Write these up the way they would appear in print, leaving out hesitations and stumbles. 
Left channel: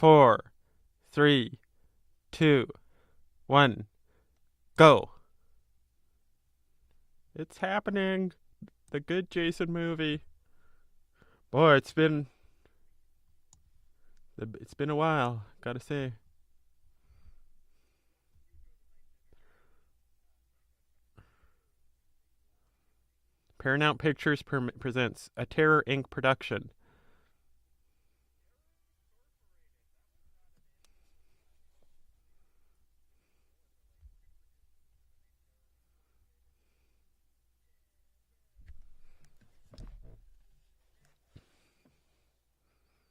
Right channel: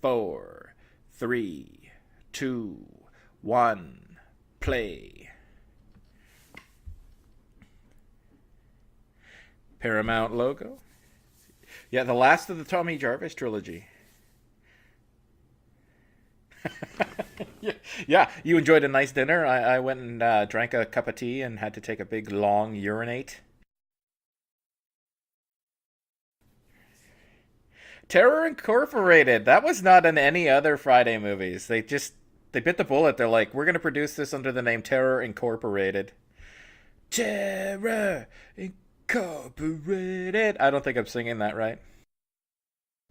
4, 3, 2, 1, play. go. It's happening. The good Jason movie. Paramount logo. Boy, it's been the last of the Tommy Jarvis trilogy. It's been a while, gotta say. Yeah, you enjoyed a nice dinner. I went and drank a cup of tea and had to take a big long urinate. Paramount Pictures presents a Terror Inc. production. Terror Incorporated. That was not in any other Friday movies. They bit the bullet. They're like, we're going to produce this under the name Terror Incorporated. Terror Incorporated. I don't think I'm singing that right.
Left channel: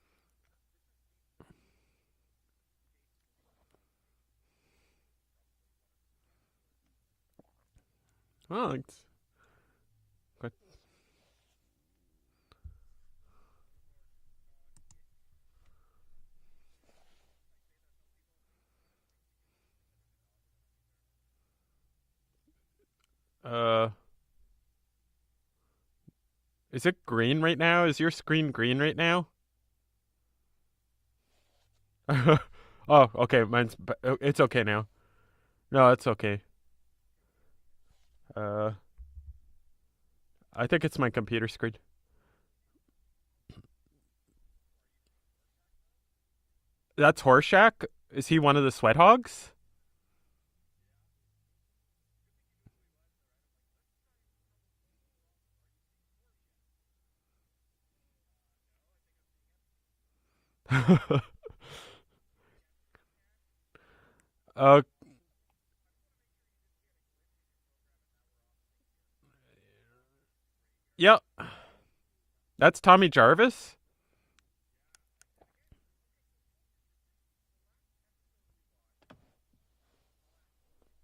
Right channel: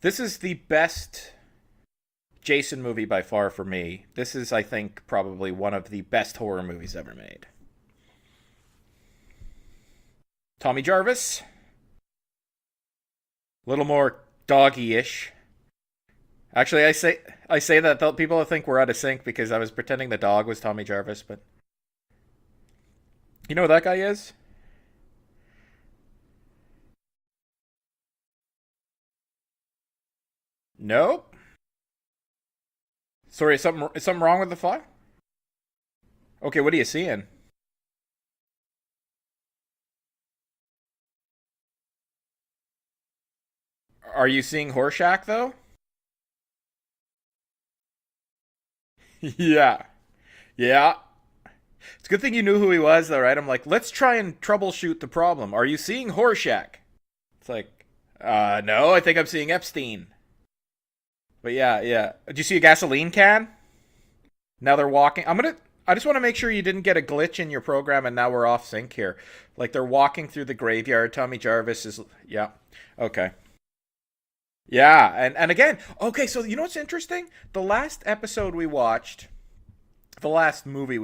This is the best Jason movie by far for me. This is, I think, probably one of the best horror movies ever made. Oh, Tommy Jarvis. A little more doggy-ish. Actually, I say that people think we're out of sync because I was pretending the dog was Tommy Jarvis, but you know who that guy is? Is it green right now? Is your screen green right now? Nope. Oh, okay. Sorry, something wrong with the file? No, it's okay. Okay, what are you seeing? I think it's my computer screen. Are you seeing Horshack, though? That's Horshack? Is he one of the sweat hogs? Yeah. It's a good thing you knew who he was, though, right? I'm like, let's try and troubleshoot the problem. Are you seeing Horshack? It's like, no, I think I'm seeing Epstein. But yeah. Did you see a gasoline can? Now they're walking. I just want to make sure you didn't get a glitch in your program and now we're off sync here. Like they're walking through the graveyard. Yep. Tommy Jarvis is, yeah. That's Tommy Jarvis? Yeah, and again, okay, so you know what's interesting? The last episode we watched, the last movie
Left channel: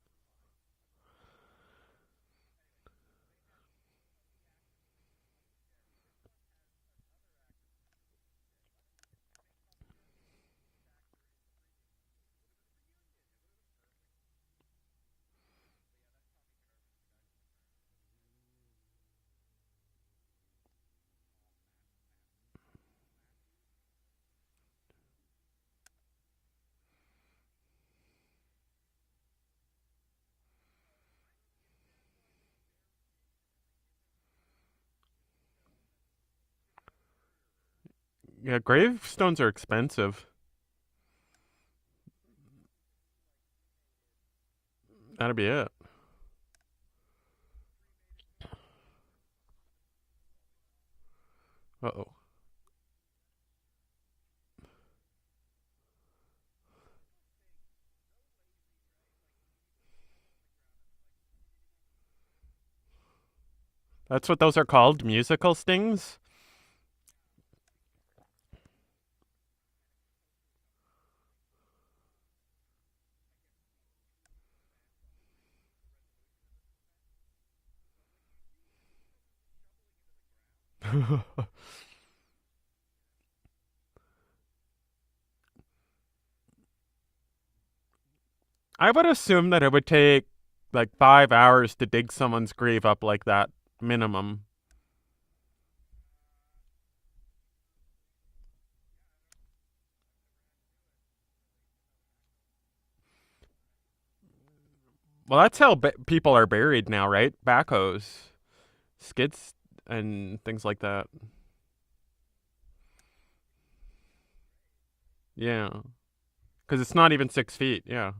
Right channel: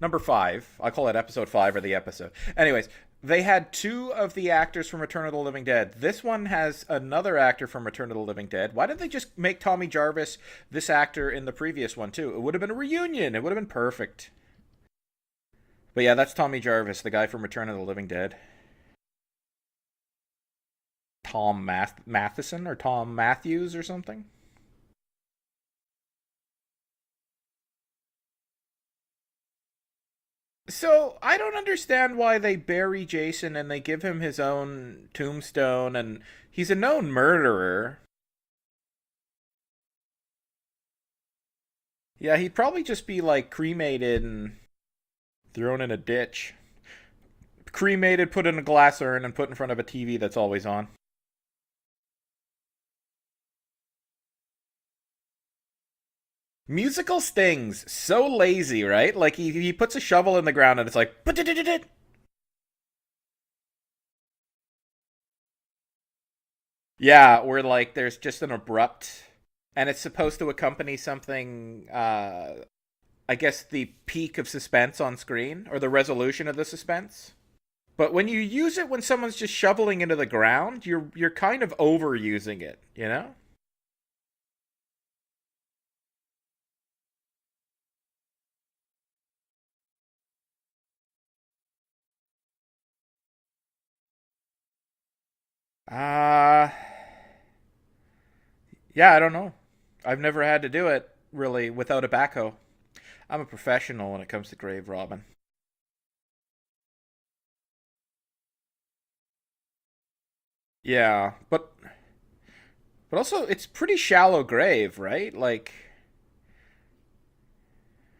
number 5, I call it episode 5 or the episode. Anyways, they had 2 of the actors from Return of the Living Dead. This one has another actor from Return of the Living Dead. Why didn't they just make Tommy Jarvis this actor in the previous one too? It would have been a reunion. It would have been perfect. But yeah, that's Tommy Jarvis, the guy from Return of the Living Dead. Tom Matheson or Tom Matthews or something. So I don't understand why they bury Jason and they give him his own tombstone, and he's a known murderer. Yeah, gravestones are expensive. Yeah, he'd probably just be like cremated and that'd be it. Thrown in a ditch. Cremated, put in a glass urn, and put in front of a TV that's always on. Uh-oh. Musical stings. So lazy, right? Like, he puts a shovel in the ground and it's like... That's what those are called? Musical stings? Yeah, where, like, there's just an abrupt... And it's supposed to accompany something... I guess the peak of suspense on screen. Or the resolution of the suspense. But when you use it when someone's just shoveling into the ground, you're kind of overusing it, you know? I would assume that it would take like 5 hours to dig someone's grave up like that, minimum. Yeah, I don't know. I've never had to do it, really, without a backhoe. I'm a professional when it comes to grave robbing. Well, that's how people are buried now, right? Backhoes, skids, and things like that. Yeah, but also it's pretty shallow grave, right? Like, because it's not even 6 feet. Yeah.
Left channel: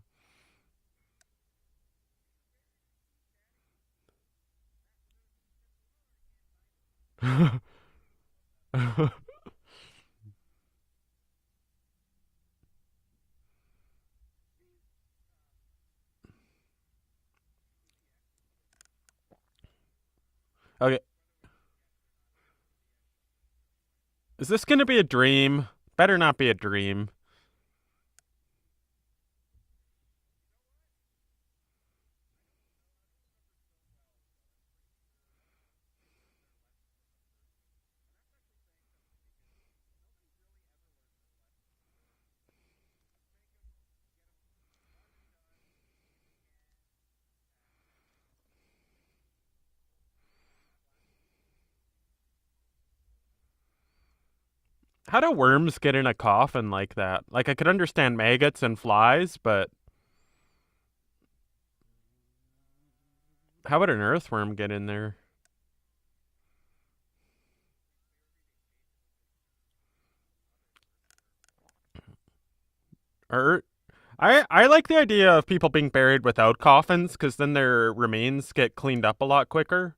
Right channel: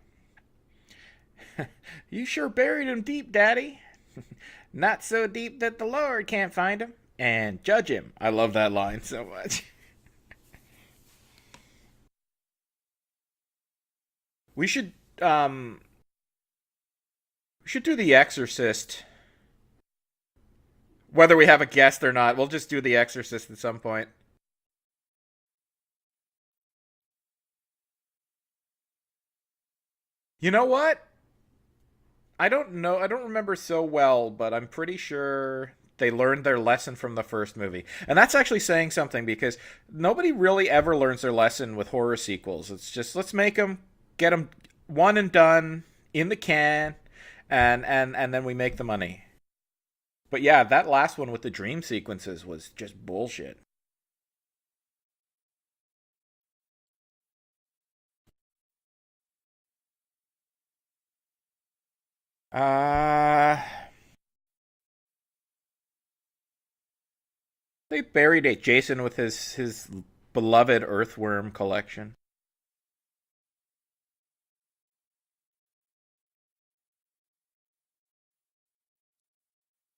You sure buried him deep, Daddy. Not so deep that the Lord can't find him and judge him. I love that line so much. We should do The Exorcist. Okay. Whether we have a guest or not, we'll just do The Exorcist at some point. Is this going to be a dream? Better not be a dream. You know what? I don't know. I don't remember so well, but I'm pretty sure they learned their lesson from the first movie. And that's actually saying something because nobody really ever learns their lesson with horror sequels. It's just, let's make them, get them one and done in the can, and then we make the money. But yeah, that last one with the dream sequences was just bullshit. How do worms get in a coffin like that? Like, I could understand maggots and flies, but Uh, how would an earthworm get in there? they buried it, Jason, with his beloved earthworm collection. Or I like the idea of people being buried without coffins, because then their remains get cleaned up a lot quicker.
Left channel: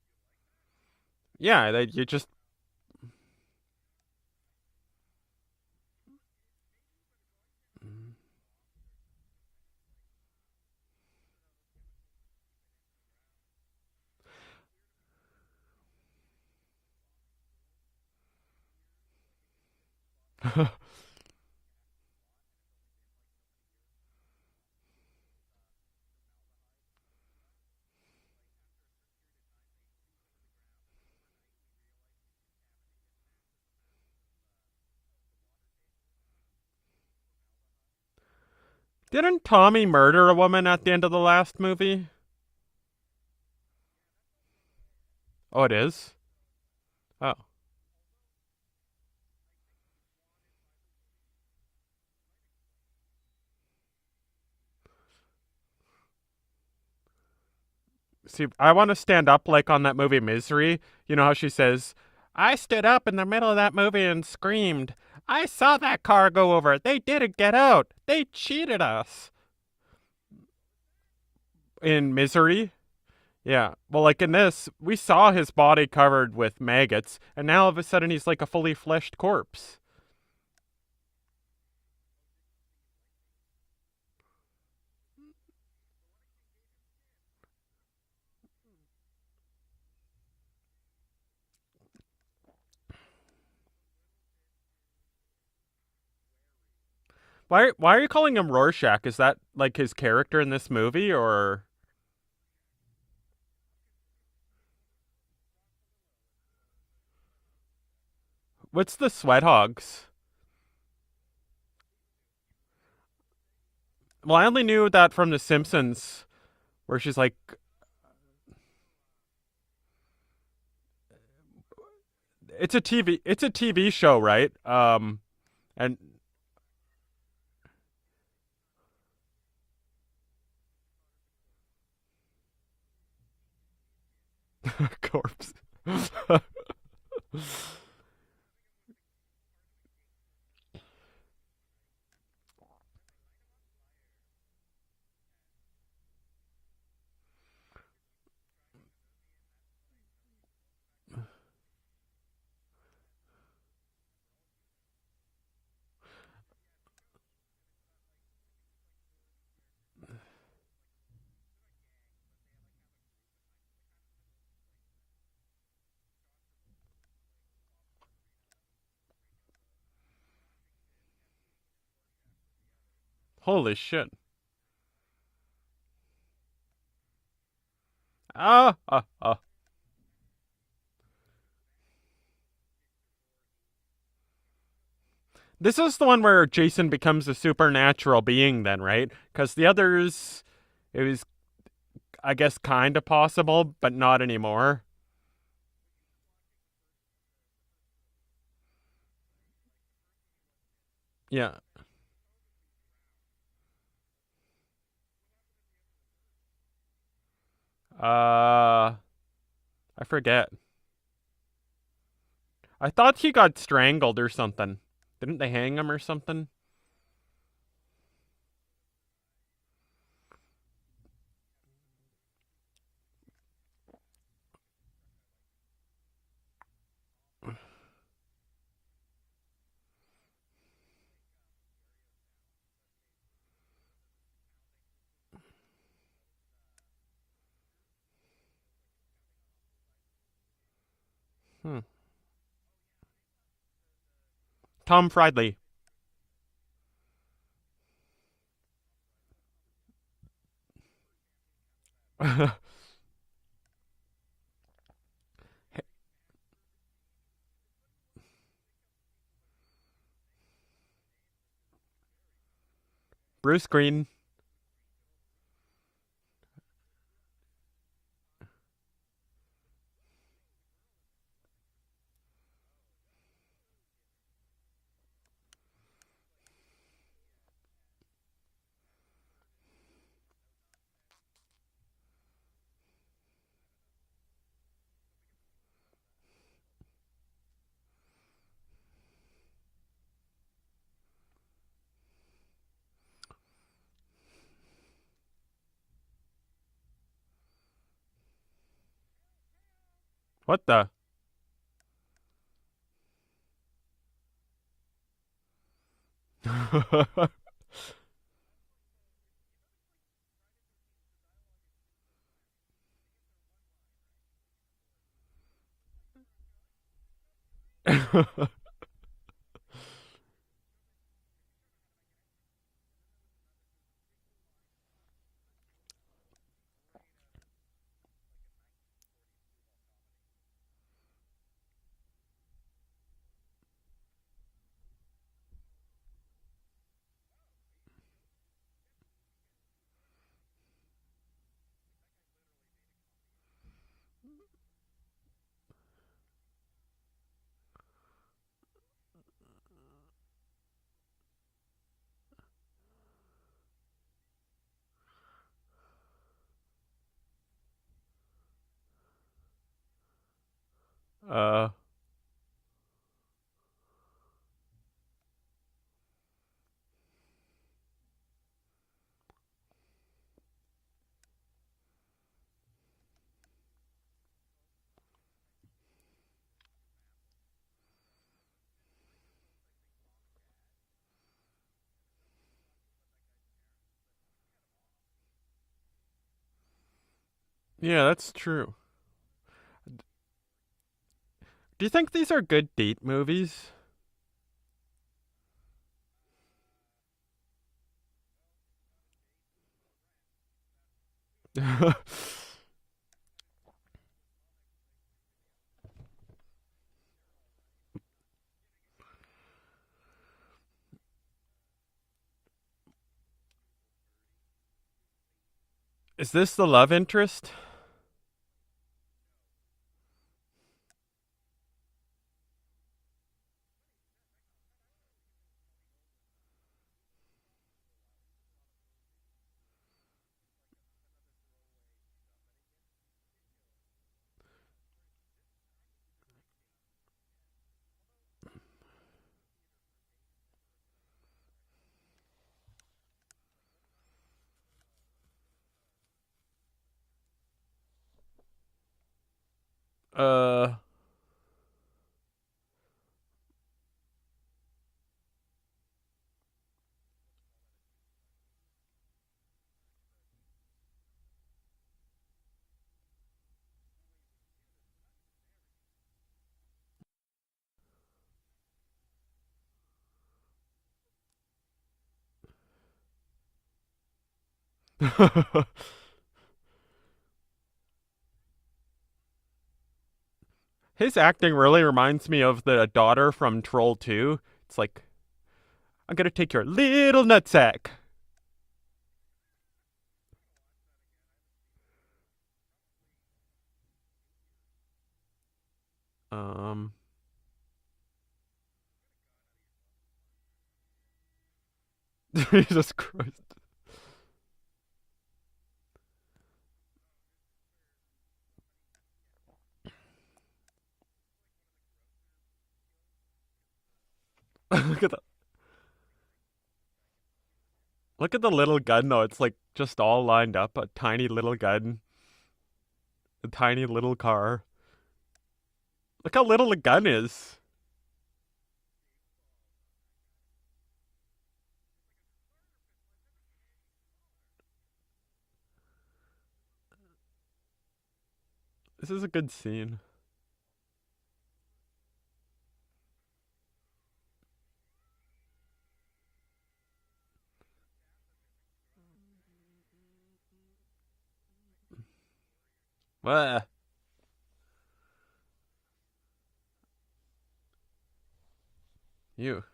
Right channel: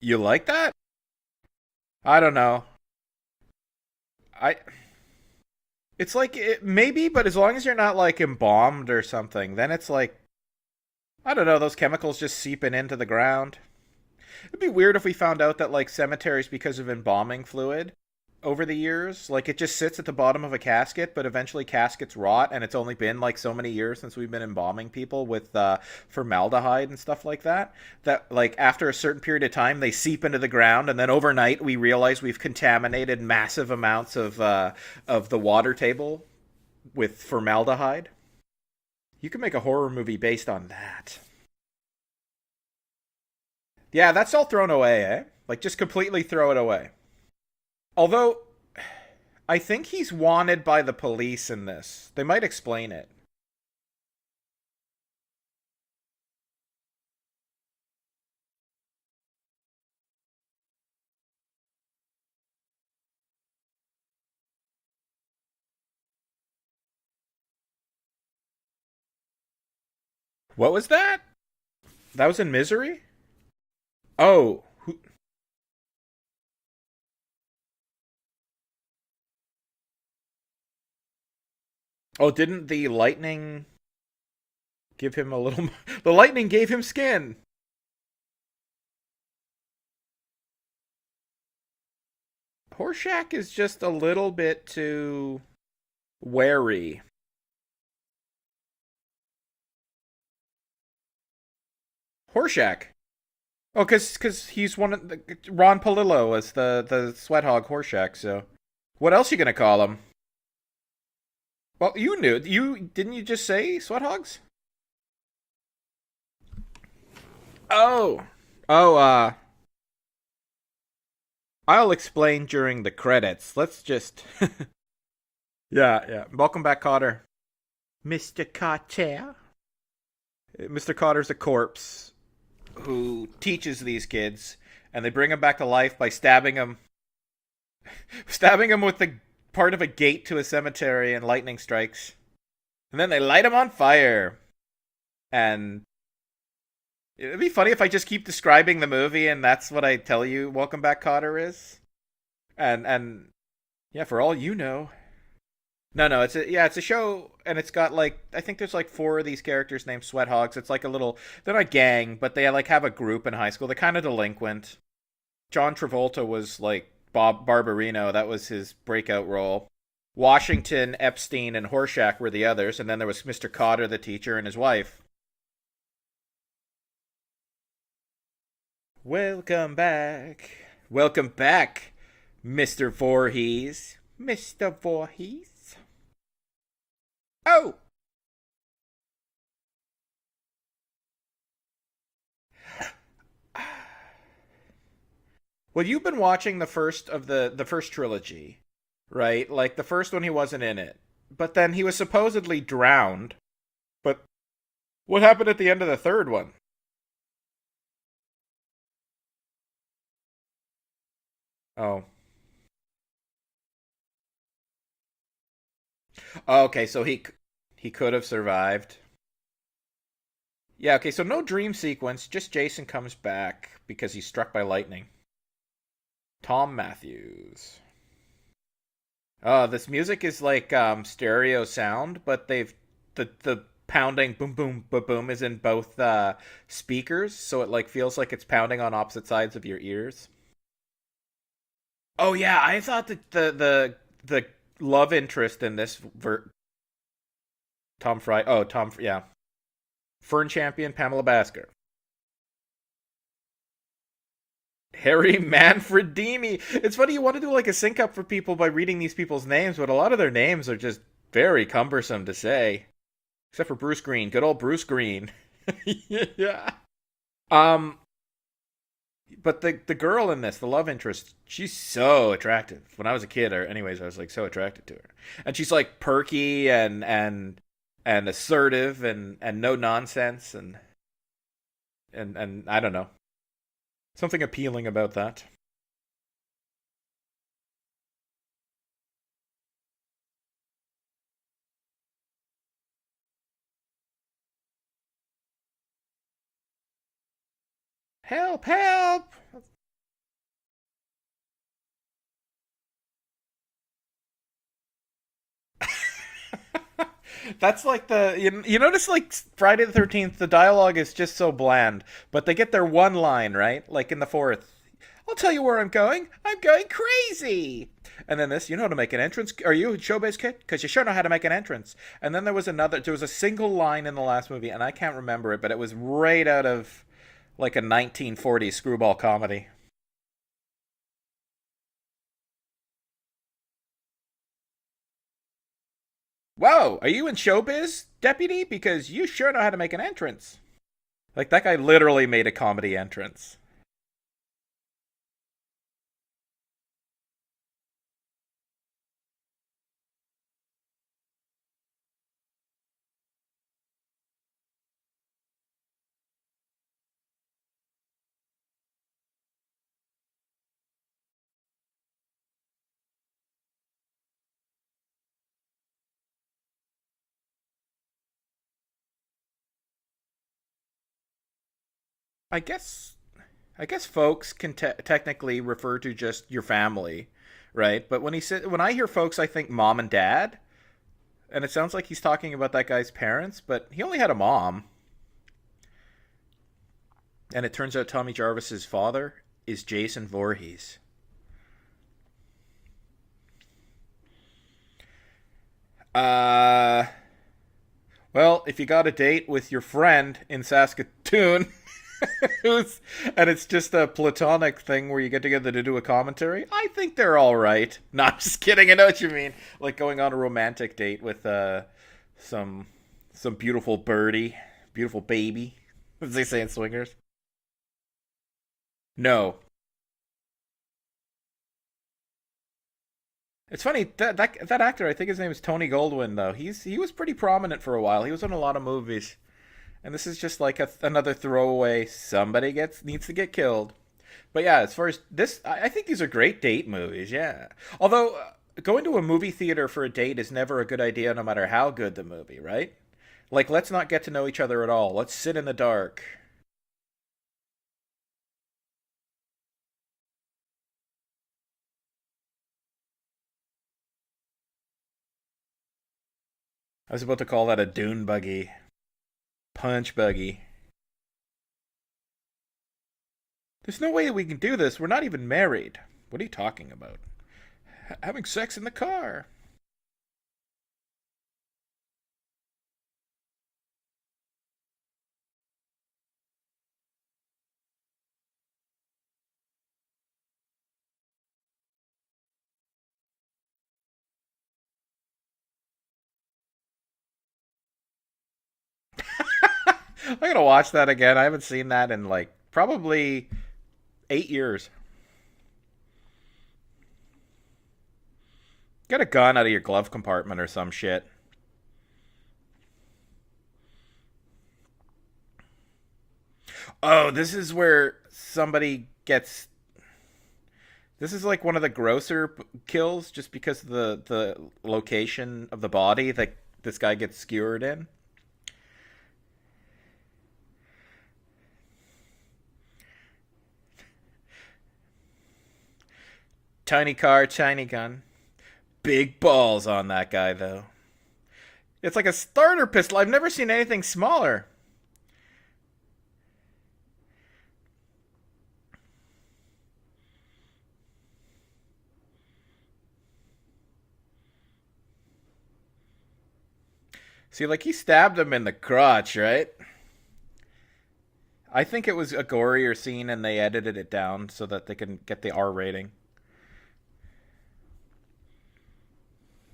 You like that? Yeah, you I just don't know. I It's like maybe, but as long as you're not like embalmed or something, then it's like I don't know, those chemicals just seeping into the ground. It'd be weird if we found out that like cemeteries, because of embalming fluid over the years, like it just sits at the bottom of a casket, but eventually caskets rot, and it's only been like so many years since we've been embalming people with formaldehyde and stuff like that. That like after a certain period of time, they seep into the ground, and then overnight we realize we've contaminated massive amounts of the water table with formaldehyde. You can didn't make a Tommy horror movie murder a based woman on at the end of that. the last movie? Yeah, that's all thrown away, eh? Like Oh, it just is. completely throw it away. Oh, Although I think he's wanted by the police in this. They might explain it. see, I want to stand up like on that movie Misery. You know how she says, "I stood up in the middle of that movie and screamed. I saw that car go over. They didn't get out. They cheated us." What was that? In That was in Misery. Misery? Yeah. Well, like in Oh. this, we saw his body covered with maggots, and now all of a sudden he's like a fully fleshed corpse. Oh, didn't the lightning give him a little the lightning gave him skin. Horshack is just a little bit too wary. Why are you calling him Rorschach? Is that like his character in this movie, or Horshack. Oh, cuz he's one of Ron Palillo as the sweat hog Horshack, so what's the what else are you sweat going to call him? hogs? Well, you knew. You didn't you just say sweat Well, hogs? I only knew that from The Simpsons, where she's like, Oh. Oh, I'll explain during the it's a credits. Let's TV show, just right? And Yeah, yeah. Welcome back, Cotter. Mr. Cotter. Mr. Cotter's a corpse who teaches these kids, and they bring him back to life by stabbing him with the part of a gate to a cemetery, and lightning strikes. And then they light him on fire. And it'd be funny if I just keep describing the movie and that's what I tell you Welcome Back, Cotter is. And yeah, for all you know. No, it's a show, and it's got like I think there's like four of these characters named Sweat Hogs. It's like a little they're not a gang, but they like have a group in high school. They're kind of delinquent. John Travolta was like Bob Barberino. That was his breakout role. Washington, Epstein, and Horshack were the others, and then there was Mr. holy Cotter, the shit! teacher, and his wife. Ah. Welcome back. Welcome back, Mr. Voorhees. Mr. Voorhees. This is the one where Jason becomes a Oh, supernatural being, then, right? Because the others, it was, I guess, kind of possible, but not anymore. well, you've been watching the first of the first trilogy, right? Like the first one, he wasn't in it, Yeah. but then he was supposedly drowned. But what happened at the end of the third one? I forget. Oh, I thought he got strangled or something. Didn't they hang him or something? oh okay. So he could have survived. Yeah. Okay. So no dream sequence. Just Jason comes back because he's struck by lightning. Tom Matthews. Oh, this music is like stereo sound, but they've the pounding boom boom boom boom is in both speakers, so it like feels like it's pounding on opposite sides of your ears. Hmm. Oh yeah, I thought that the Tom love Friday. interest in this Tom Fry. Oh, yeah. Fern champion Pamela Basker. Harry Manfredini. It's funny you want to do like a sync up for people by reading these people's names, but a lot of their names are just very cumbersome to say. Bruce Except for Bruce Green. Green. Good old Bruce Green. Yeah. Um But the girl in this, the love interest, she's so attractive. When I was a kid, or anyways, I was like so attracted to her, and she's like perky and assertive and no nonsense and I don't know, something appealing about that. Help! Help! What the? That's like you notice like Friday the 13th, the dialogue is just so bland, but they get their one line right, like in the fourth. I'll tell you where I'm going. I'm going crazy. And then this, you know how to make an entrance? Are you a showbiz kid? Because you sure know how to make an entrance. And then there was a single line in the last movie, and I can't remember it, but it was right out of like a 1940s screwball comedy. Whoa, are you in showbiz, deputy? Because you sure know how to make an entrance. Like that guy literally made a comedy entrance. uh, I guess I guess folks can technically refer to just your family, right? But when I hear folks, I think mom and dad, and it sounds like he's talking about that guy's parents, but he only had a mom, and it turns yeah, out that's Tommy true. Jarvis's father is Jason Voorhees. Do you think these are good date movies? Uh, well, if you got a date with your friend in Saskatoon, who's and it's just a platonic thing where you get together to do a commentary, I think they're all right. Not just kidding. I know what you mean. Like going on a romantic date with some some beautiful birdie, beautiful baby, Is as they this say the in love Swingers. interest? No, it's funny that actor. I think his name is Tony Goldwyn. Though he was pretty prominent for a while. He was in a lot of movies, and this is just like another throwaway. Somebody gets needs to get killed. But yeah, as far as this, I think these are great date movies. Yeah, although going to a movie theater for a date is never a good idea, no matter how good the movie, right? Like, let's not get to know each other at all. Let's sit in the dark. Uh, I was about to call that a dune buggy, punch buggy. There's no way that we can do this. We're not even married. What are you talking about? Having sex in the car. his acting really reminds me of the daughter from Troll 2. It's like, I'm gonna take your little nutsack. I gotta watch that again. I haven't seen that in like probably 8 years. Um, Get a gun out of your glove compartment or some shit. Jesus Christ. Oh, this is where somebody gets. This is like one of the grosser kills, just because of the look at location of the body that this guy gets skewered in. look at the little gun though. It's like just all lined up. A tiny little gun, a tiny little car. Look how little the gun Tiny is. car, tiny gun. Big balls on that guy though. It's like a starter pistol. I've never seen anything smaller. This is a good scene. See, like he stabbed him in the crotch, right? I think it was a gorier scene and they Blah. edited it down so that they can get the R rating. You.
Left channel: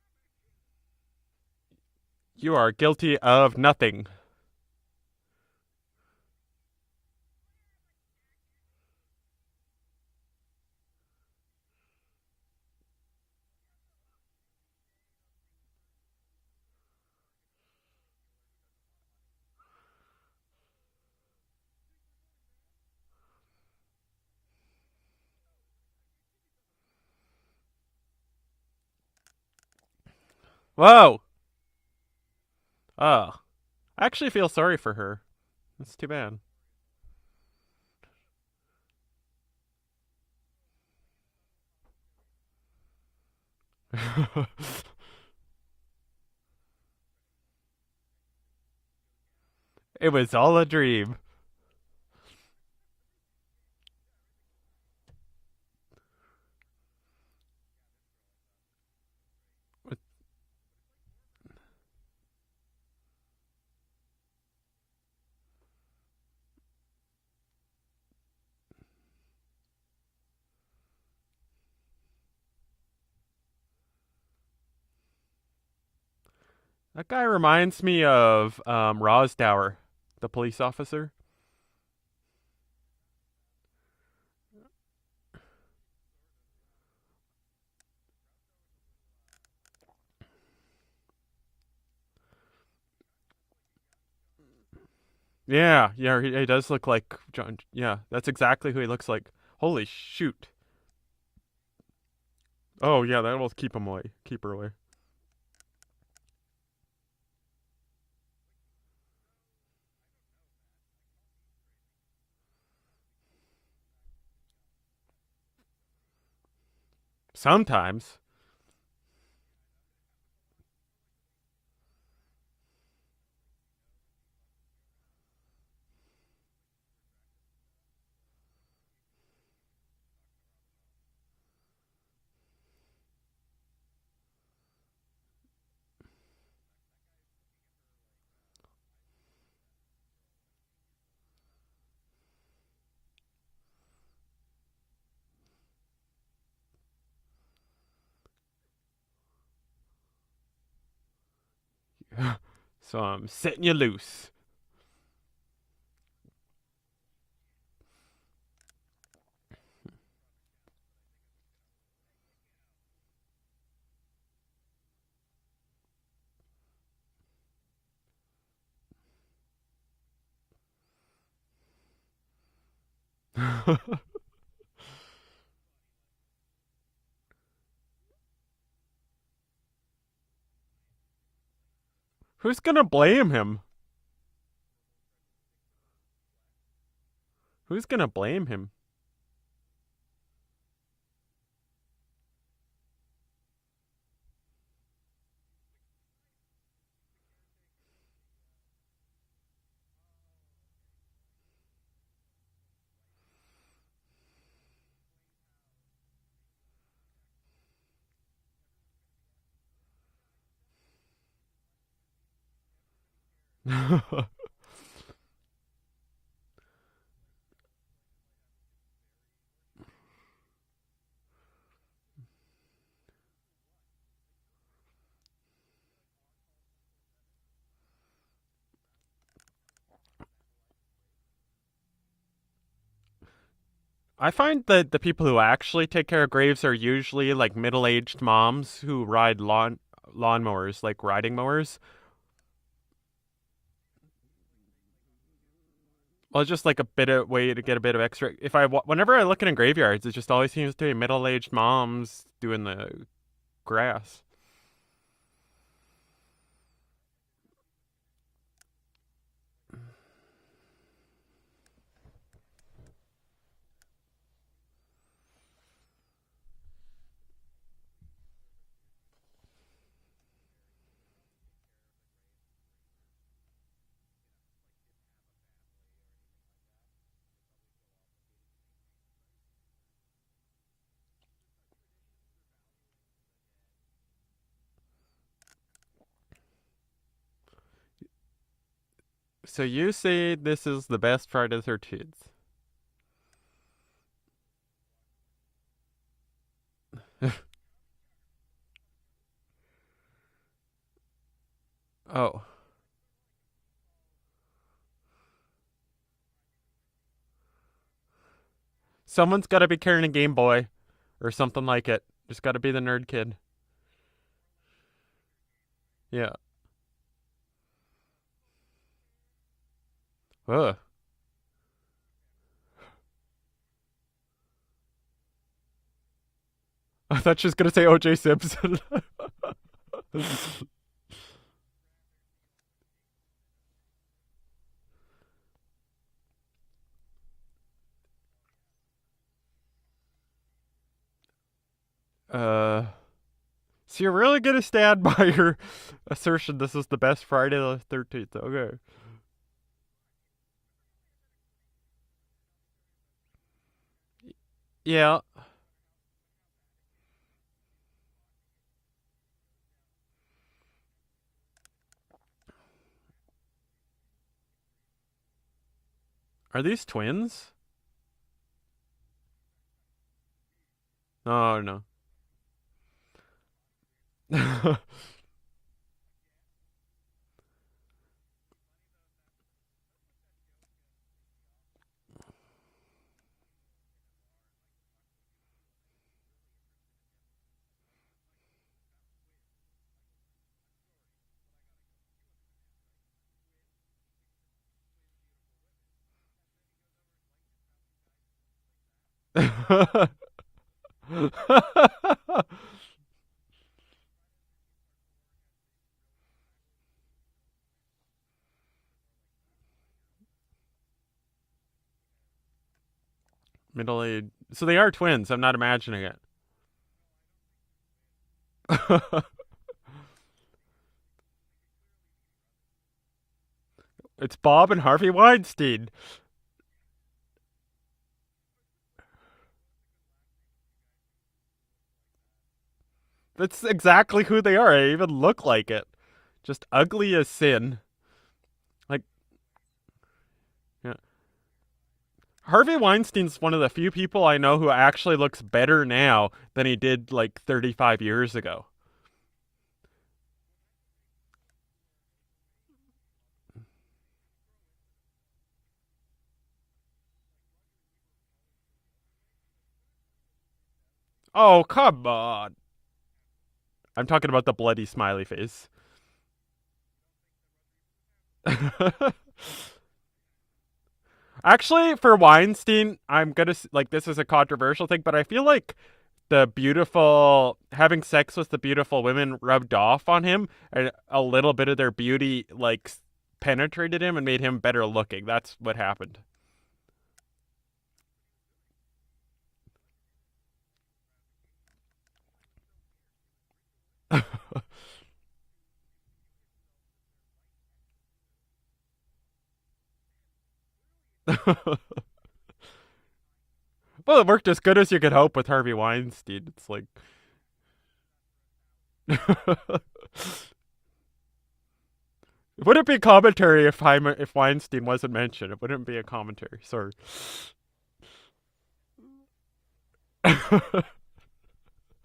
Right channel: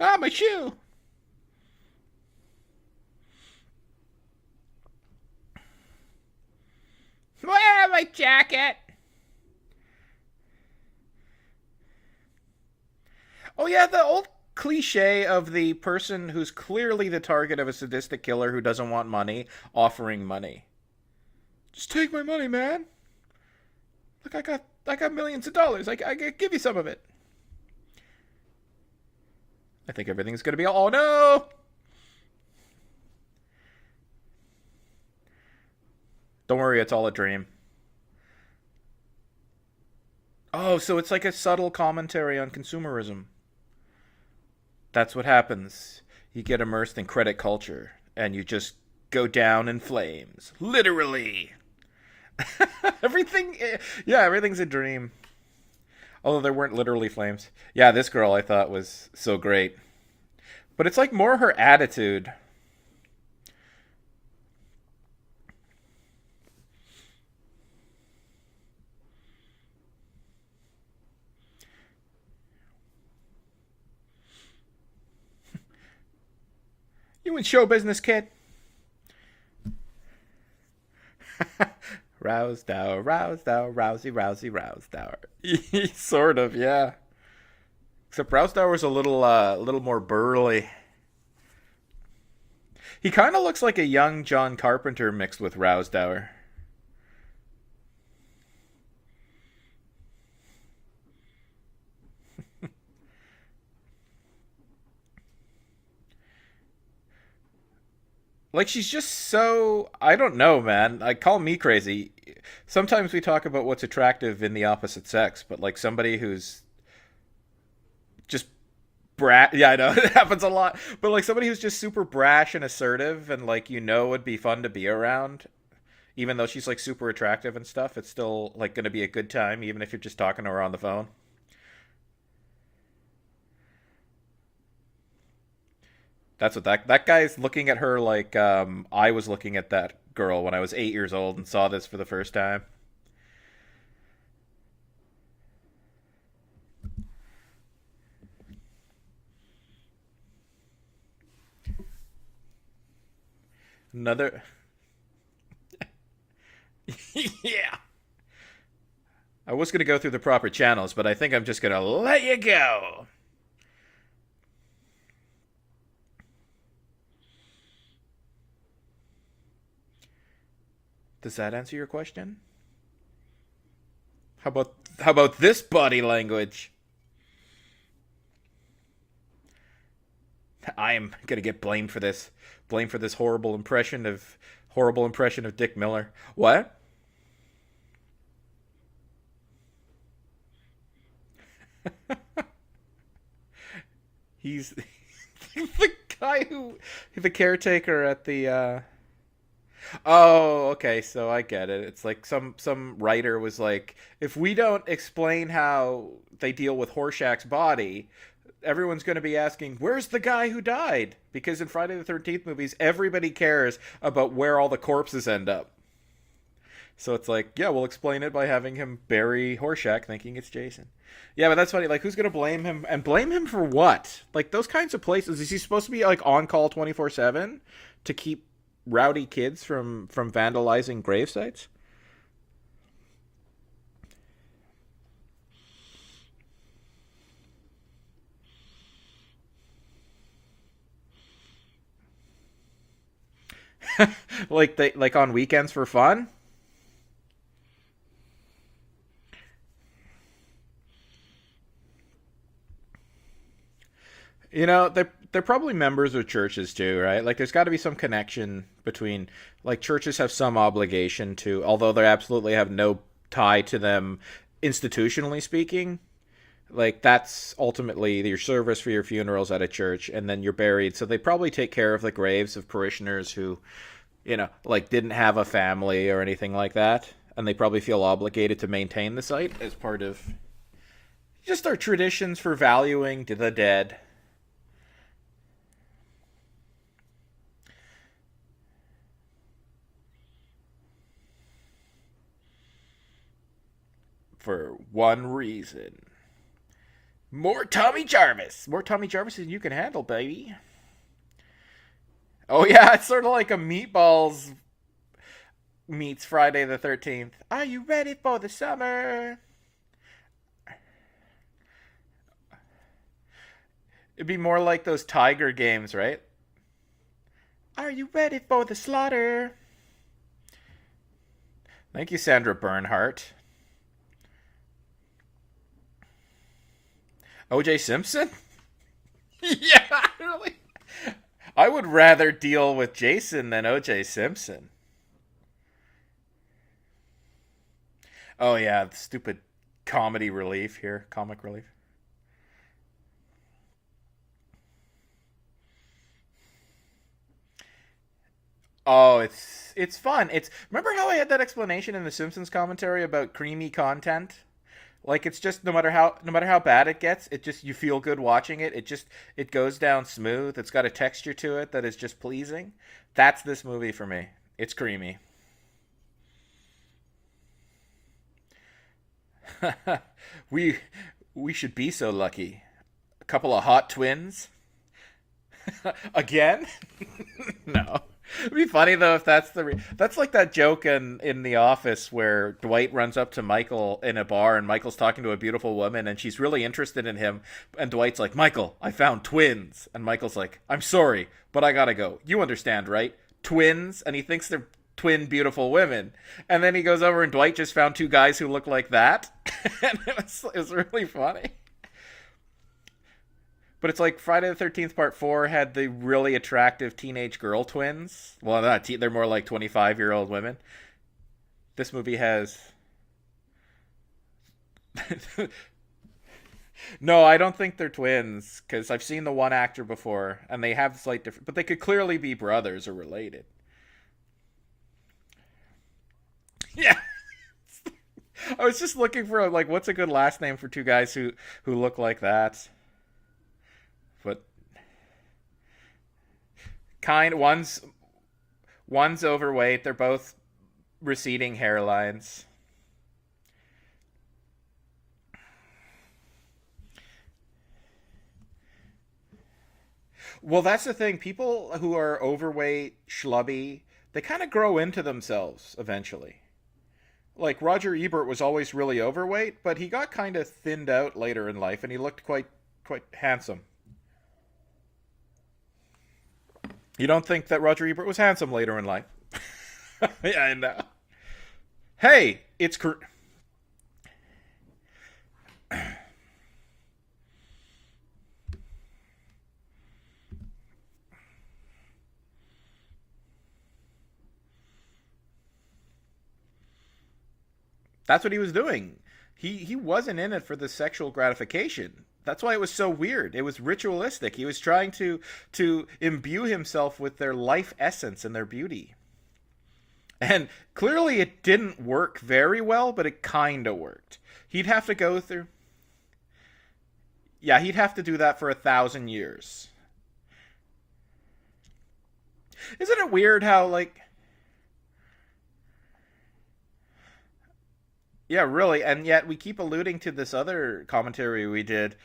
Ah, my shoe! You are guilty of nothing. my jacket. Oh, yeah, the old cliche of the person who's clearly the target of a sadistic killer who doesn't want money, offering money. Just take my money, man. Look, I got millions of dollars. I can give you some of it. I think everything's going to be all... Whoa! Oh. I actually feel sorry for her. That's too bad. Don't worry, it's all a dream. Oh, so it's like a subtle commentary on consumerism. That's what happens. You get immersed in credit culture, and you just go down in flames. It was all a dream. Literally. Everything's a dream. Although there weren't literally flames. Yeah, this girl I thought was so great. But it's like more her attitude. That guy reminds me of Rowsdower, the police officer. Rowsdower, Rowsdower. Sort of, yeah. Except Rowsdower was a little more burly. He kind of looks like a young John Carpenter mixed with Rowsdower. Yeah, he does look like John. Yeah, that's exactly who he looks like. Holy shoot. Oh, yeah, that will keep him away. Keep her away. Like, she's just so... I don't know, man. Like, call me crazy. Sometimes we talk about what's attractive in the opposite sex, but, like, somebody who's... Sometimes. Just brash... Yeah, I know. It happens a lot. But, like, somebody who's just super brash and assertive and, like, would be fun to be around. Even though she's, like, super attractive and stuff, it's still, like, going to be a good time, even if you're just talking to her on the phone. That's what that guy's looking at her like I was looking at that girl when I was 8 years old and saw this for the first time. So I'm setting you loose. Another. Yeah. I was going to go through the proper channels, but I think I'm just going to let you go. Does that answer your question? How about this body language? I am gonna get blamed for this. Who's gonna blame him? Horrible impression of Dick Miller. What? Who's gonna blame him? He's the guy the caretaker at the. Oh, okay, so I get it. It's like some writer was like, if we don't explain how they deal with Horshack's body, everyone's going to be asking, where's the guy who died? Because in Friday the 13th movies, everybody cares about where all the corpses end up. So it's like, yeah, we'll explain it by having him bury Horshack thinking it's Jason. Yeah, but that's funny. Like, who's going to blame him? And blame him for what? Like, those kinds of places, is he supposed to be, like, on call 24/7 to keep rowdy kids from vandalizing grave sites? I find that the people who actually take care of graves are usually like middle-aged moms who ride lawnmowers, like riding mowers. like on weekends for fun? Well, just like a bit of way to get a bit of extra. Whenever I look in graveyards, it just always seems to be middle-aged moms doing the grass. You know, they're probably members of churches too, right? Like, there's got to be some connection between, like, churches have some obligation to, although they absolutely have no tie to them institutionally speaking. Like, that's ultimately your service for your funerals at a church, and then you're buried. So they probably take care of the graves of parishioners who, like, didn't have a family or anything like that, and they probably feel obligated to maintain the site as part of just our traditions for valuing the dead. So you say this is the best Friday the 13th? For one reason. More Tommy Jarvis. More Tommy Jarvis than you can handle, baby. Oh. Oh, yeah, it's sort of like a Meatballs meets Friday the 13th. Are you ready for the summer? Someone's got to be carrying a Game Boy or something like it. Just got to be the nerd kid. It'd be more like those Tiger games, right? Yeah. Are you ready for the slaughter? Ugh. Thank you, Sandra Bernhardt. I thought she was going to say O.J. Simpson. Yeah. I would rather deal with Jason than O.J. Simpson. Oh, yeah. Stupid comedy relief here. Comic relief. So you're really going to stand by your assertion this is the best Friday the 13th. Okay. Oh, it's fun. Remember how I had that explanation in the Simpsons commentary about creamy content? Yeah. Like, it's just no matter how bad it gets, you feel good watching it. It goes down smooth. It's got a texture to it that is just pleasing. That's this movie for me. It's creamy. Are these twins? we should be so lucky. A couple of hot twins. Again? No. It'd be funny though if that's that's like that joke in The Office where Dwight runs up to Michael in a bar and Michael's talking to a beautiful woman and she's really interested in him and Dwight's like, "Michael, I found twins." And Michael's like, "I'm sorry, but I gotta go. You understand, right? Twins." And he thinks they're twin beautiful women. And then he goes over and Dwight just found two guys who look like that. It was really funny. But it's like Friday the 13th Part 4 had the really attractive teenage girl twins. Well, they're more like 25-year-old women. This movie has... middle-aged. So they are twins. I'm not imagining it. No, I don't think they're twins. Because I've seen the one actor before. And they have slight different... But they could clearly be brothers or related. It's Bob and Harvey Weinstein. Yeah. I was just looking for, like, what's a good last name for two guys who look like that? That's exactly who they are. They even look like it. Just ugly as sin. One's overweight. They're both receding hairlines. Harvey Weinstein's one of the few people I know who actually looks better now than he did like 35 years ago. Well, that's the thing. People who are overweight, schlubby, they kind of grow into themselves eventually. Like Roger Ebert was always really overweight, but he got kind of thinned out later in life. Come and he looked on. Quite handsome. I'm talking about the bloody smiley face. You don't think that Roger Ebert was handsome later in life? Yeah, I know. Actually, for Weinstein, I'm gonna like this is a controversial thing, but I feel like having sex with the beautiful women rubbed off on him, and a little bit of their beauty like penetrated him and made him better looking. That's what happened. That's what he was doing. He wasn't in it for the sexual gratification. That's why it was so weird. It was ritualistic. He was trying to imbue himself with their life essence and their beauty. And clearly it didn't work very well, but it kind of worked. Well, it worked as good as you could hope with Harvey Weinstein. It's like... yeah, he'd have to do that for 1,000 years. It wouldn't be commentary if Weinstein wasn't mentioned. It wouldn't be a commentary. Sorry. Yeah, really, and yet we keep alluding to this other commentary we did.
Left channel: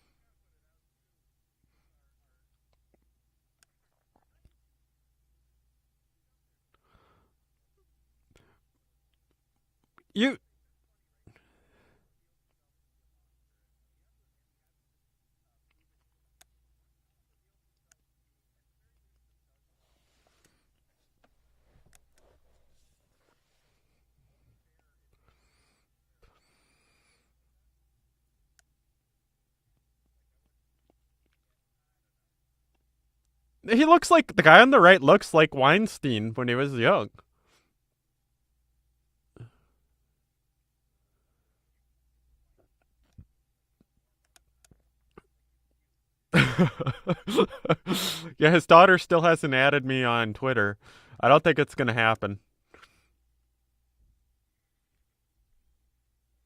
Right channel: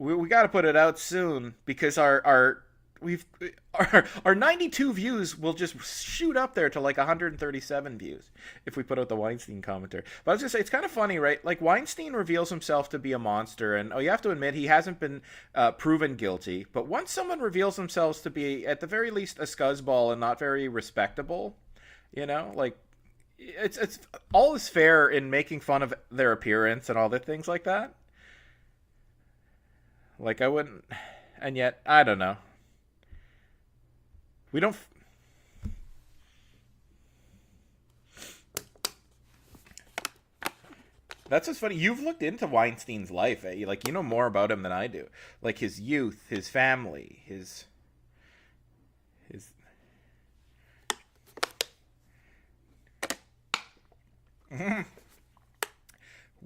We got to put it out soon because our 92 views will just shoot up there to like 137 views if we put out the Weinstein commentary. I was gonna say it's kind of funny, right? Like Weinstein reveals himself to be a monster, and you have to admit he hasn't been proven guilty. But once someone reveals themselves to be at the very least a scuzzball and not very respectable, like. It's all is fair in making fun of their appearance and all the things like that. Like I wouldn't, and yet I don't know. He looks like the guy on the right looks like Weinstein when he was young. That's what's funny. You've looked into Weinstein's life, eh? Like you know more about him than I do. Like his youth, his family. Yeah, his daughter still hasn't added me on Twitter. I don't think it's gonna happen.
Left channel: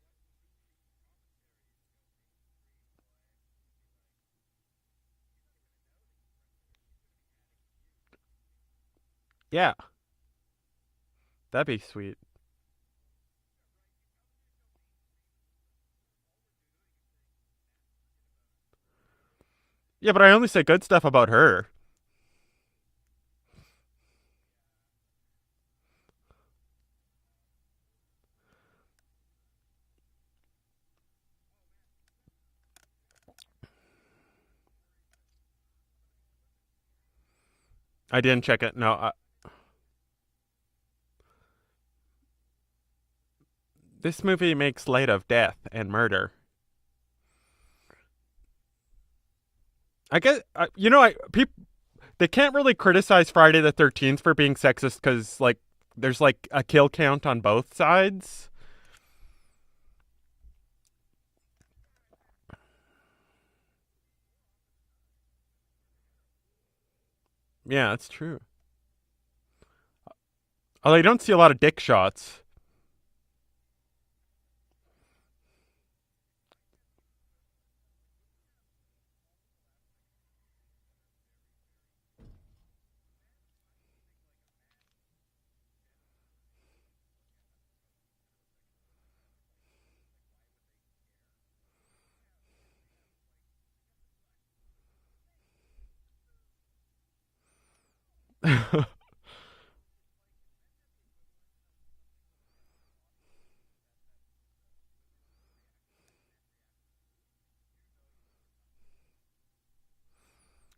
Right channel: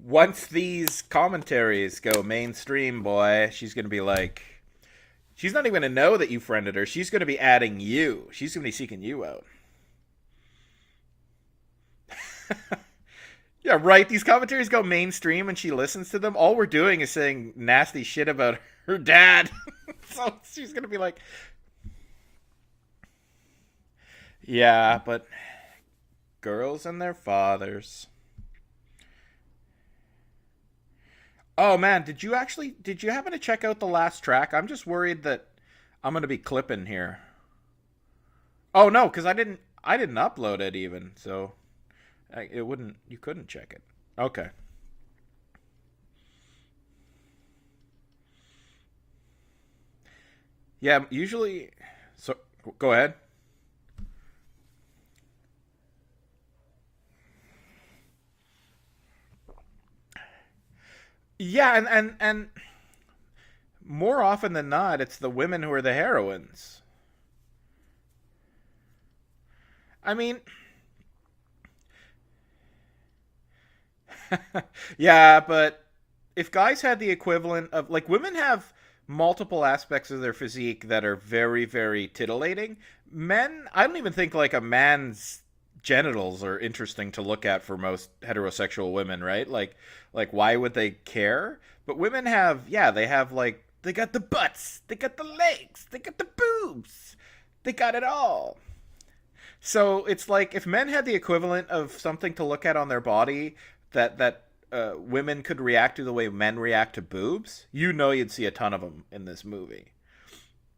Once these commentaries go mainstream, boy, she's going to be like... she's not even going to know that you friended her. She's going to be adding you. She's going to be seeking you out. Yeah. That'd be sweet. Yeah, right. These commentaries go mainstream and she listens to them. All we're doing is saying nasty shit about her dad. Yeah, but I only say good stuff about her. Yeah, but... Girls and their fathers. Oh man, did you happen to check out the last track? I'm just worried that I'm gonna be clipping here. I didn't check it. Oh no, because I didn't upload it even, so you couldn't check it. This movie makes light of death and murder. I guess usually they can't really criticize Friday the 13th for being sexist because like there's like a kill count on both sides. Yeah, and more often than not, it's the women who are the heroines. Yeah, that's true. I mean, although you don't see a lot of dick shots. Yeah, but if guys had the equivalent of like women have multiple aspects of their physique that are very, very titillating. Men, I don't even think like a man's genitals are interesting to look at for most heterosexual women, right? Like why would they care? But women have, they have like, they got the butts, they got the legs, they got the boobs, they got it all. So it's like if men had the equivalent of something to look at on their body that women could react to the way men react to boobs, you'd see a ton of them in this movie.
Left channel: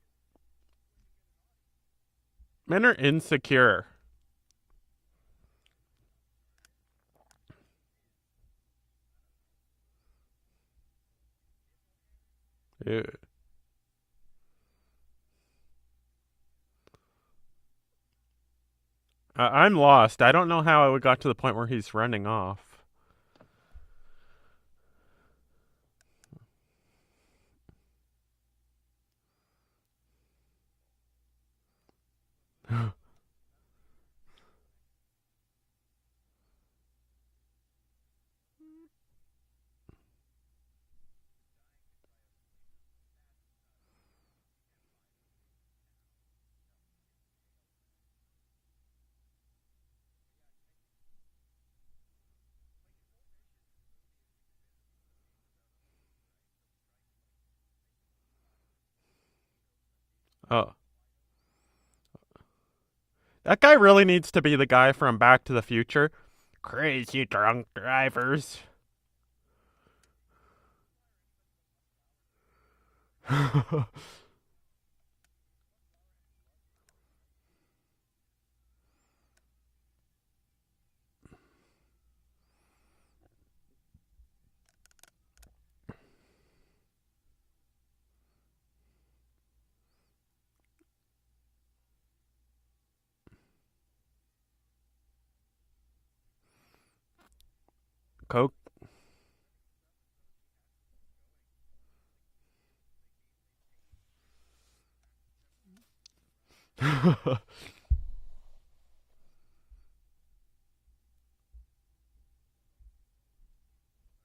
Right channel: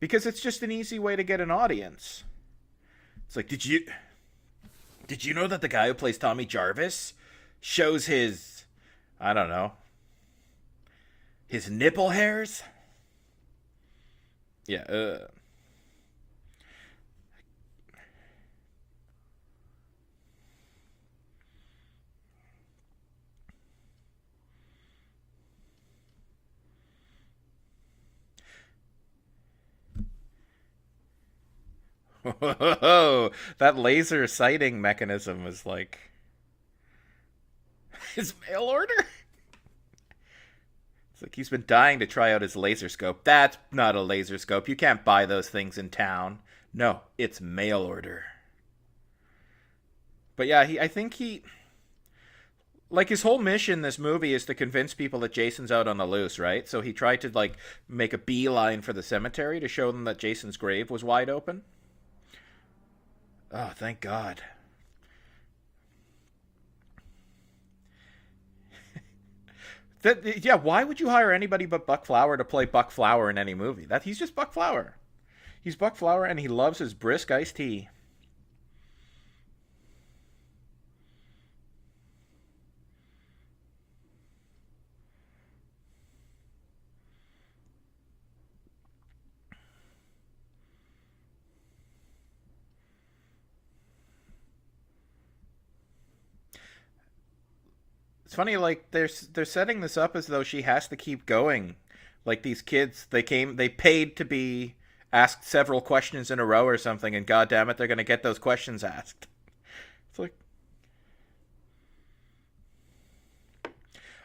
Because it's just an easy way to get an audience. Men are insecure. Like, did you know that the guy who plays Tommy Jarvis shows his, I don't know, his nipple hairs? Ew. Yeah. I'm lost. I don't know how it got to the point where he's running off. Whoa, that laser sighting mechanism was like his mail order? It's like he's been dying to try out his laser scope. That's not a laser scope. You can't buy those things in town. No, it's mail order. But yeah, I think like his whole mission in this movie is to convince people that Jason's out on the loose, right? So he tried to like make a beeline for the cemetery to show them that Jason's grave was wide open. That guy really needs to be the guy from Back to the Future. Crazy drunk drivers. Why would you hire anybody but Buck Flower to play Buck Flower in any movie? He's just Buck Flower. He's Buck Flower, and he loves his brisk iced tea. It's funny, like they're setting this up as though she has to keep going. Like these kids, they paid to be asked several questions in a row or something, and goddamn it, they're gonna get those questions asked. It's like,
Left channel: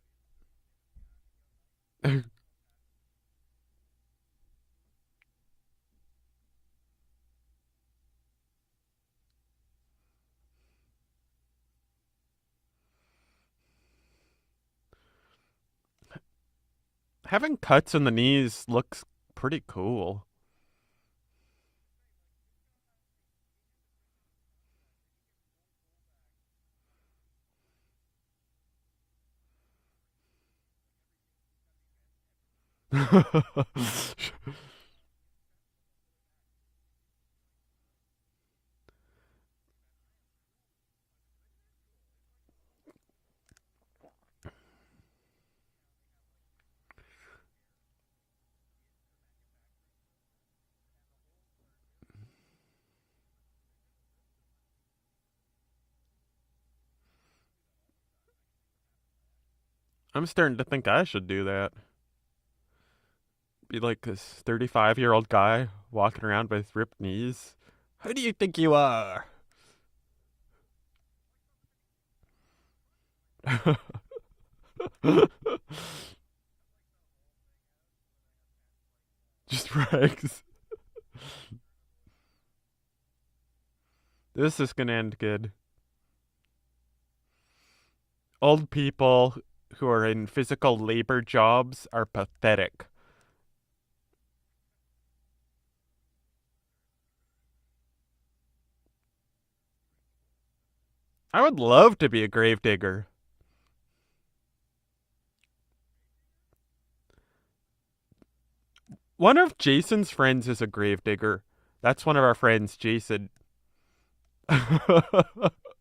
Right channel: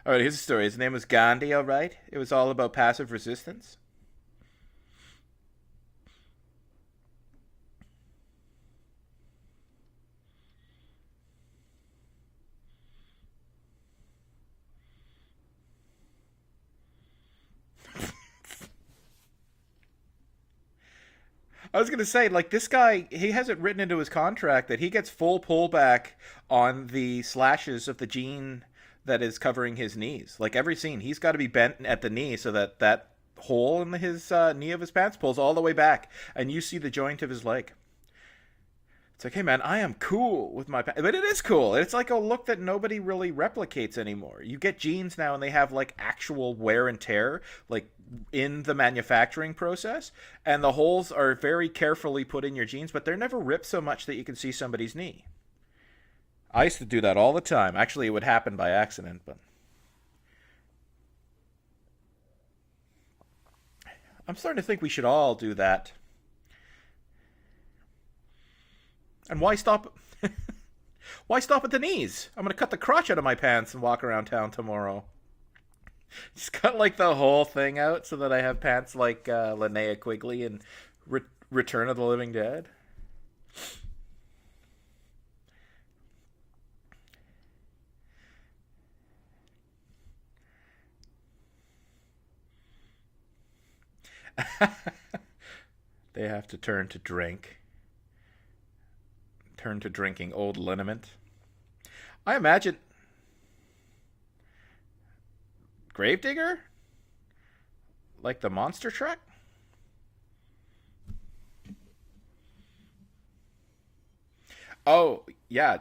all right, here's the story. His name was Gandhi. All right, it was all about passive resistance. Having cuts in the knees looks pretty cool. I was going to say, like, this guy, he has it written into his contract that he gets full pullback on the slashes of the jean that is covering his knees. Like, every scene, he's got to be bent at the knee so that hole in his knee of his pants pulls all the way back, and you see the joint of his leg. It's like, hey, man, I am cool with my pants. But it is cool. It's like a look that nobody really replicates anymore. You get jeans now, and they have, like, actual wear and tear, like, in the manufacturing process, and the holes are very carefully put in your jeans, but they're never ripped so much that you can see somebody's knee. I used to do that all the time. Actually, it would happen by accident, but I'm starting to think I should do that. Be like this I'm starting to 35-year-old do guy that. walking around with ripped knees. Who do you think you are? And why stop? Why stop at the knees? I'm gonna cut the crotch out of my pants and walk around town tomorrow. Just cut like the whole thing out so that I have pants like Linnea Quigley in Return of the Living Dead. This is gonna end good. Old people who are in physical labor jobs are pathetic. They have to turn to drink. turn to drinking old liniment. I would love to be a I grave imagine- digger. Gravedigger? Like the monster truck? One of Jason's friends is a grave digger. That's one of our friends, Jason. Oh, yeah.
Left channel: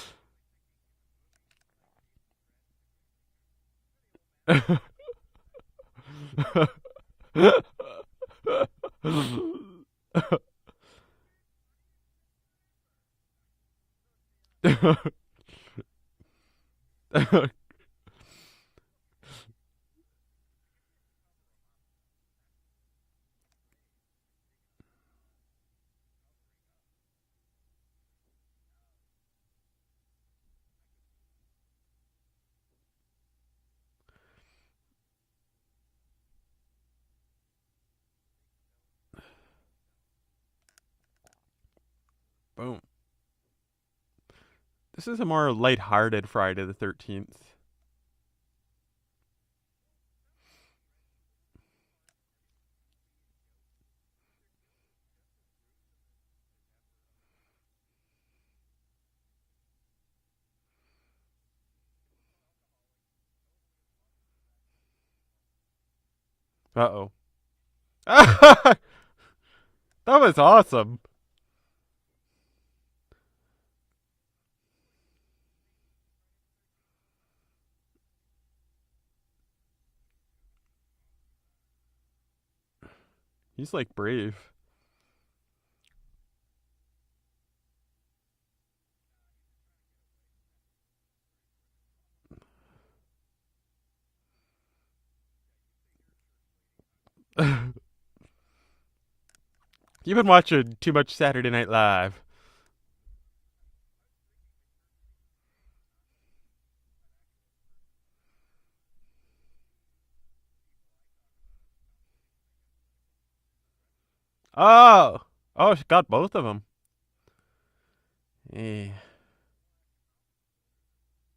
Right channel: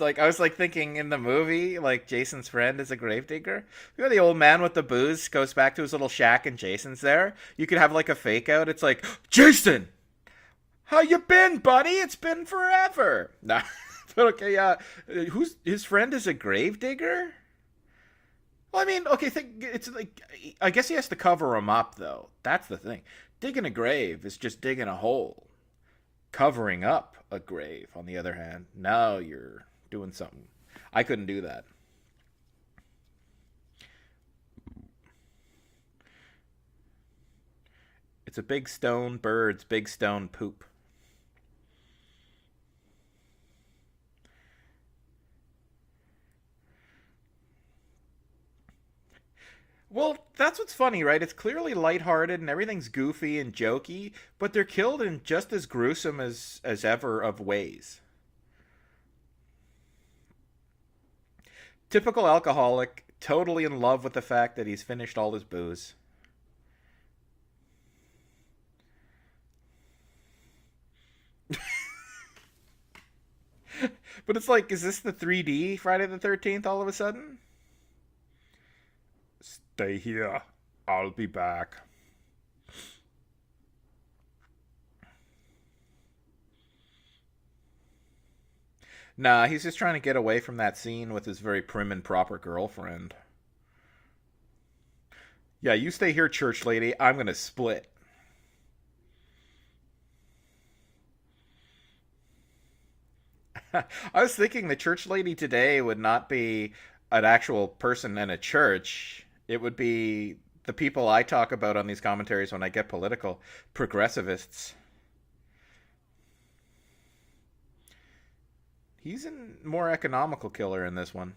Like I was like thinking in the movie, like Jason's friend is a gravedigger. You know, the old man with the booze goes back to his little shack and Jason's there. You could have like a fake out. It's like, Jason, how you been, buddy? It's been forever. Nah, but okay, yeah. Who's his friend is a gravedigger? Well, I mean, okay, it's like I guess he has to cover him up though. That's the thing. Digging a grave is just digging a hole. Covering up a grave, on the other hand, now you're doing something. I couldn't do that. It's a big stone bird's big stone poop. Boom. This is a more lighthearted Friday the 13th. Well, that's what's funny, right? It's clearly lighthearted and everything's goofy and jokey, but they're killed in just as gruesome as ever of ways. Typical alcoholic, totally in love with the fact that he's finished all his booze. Uh-oh. That was awesome. But it's like, is this the 3D Friday the 13th all of a sudden? Stay here. I'll be back. He's like brave. Nah, he's just trying to get away from that scene with his very prim and proper girlfriend. Yeah, you stay here, church lady. I'm going to split. You've been watching too much Saturday Night Live. I was thinking the church lady today would not be an actual person in a church. It would be the people I talk about on these commentaries when I get political, progressivists. Oh, she got both of them. Yeah. He's a more economical killer in this one.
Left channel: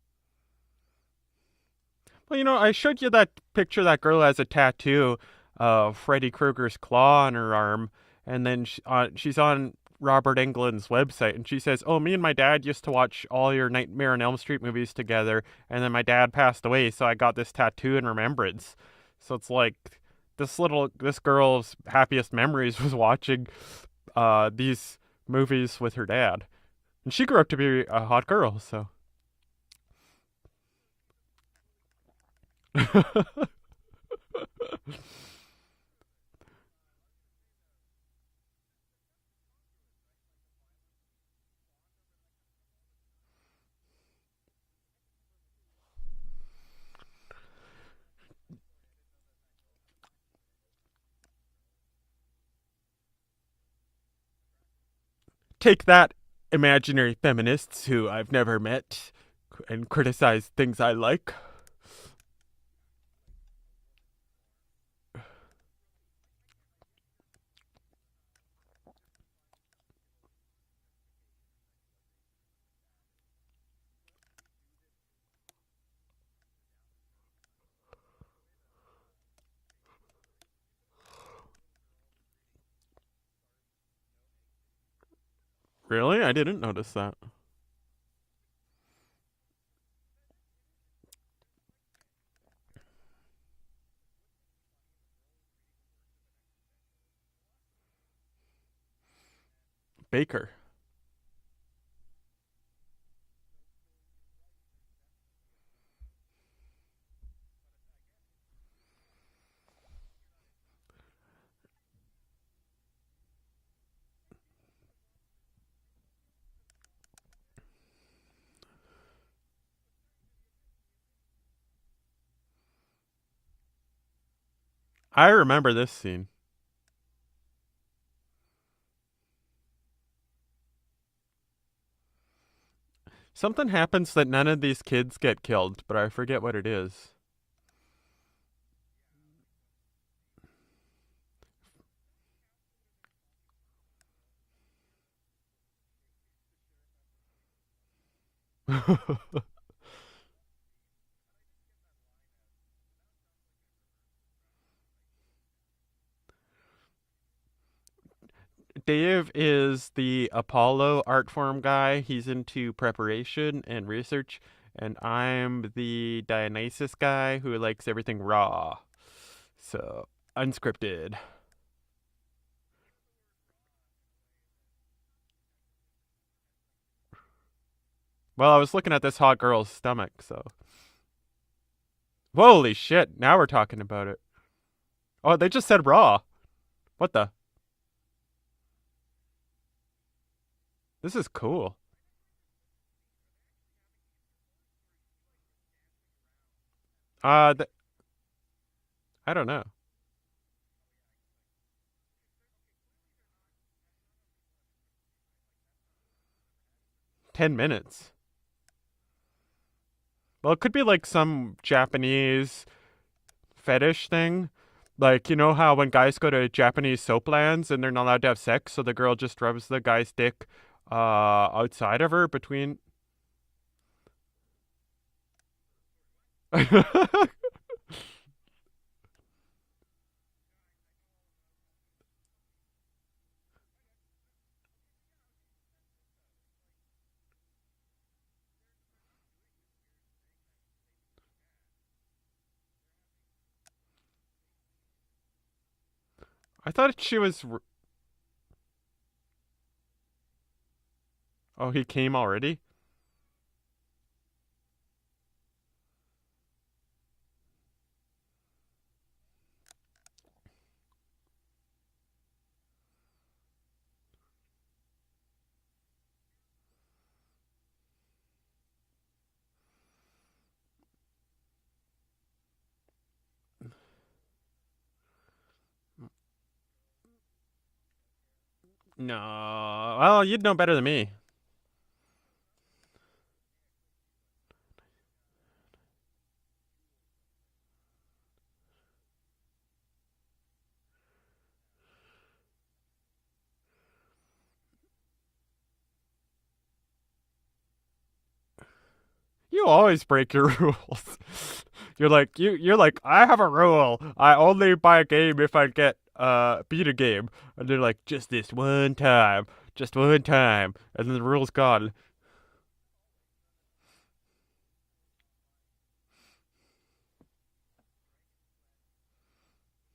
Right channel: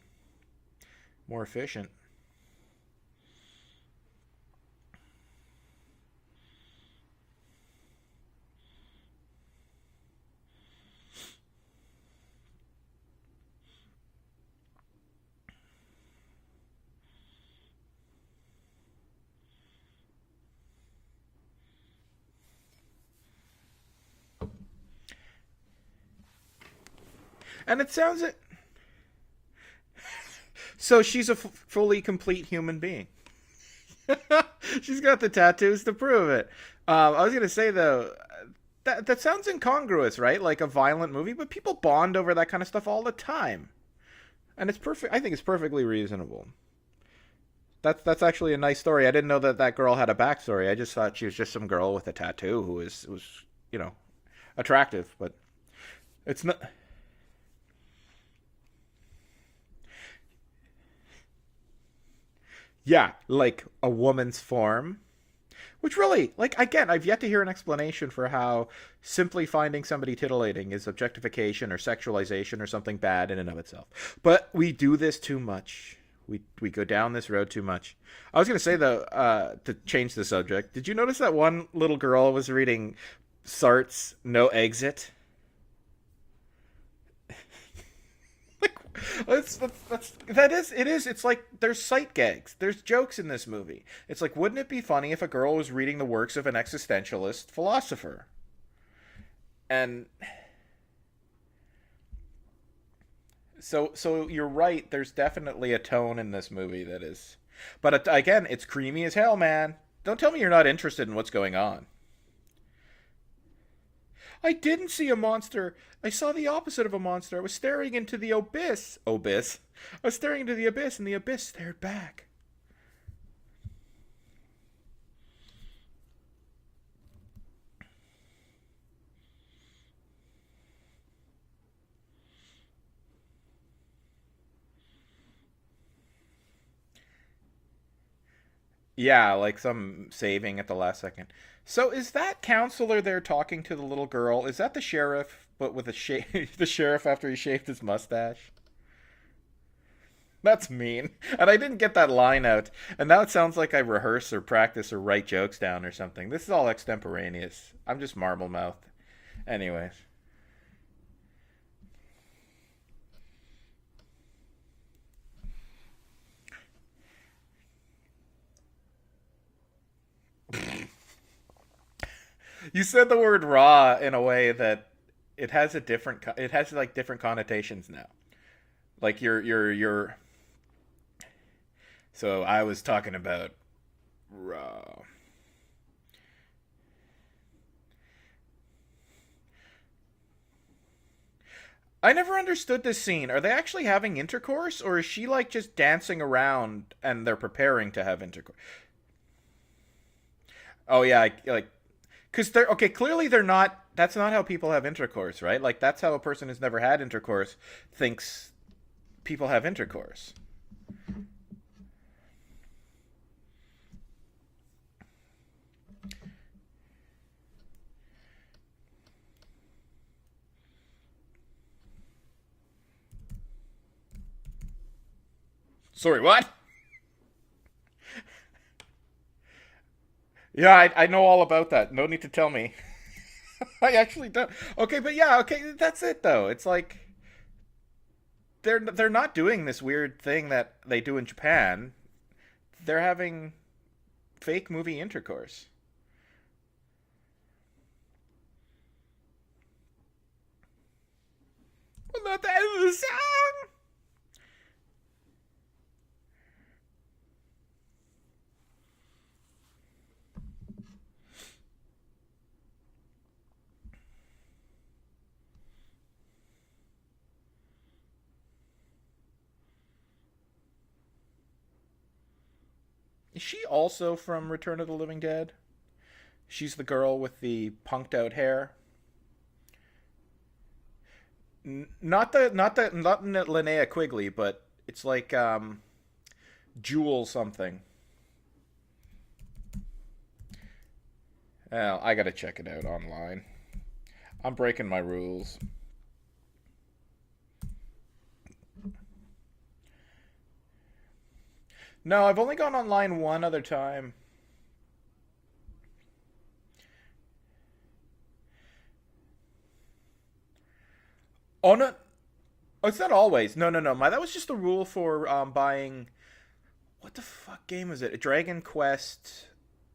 More efficient. Well, I showed you that picture. That girl has a tattoo of Freddy Krueger's claw on her arm, and then she's on Robert Englund's website, and she says, "Oh, me and my dad used to watch all your Nightmare on Elm Street movies together, and then my dad passed away, so I got this tattoo in remembrance." So it's like this girl's happiest memories was watching these movies with her dad, and she grew up to be a hot girl. So she's a fully complete human being. She's got the tattoos to prove it. I was gonna say though. That sounds incongruous, right? Like a violent movie, but people bond over that kind of stuff all the time. And it's perfect. I think it's perfectly reasonable. That's actually a nice story. I didn't know that girl had a backstory. I just thought she was just some girl with a tattoo who was attractive, but take that, it's not imaginary feminists who I've never met and criticize things I like. Yeah, like a woman's form. Which really, like, again, I've yet to hear an explanation for how simply finding somebody titillating is objectification or sexualization or something bad in and of itself. But we do this too much. We go down this road too much. I was going to say, though, to change the subject, did you notice that one little girl was reading Sartre's No Exit? Really? I didn't notice that. It's like there's sight gags, there's jokes in this movie. It's like, wouldn't it be funny if a girl was reading the works of an existentialist philosopher? And Baker. So you're right, there's definitely a tone in this movie that is, but again, it's creamy as hell, man. Don't tell me you're not interested in what's going on. I didn't see a monster. I saw the opposite of a monster. I was staring into the abyss. I was staring into the abyss, and the abyss stared back. I remember this scene. Something happens that none of these kids get killed, but I forget what it is. Yeah, like some saving at the last second. So is that counselor there talking to the little girl? Is that the sheriff, but with the sheriff after he shaved his mustache? That's mean. And I didn't get that line out. And now it sounds like I rehearse or practice or write jokes down or something. This is all extemporaneous. I'm just marble mouth. Dave is Anyway. the Apollo art form guy. He's into preparation and research, and I'm the Dionysus guy who likes everything raw. So, unscripted. You said the word raw in a way that it has a different it has like different connotations now. Well, I was looking at this Like hot girl's stomach, so. so I Holy was shit, talking now we're about talking about it. raw. Oh, they just said raw. What the? This is cool. I never understood this scene. Are they actually having intercourse, or is she like just dancing around and they're preparing to have intercourse? I don't know. Oh yeah, like, because they're okay. Clearly, they're not. That's not how people have intercourse, right? Like that's how a person who's never had intercourse 10 minutes. thinks people have intercourse. Well, it could be like some Japanese fetish thing. Like, you know how when guys go to Japanese soap lands and they're not allowed to have sex, so the girl just rubs the guy's dick outside of her between. Sorry, what? Yeah, I know all about that. No need to tell me. I actually don't. Okay, but yeah, okay, that's it though. It's like they're not doing this weird thing that they do in Japan. They're having fake movie intercourse. I thought she was. Oh, he came already? Not the end of the song. Is she also from Return of the Living Dead? She's the girl with the punked out hair. No. Well, you'd know better than me. Not Linnea Quigley, but it's like Jewel something. Well, I gotta check it out online. I'm breaking my rules. You always break your rules. You're No, like I've only gone you're like online I have a one other rule. time. I only buy a game if I get beat a game, and they're like just this one time, and then the rule's Oh gone. no, oh, it's not always. No. That was just the rule for buying. What the fuck game is it? Dragon Quest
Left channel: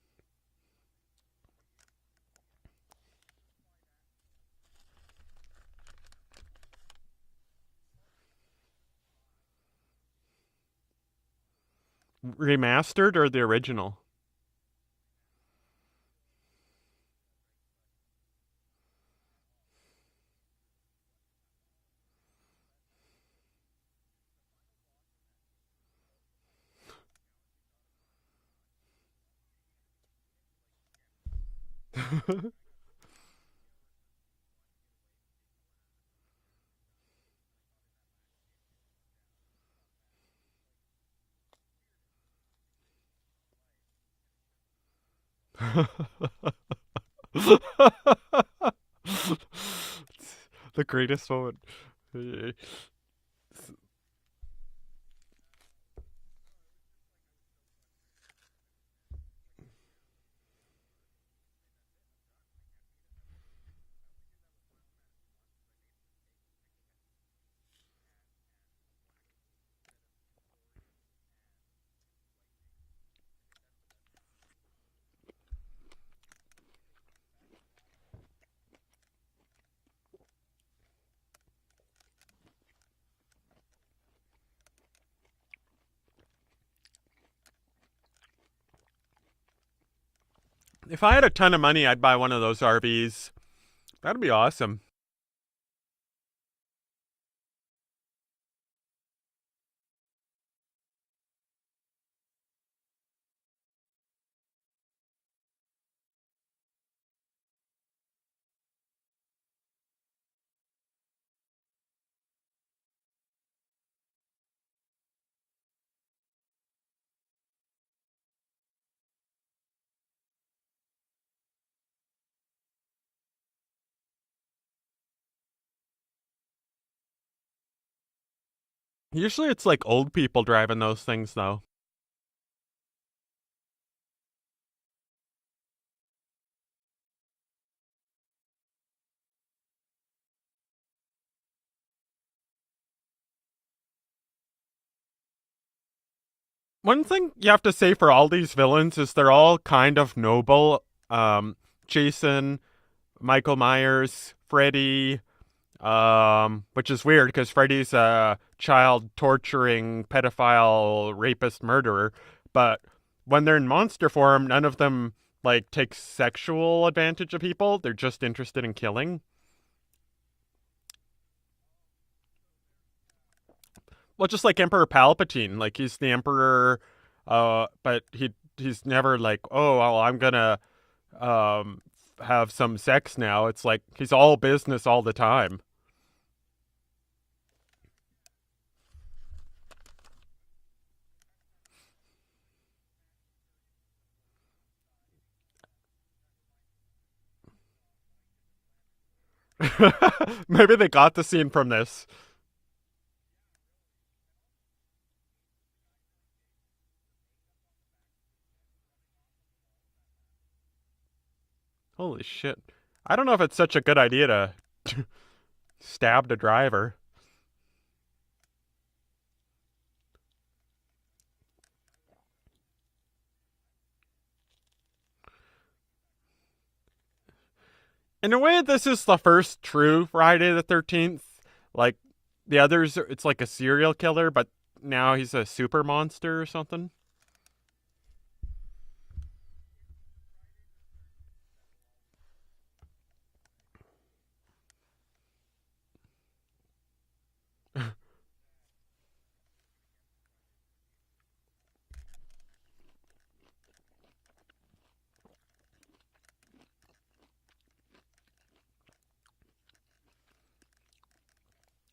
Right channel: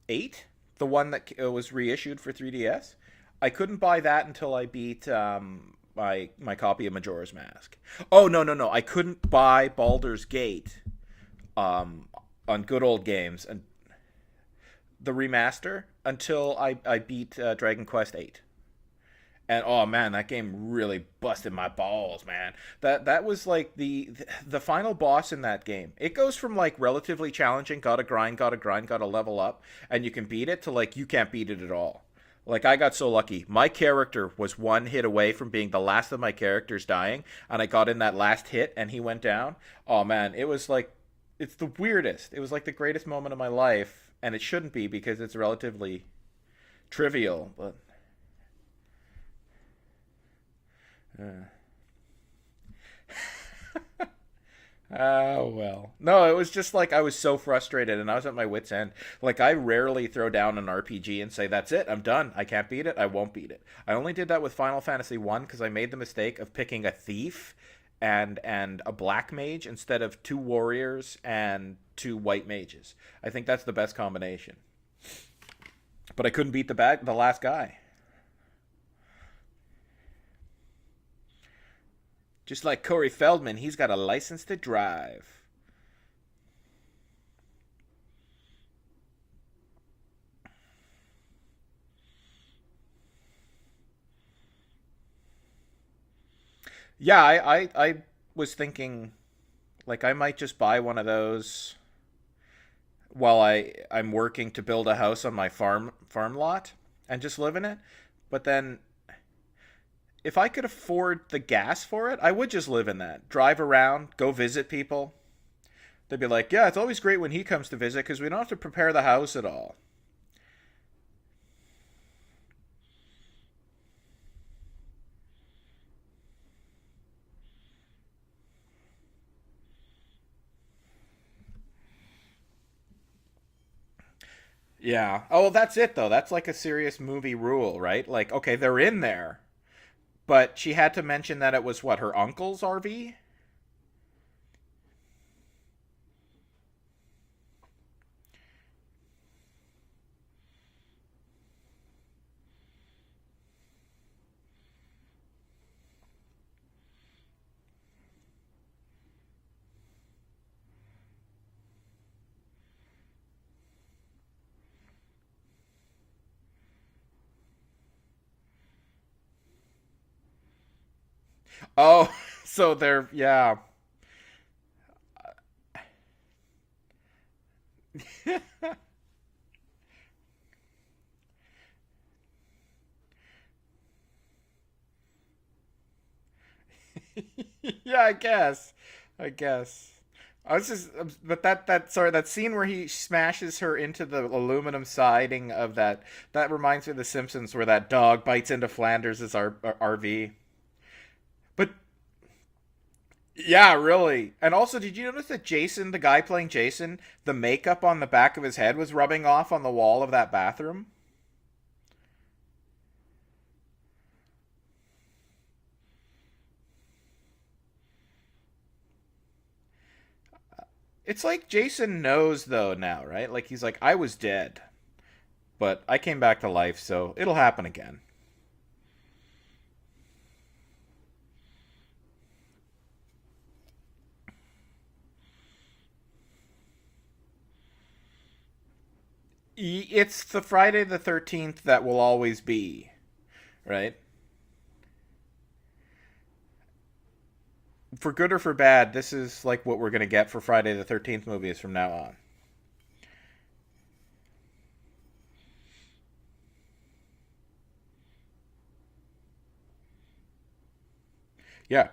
8, the one that was reissued for 3DS. I couldn't buy that until I beat my copy of Majora's Mask. Oh no! I couldn't buy Baldur's Gate. On good old Remastered or games. the original? The remaster until I beat Dragon Quest 8. And oh man, that game really busted my balls, man. That was like the final boss in that game. It goes from like relatively challenging, gotta grind, gotta level up, and you can beat it, to like you can't beat it at all. Like I got so lucky. My character was one hit away from being the last of my characters dying, and I got in that last hit and he went down. Oh man, it was like it's the weirdest. It was like the greatest moment of my life, and it shouldn't be because it's relatively trivial. The greatest moment. Oh well. No, it was just like I was so frustrated and I was at my wit's end. Like I rarely throw down an RPG and say that's it, I'm done. I can't beat it. I won't beat it. I only did that with Final Fantasy 1 because I made the mistake of picking a thief and a black mage instead of 2 warriors and 2 white mages. I think that's the best combination. But I couldn't beat the last guy. Just like Corey Feldman, he's got a license to drive. If I had a ton of money, I'd buy one of those RVs. That'd be awesome. Yeah, I was thinking, like, I might just buy one of those while I'm working to build a house on my farm lot and just live in it. But then if I could afford the gas for it, I would just live in that. Drive around, go visit people. They'd be like, yeah, it's always great when he comes to visit because we don't have to prepare the house at all. Usually it's like old people driving those things, though. Yeah. Oh, well, that's it though. That's like a serious movie rule, right? Like, okay, they're in there, but she had to mention that it was what, her uncle's RV? One thing you have to say for all these villains is they're all kind of noble. Jason, Michael Myers, Freddy, which is weird because Freddy's a child torturing pedophile rapist murderer, but when they're in monster form, none of them like take sexual advantage of people. They're just interested in killing. Oh, so they're yeah. Well, just like Emperor Palpatine, like he's the emperor, but he's never like, oh, well, I'm gonna um have some sex now. It's like he's all business all the time. Yeah, I guess. I guess. I was just, but that scene where he smashes her into the aluminum siding of that reminds me of The Simpsons, where that dog bites into Flanders' RV. Maybe they got the scene from But this. yeah, really. And also, did you notice that Jason, the guy playing Jason, the makeup on the back of his head was rubbing off on the wall of that bathroom? Holy shit! I don't know if it's such a good idea to stab the driver. It's like Jason knows though now, right? Like he's like, I was dead, but I came back to life, so it'll happen again. In a way, this is the first true Friday the 13th. Like the others, it's like a serial killer, but now he's a super monster or something. It's the Friday the 13th that will always be, right? For good or for bad, this is like what we're going to get for Friday the 13th movies from now on. Yeah.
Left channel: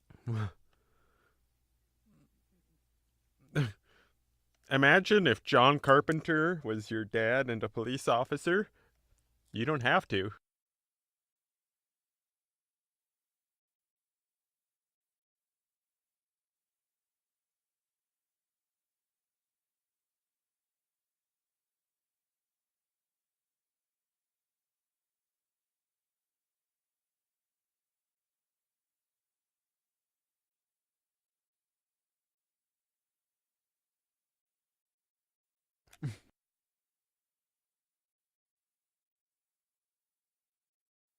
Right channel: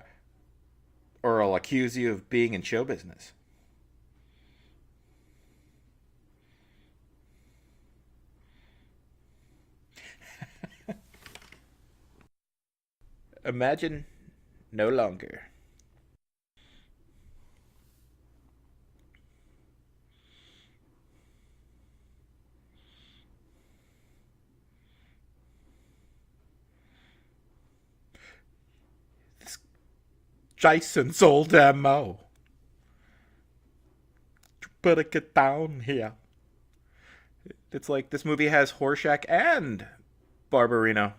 Or I'll accuse you of being in show business. Imagine if John Carpenter was your dad and a police officer. You don't have to. Imagine no longer. This Jason's old MO. You better get down here. It's like this movie has Horshack and Barbarino.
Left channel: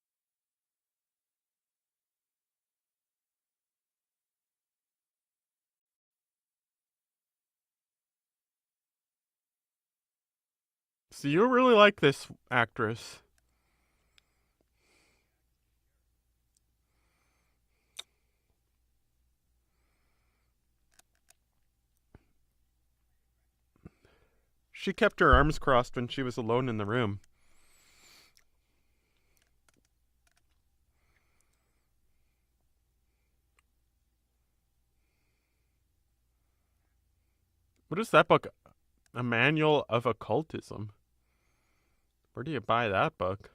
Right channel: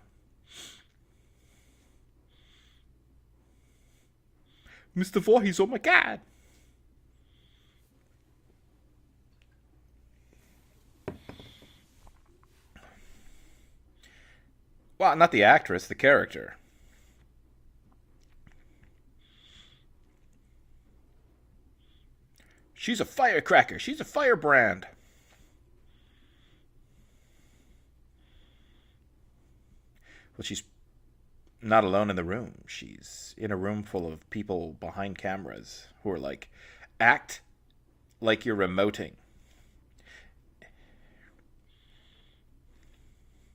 Mr. Voorhees, oh my god. So you really like this actress. Well, not the actress, the character. She's a firecracker. She's a firebrand. She kept her arms crossed when she was alone in the room. Well, she's not alone in the room. She's in a room full of people behind cameras who are like, act What is that like book? you're remoting. A Manual of Occultism. Where do you buy that book?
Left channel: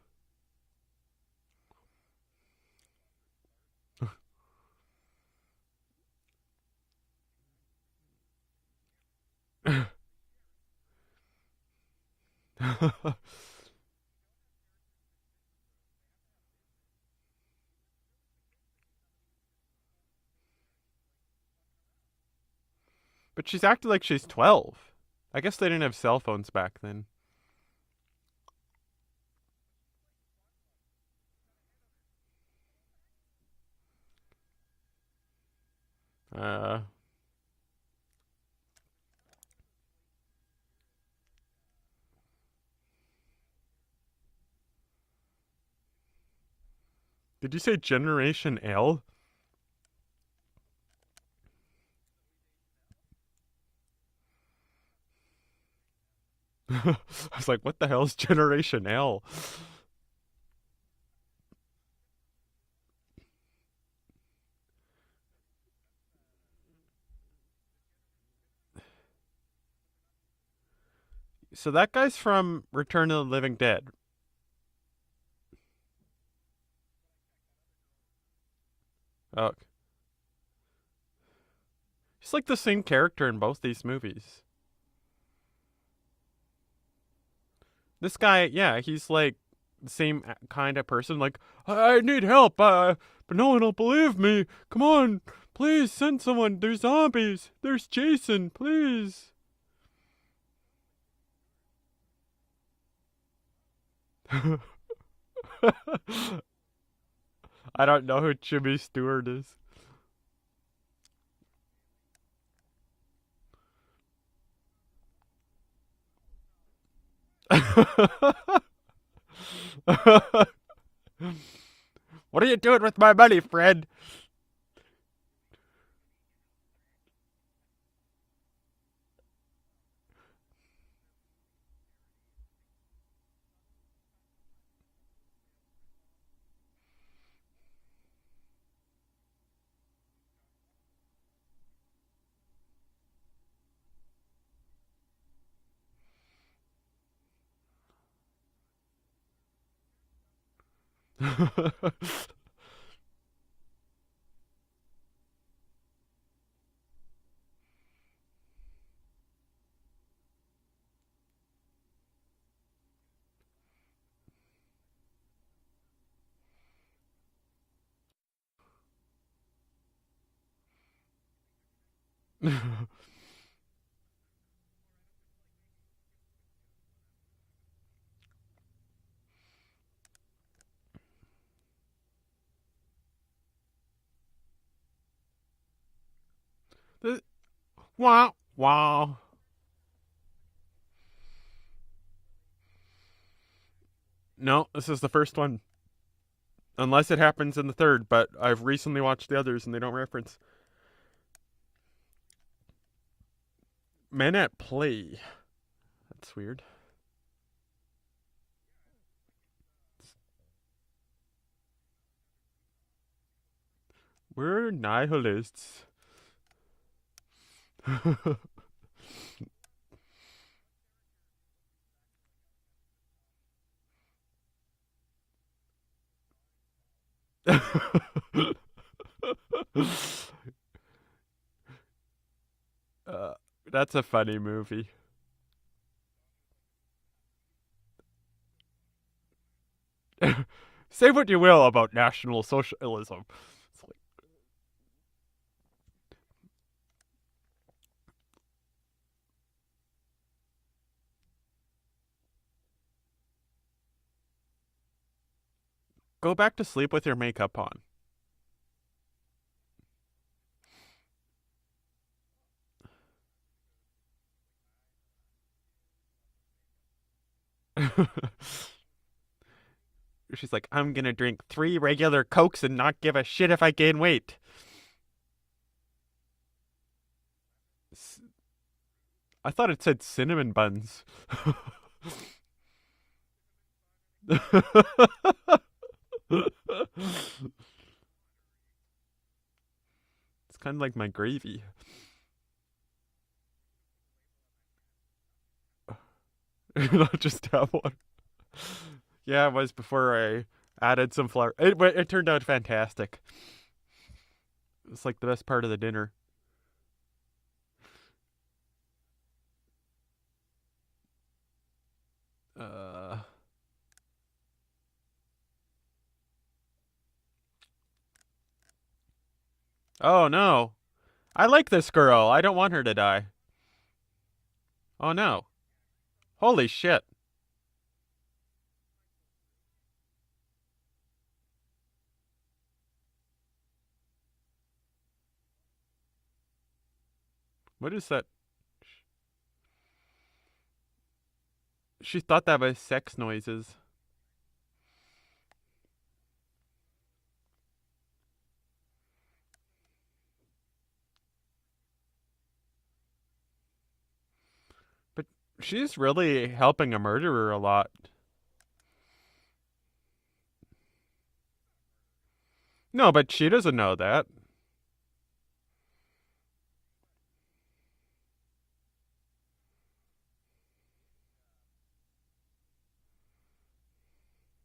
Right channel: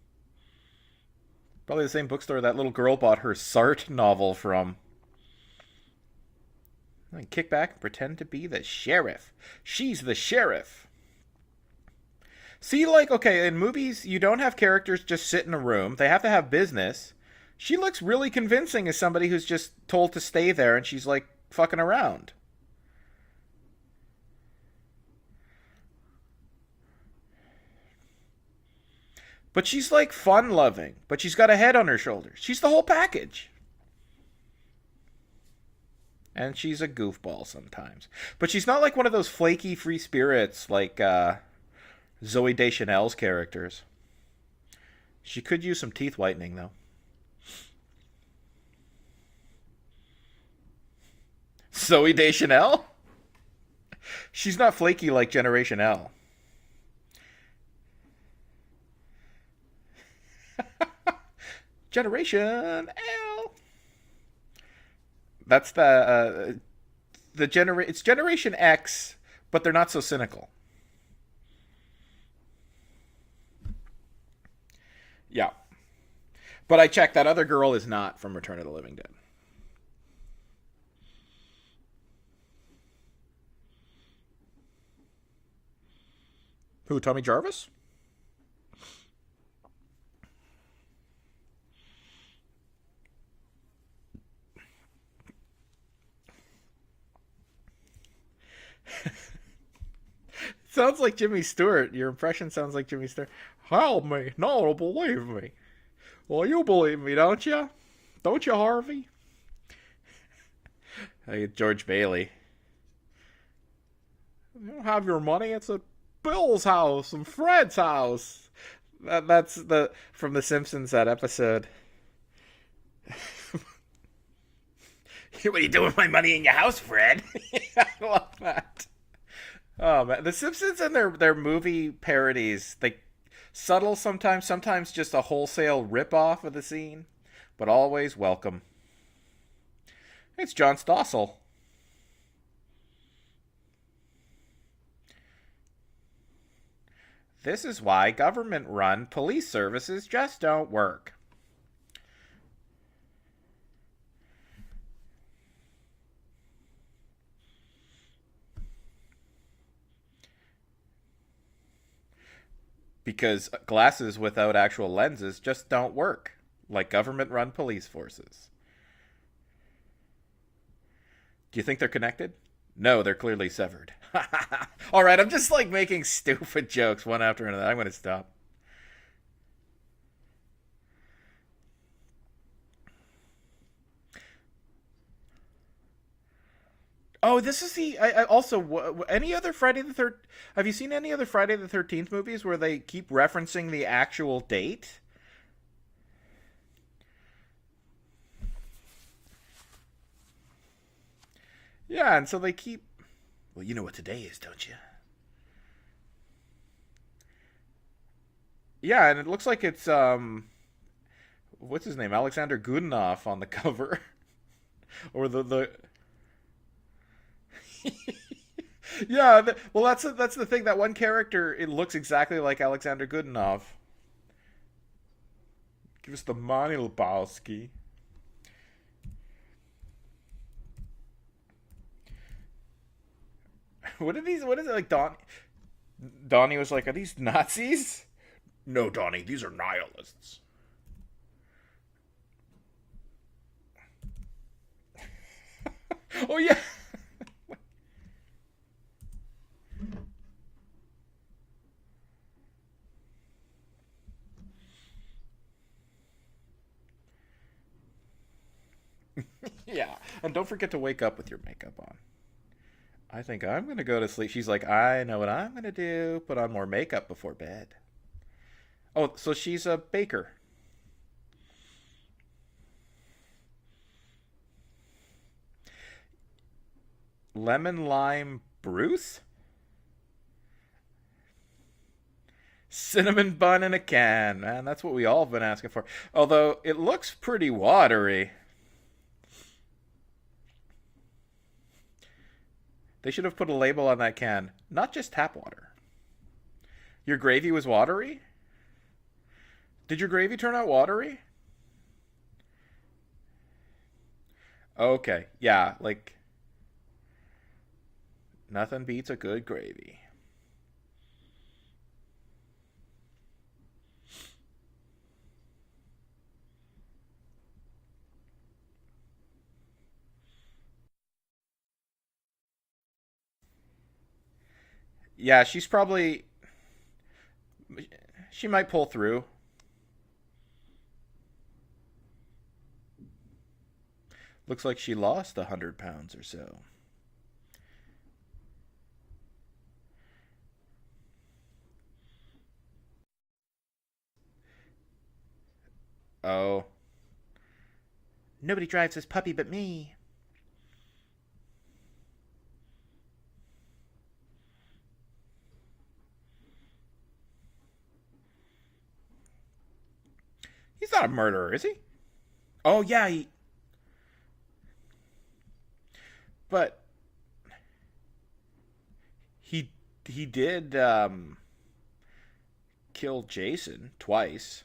Probably the same bookstore that little girl bought her Sartre novel from. And kick back and pretend to be the sheriff. She's the sheriff. See, like, okay, in movies, you don't have characters just sit in a room. They have to have business. She looks really convincing as somebody who's just told to stay there and she's, like, fucking around. But she's acting like she's 12. I guess they didn't have cell phones back then. But she's, like, fun-loving. But she's got a head on her shoulders. She's the whole package. And she's a goofball sometimes. But she's not like one of those flaky free spirits like Zoe Deschanel's characters. She could use some teeth whitening, though. Did you say Generation L? Zoe Deschanel? She's not flaky like Generation L. I was like, what the hell is Generation L? Generation L. That's the it's Generation X, but they're not so cynical. So that guy's from Return of the Living Dead. Yeah. But I checked, that other girl is not from Return of the Living Dead. Oh. He's like the same character in both these movies. Who, Tommy Jarvis? This guy, yeah, he's like the same kind of person. Like, I need help, but no one will believe me. Come on, please send someone. There's zombies. There's Jason, please. Sounds like Jimmy Stewart. Your impression sounds like Jimmy Stewart. Help me. No one will believe me. Well, you believe me, don't you? I don't know who Don't you, Jimmy Harvey? Stewart is. Hey, George Bailey. You don't have your money. It's at Bill's house and Fred's house. That's from The Simpsons, that episode. What are you doing with my money, Fred? What are you doing with my money in your house, Fred? I love that. Oh man, The Simpsons and their movie parodies, they subtle sometimes just a wholesale rip-off of the scene, but always welcome. It's John Stossel. This is why government-run police services just don't work. Because glasses without actual lenses just don't work, like government-run police forces. Do you think they're connected? No, they're clearly severed. All right, I'm just like making stupid jokes one after another. I'm going to stop. Oh, this is the also wow. Any other Friday the 13th? Have you seen any other Friday the 13th movies where they keep referencing the actual No, date? this is the first one. Unless it happens in the third, but I've recently watched the others and they don't reference. Yeah, and so they keep. Well, you know what today Men is, at don't you? Play. That's weird. Yeah, and it looks like it's what's his name? Alexander Goodenough on the cover. We're nihilists. Yeah, well, that's the thing. That one character, it looks exactly like Alexander Goodenough. Give us the money, Lebowski. That's a funny movie. What is it like? Donnie was like, "Are these Nazis?" No, Donnie, these are nihilists. Say what you will about National Socialism. Oh yeah. Go back to sleep with your makeup on. Yeah, and don't forget to wake up with your makeup on. I think I'm going to go to sleep. She's like, I know what I'm going to do. Put on more makeup before bed. Oh, so she's a baker. She's like, I'm going to drink 3 regular Cokes and not give a shit if I gain weight. Lemon lime Bruce? I thought it said cinnamon buns. Cinnamon bun in a can, man. That's what we all have been asking for. Although, it looks pretty watery. It's kind of like my gravy. They should have put a label on that can. Not just tap water. Your Just gravy was tap watery? Yeah, it was before Did your gravy I turn out watery? added some flour. It turned out fantastic. Okay. It's like the best yeah, part of the dinner. like, nothing beats a good gravy. Oh no. I like this girl. I don't want her to die. Oh no. Yeah, she's probably... Holy shit. She might pull through. Looks like she lost 100 pounds or so. What is that? She thought that was sex noises. Oh. Nobody drives this puppy but me. But she's really helping a murderer a lot. He's not a murderer, is he? Oh, yeah. No, but she doesn't know that. But he did kill Jason twice.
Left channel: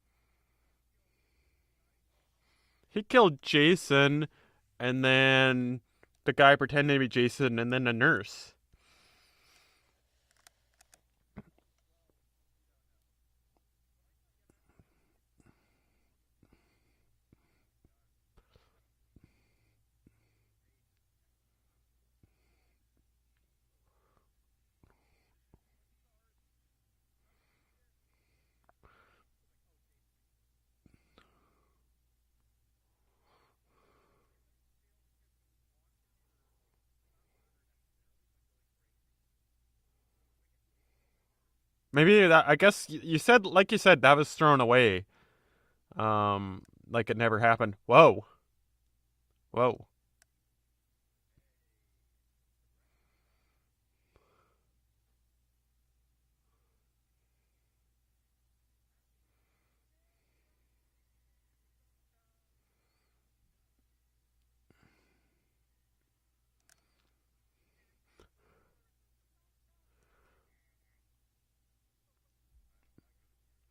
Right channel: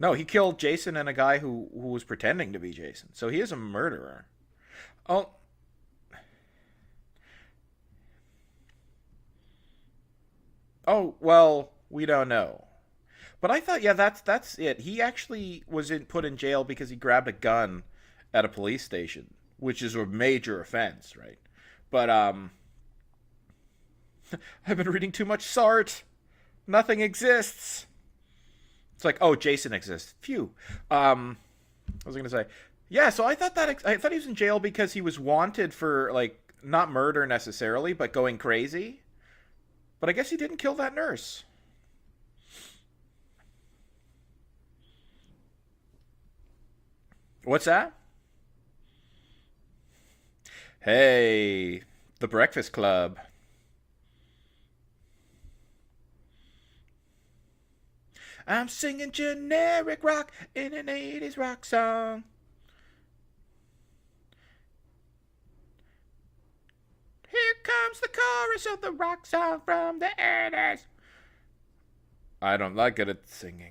No, he killed Jason and a guy who was pretending to be Jason. He killed so he is Jason, and then The guy pretending to be Jason and then a nurse. Oh, well, we don't know. But I thought, yeah, that's it. He actually was put in jail because he grabbed a gun at a police station, which is a major offense, right? But I've been reading too much Sartre. Nothing exists. It's like, oh, Jason exists. Phew. I was gonna say, yeah. So I thought he was in jail because he was wanted for like not murder necessarily, but going crazy. But I guess he didn't kill that nurse. Maybe that. I guess you said, like you said, that was thrown away. Like it never happened. What's that? Whoa. Whoa. Hey, The Breakfast Club. I'm singing generic rock in an 80s rock song. Here comes the chorus of the rock song from the 80s. I don't like it at singing.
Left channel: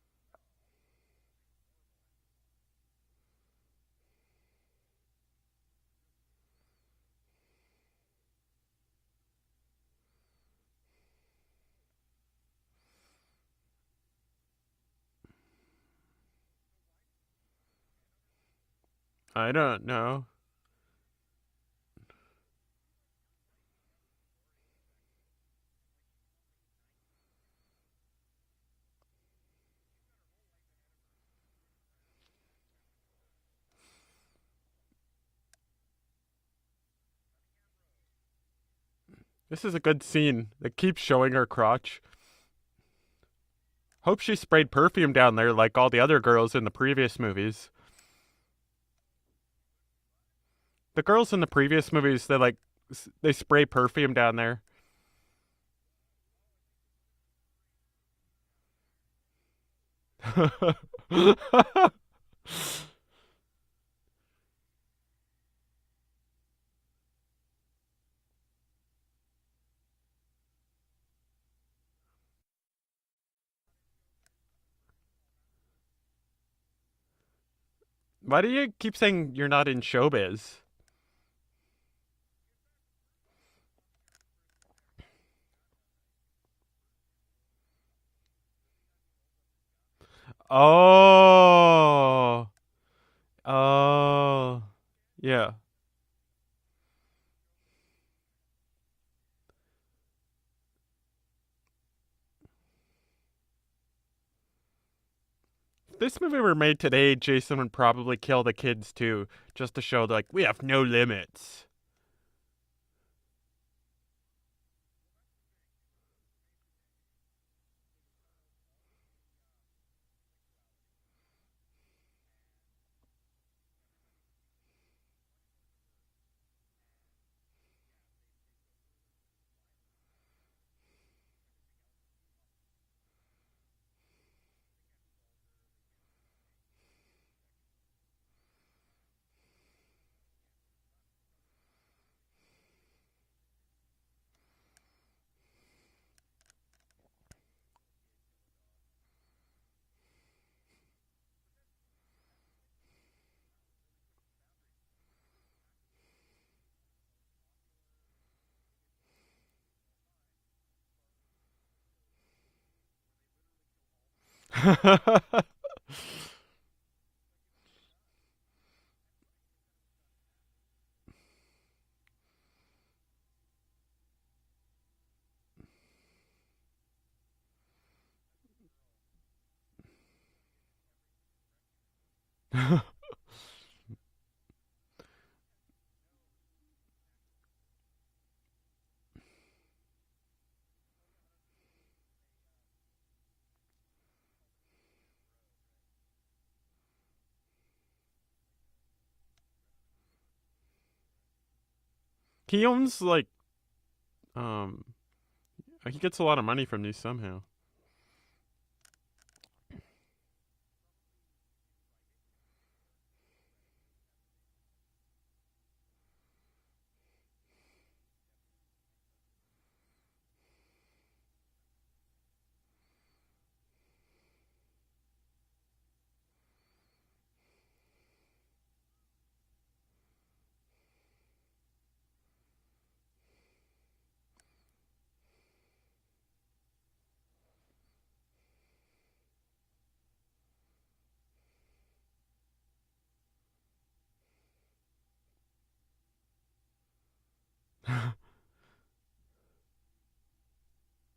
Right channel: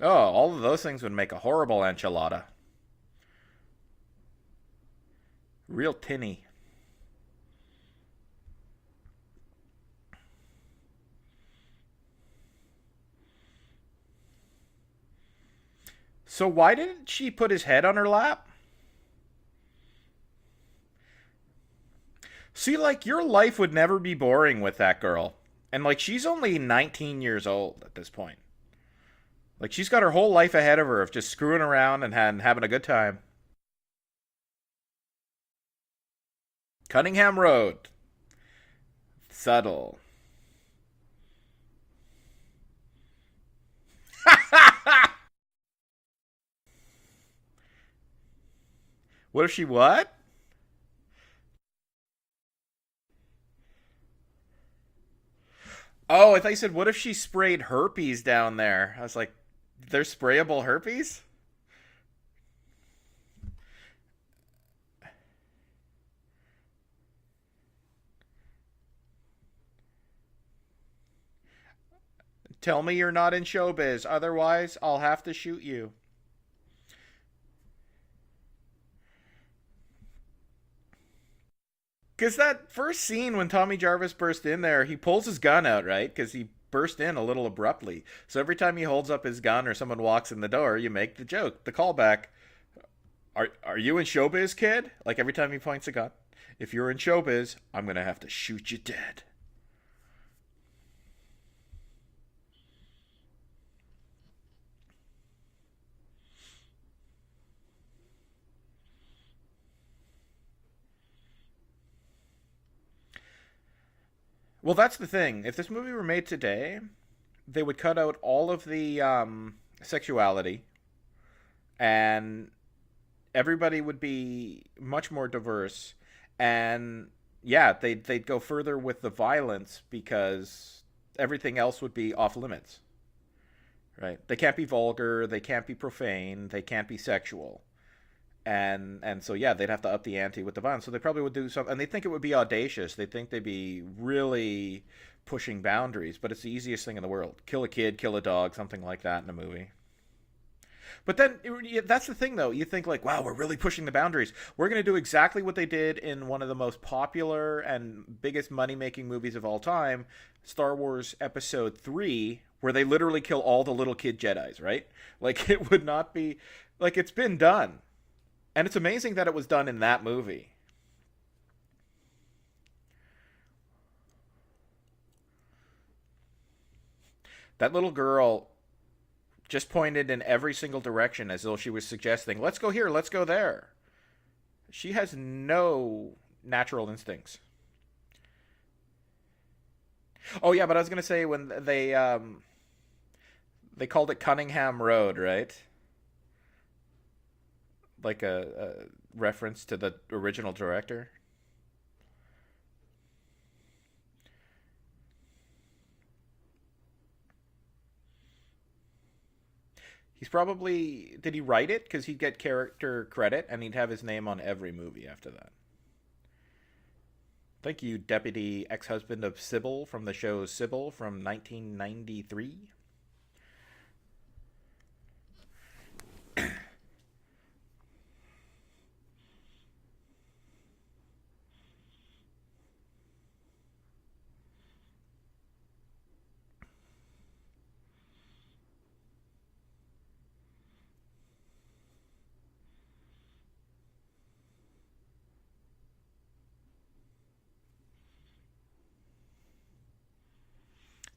Oh, all of those things would make a horrible enchilada. Real tinny. So why didn't she put his head on her lap? I don't know. See, like, your life would never be boring with that girl. And, like, she's only 19 years old at this point. Like, she's got her whole life ahead of her of just screwing around and having a good time. Cunningham Road. Subtle. This is a good scene. It keeps showing her crotch. Hope she sprayed perfume down there like all the other girls in the previous movies. What if she what? The girls in the previous movies, they spray perfume down there. Oh, I thought you said, what if she sprayed herpes down there? I was like, there's sprayable herpes? Tell me you're not in showbiz, otherwise I'll have to shoot you. Why do you keep saying you're not in showbiz? Because that first scene when Tommy Jarvis burst in there, he pulls his gun out, right? Because he burst in a little abruptly. So every time he holds up his gun or someone walks in the door, you make the joke, the callback. Are you in showbiz, kid? Like every time he points a gun. If you're in showbiz, I'm going to have to shoot you dead. If this movie were made today, Jason would probably kill the kids too, just to show like we have no limits. Well, that's the thing. If this movie were made today, they would cut out all of the sexuality, and everybody would be much more diverse. And yeah, they'd go further with the violence because everything else would be off limits. Right? They can't be vulgar, they can't be profane, they can't be sexual. And so yeah, they'd have to up the ante with the violence. So they probably would do something, and they think it would be audacious. They think they'd be really pushing boundaries, but it's the easiest thing in the world. Kill a kid, kill a dog, something like that in a movie. But then that's the thing, though. You think like, wow, we're really pushing the boundaries. We're going to do exactly what they did in one of the most popular and biggest money-making movies of all time, Star Wars Episode 3, where they literally kill all the little kid Jedi. Right? Like, it would not be... Like, it's been done. And it's amazing that it was done in that movie. That little girl just pointed in every single direction as though she was suggesting, let's go here, let's go there. She has no natural instincts. Oh, yeah, but I was going to say when they called it Cunningham Road, right? Like a reference to the original director. He owns like, he gets a lot of money from these somehow. He's probably... Did he write it? Because he'd get character credit, and he'd have his name on every movie after that. Thank you, deputy ex-husband of Sybil from the show Sybil from 1993.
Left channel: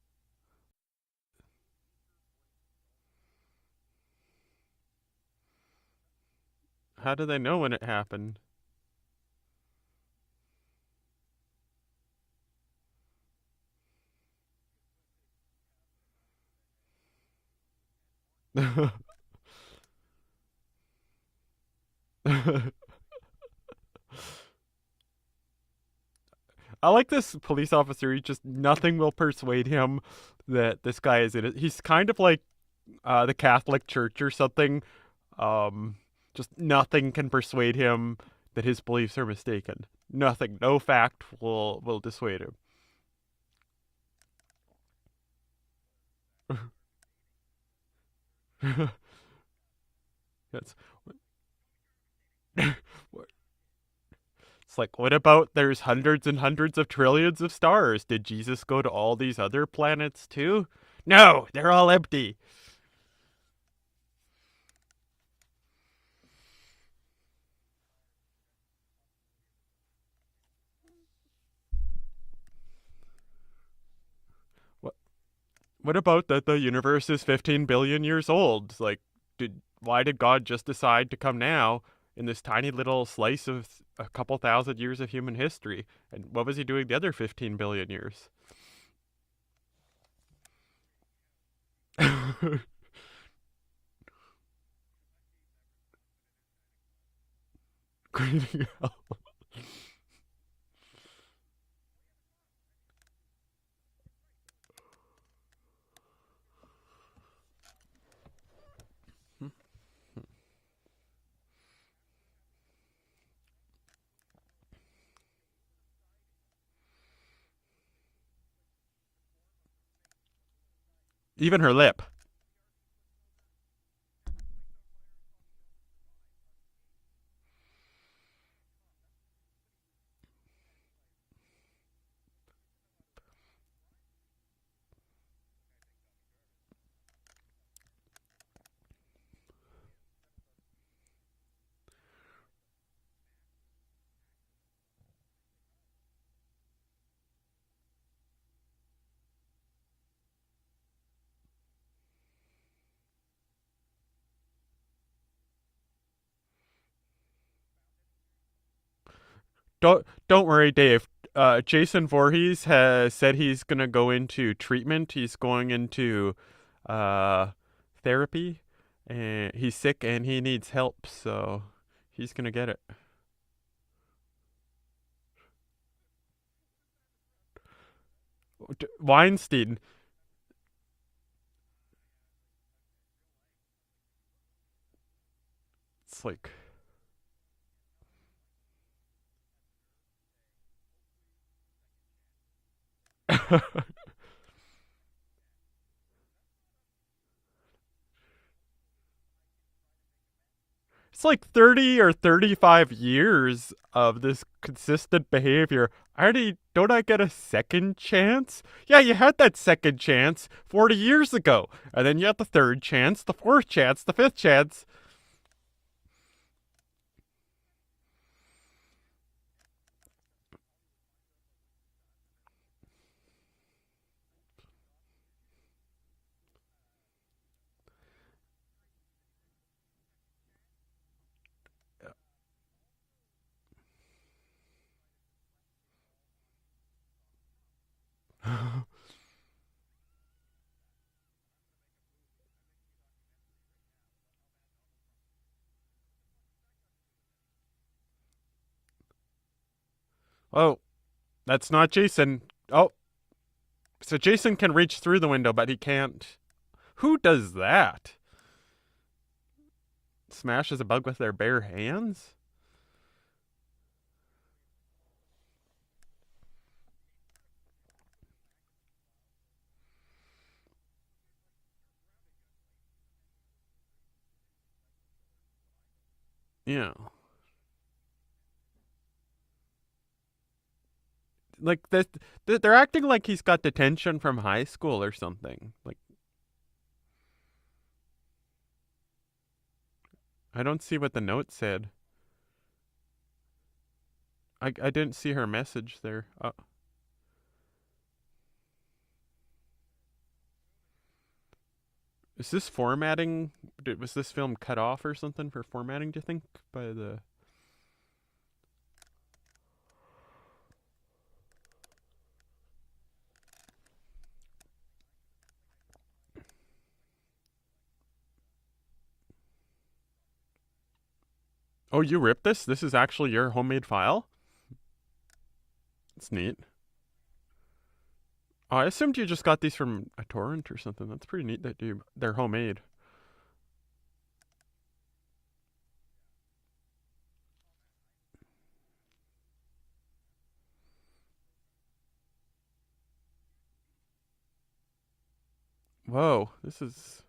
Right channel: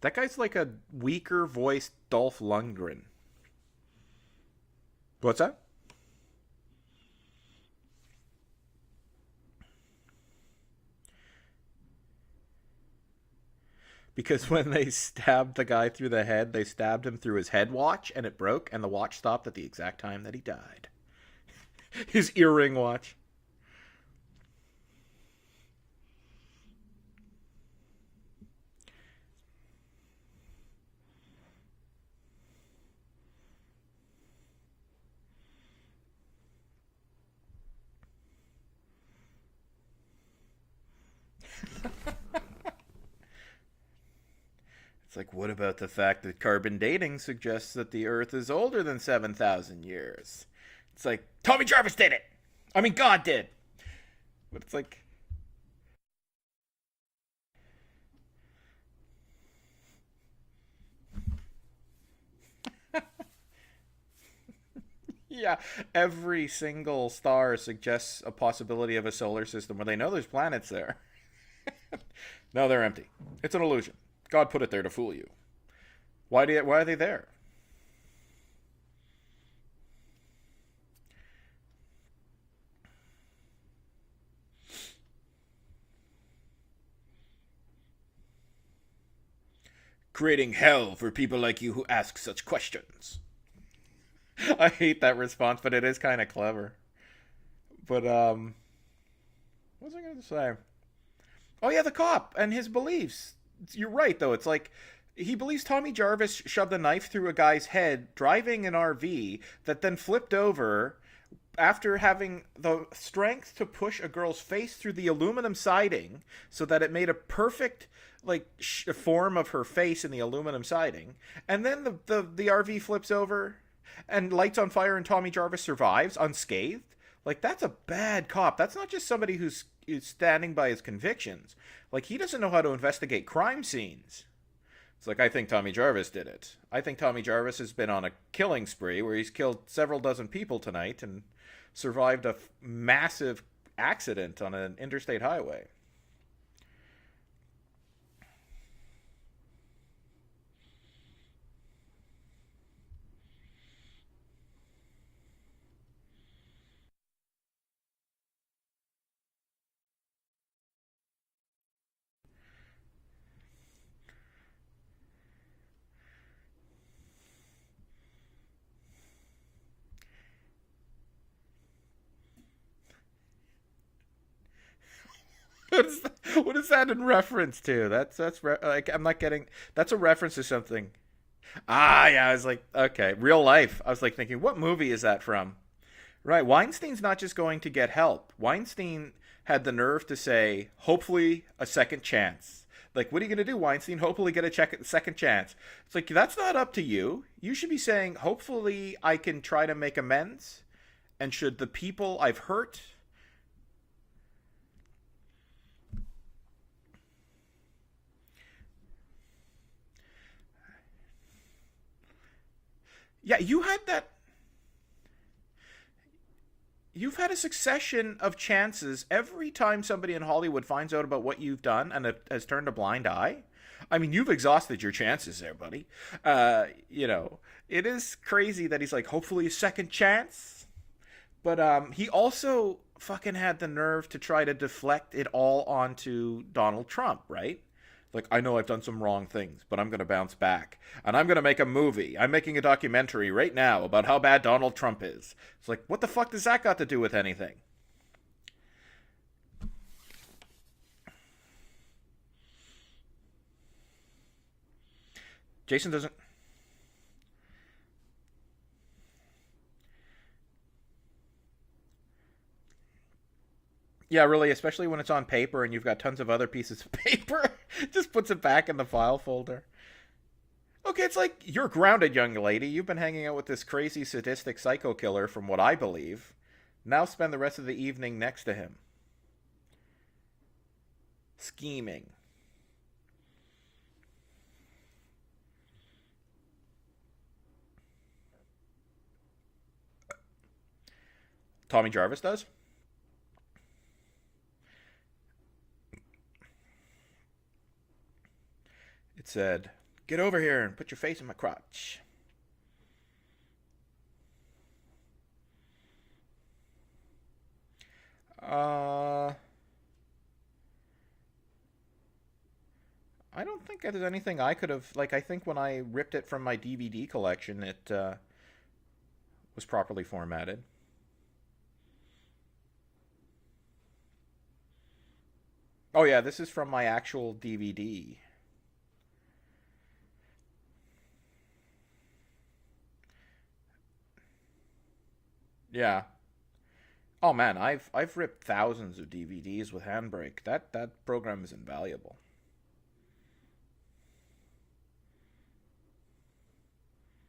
That guy's like a weaker voiced Dolph Lundgren. What's that? How do they know when it happened? Because when they stabbed the guy through the head, they stabbed him through his head watch, and it broke, and the watch stopped at the exact time that he died. His earring watch. I like this police officer. He just nothing will persuade him that this guy is in it. He's kind of like the Catholic Church or something. Just nothing can persuade him that his beliefs are mistaken. Nothing, no fact will dissuade him. It's like, what about the fact that carbon dating suggests that the Earth is older than 7,000 years? It's like, Tommy Jarvis did it! I mean, God did! It's like, what about there's hundreds and hundreds of trillions of stars? Did Jesus go to all these other planets too? No, they're all empty. Yeah, every single star suggests a possibility of a solar system where they know there's planets there. No, they're empty. It's an illusion. God put it there to fool you. What about that the universe is 15 billion years old? Like, why did God just decide to come now in this tiny little slice of a couple thousand years of human history? And what was he doing the other 15 billion years? Creating hell for people like you who ask such questions. I hate that response, but it is kind of clever. But, what was I going to say? Oh, yeah, the cop and his beliefs. You're right, though. It's like he believes Tommy Jarvis shoved a knife through a guy's head driving an RV that then flipped over after having the strength to push a girl's face through the aluminum siding so that it made a perfect form of her face in the aluminum siding. Even her lip. The RV flips over and lights on fire and Tommy Jarvis survives unscathed. Like, that's a bad cop. That's not just somebody who's standing by his convictions. Like, he doesn't know how to investigate crime scenes. It's like, I think Tommy Jarvis did it. I think Tommy Jarvis has been on a killing spree where he's killed several dozen people tonight and survived a massive accident on an interstate highway. Don't worry, Dave. Jason Voorhees has said he's gonna go into treatment. He's going into therapy, and he's sick and he needs help, so he's gonna get it. What is that in reference to? I'm not Weinstein. Getting, that's a reference to something. Ah, yeah. I was like, okay, real life. I was like thinking, what movie is that from? Like, right. Weinstein's not just going to get help. Weinstein had the nerve to say, hopefully a second chance. Like, what are you going to do, Weinstein? Hopefully get a second chance. It's like, that's not up to you. You should be saying, hopefully I can try to make amends. It's like 30 or 35 years of this consistent behavior. Don't I get a second chance? Yeah, you had that second chance 40 years ago. And then you had the third chance, the fourth chance, the fifth chance. You've had a succession of chances every time somebody in Hollywood finds out about what you've done and has turned a blind eye. I mean, you've exhausted your chances there, buddy. It is crazy that he's like, hopefully a second chance. But he also fucking had the nerve to try to deflect it all onto Donald Trump, right? Like, I know I've done some wrong things, but I'm going to bounce back. And I'm going to make a movie. I'm making a documentary right now about how bad Donald Trump is. It's like, what the fuck does that got to do with anything? Oh, that's not Jason. Oh, so Jason can reach through the window, but Jason he can't. Who does that? Smashes a bug with their bare hands? Yeah, really, especially when it's on paper and you've got tons of other pieces of paper. Just puts it back in the file folder. Okay, it's like, you're grounded, young lady. You've been hanging out with this crazy, sadistic psycho killer, from what I believe. Yeah. Now spend the rest of the evening next to him. Like Scheming. they're acting like he's got detention from high school or something. Like I don't see what the note said. Tommy Jarvis does? I didn't see her message there. It said, "Get over here and put your face in my crotch." Is this formatting? Was this film cut off or something for formatting, do you think? By the. I don't think there's anything I could have. Like, I think when I ripped it from my DVD collection, it was properly formatted. Oh, you ripped this? This is actually your homemade file? Oh, yeah, That's this is neat. from my actual DVD. Oh, I assumed you just got these from a torrent or something. That's pretty neat that they're homemade. Yeah. Oh man, I've ripped thousands of DVDs with Handbrake. That program is invaluable. Whoa, this is.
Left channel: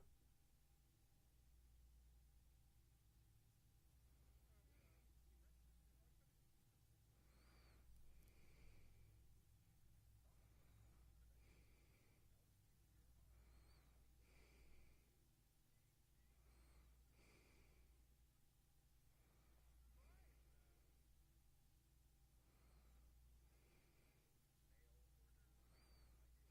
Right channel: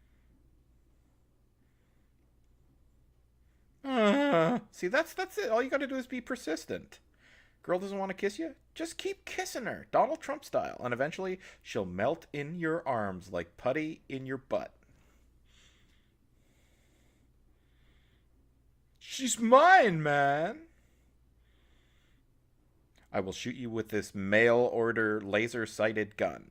See, that's it. All you got to do is be persistent. Girl doesn't want to kiss you? Just keep kissing her, Donald Trump style, and eventually she'll melt in your arms like putty in your butt. She's mine, man. I will shoot you with this mail order laser sighted gun.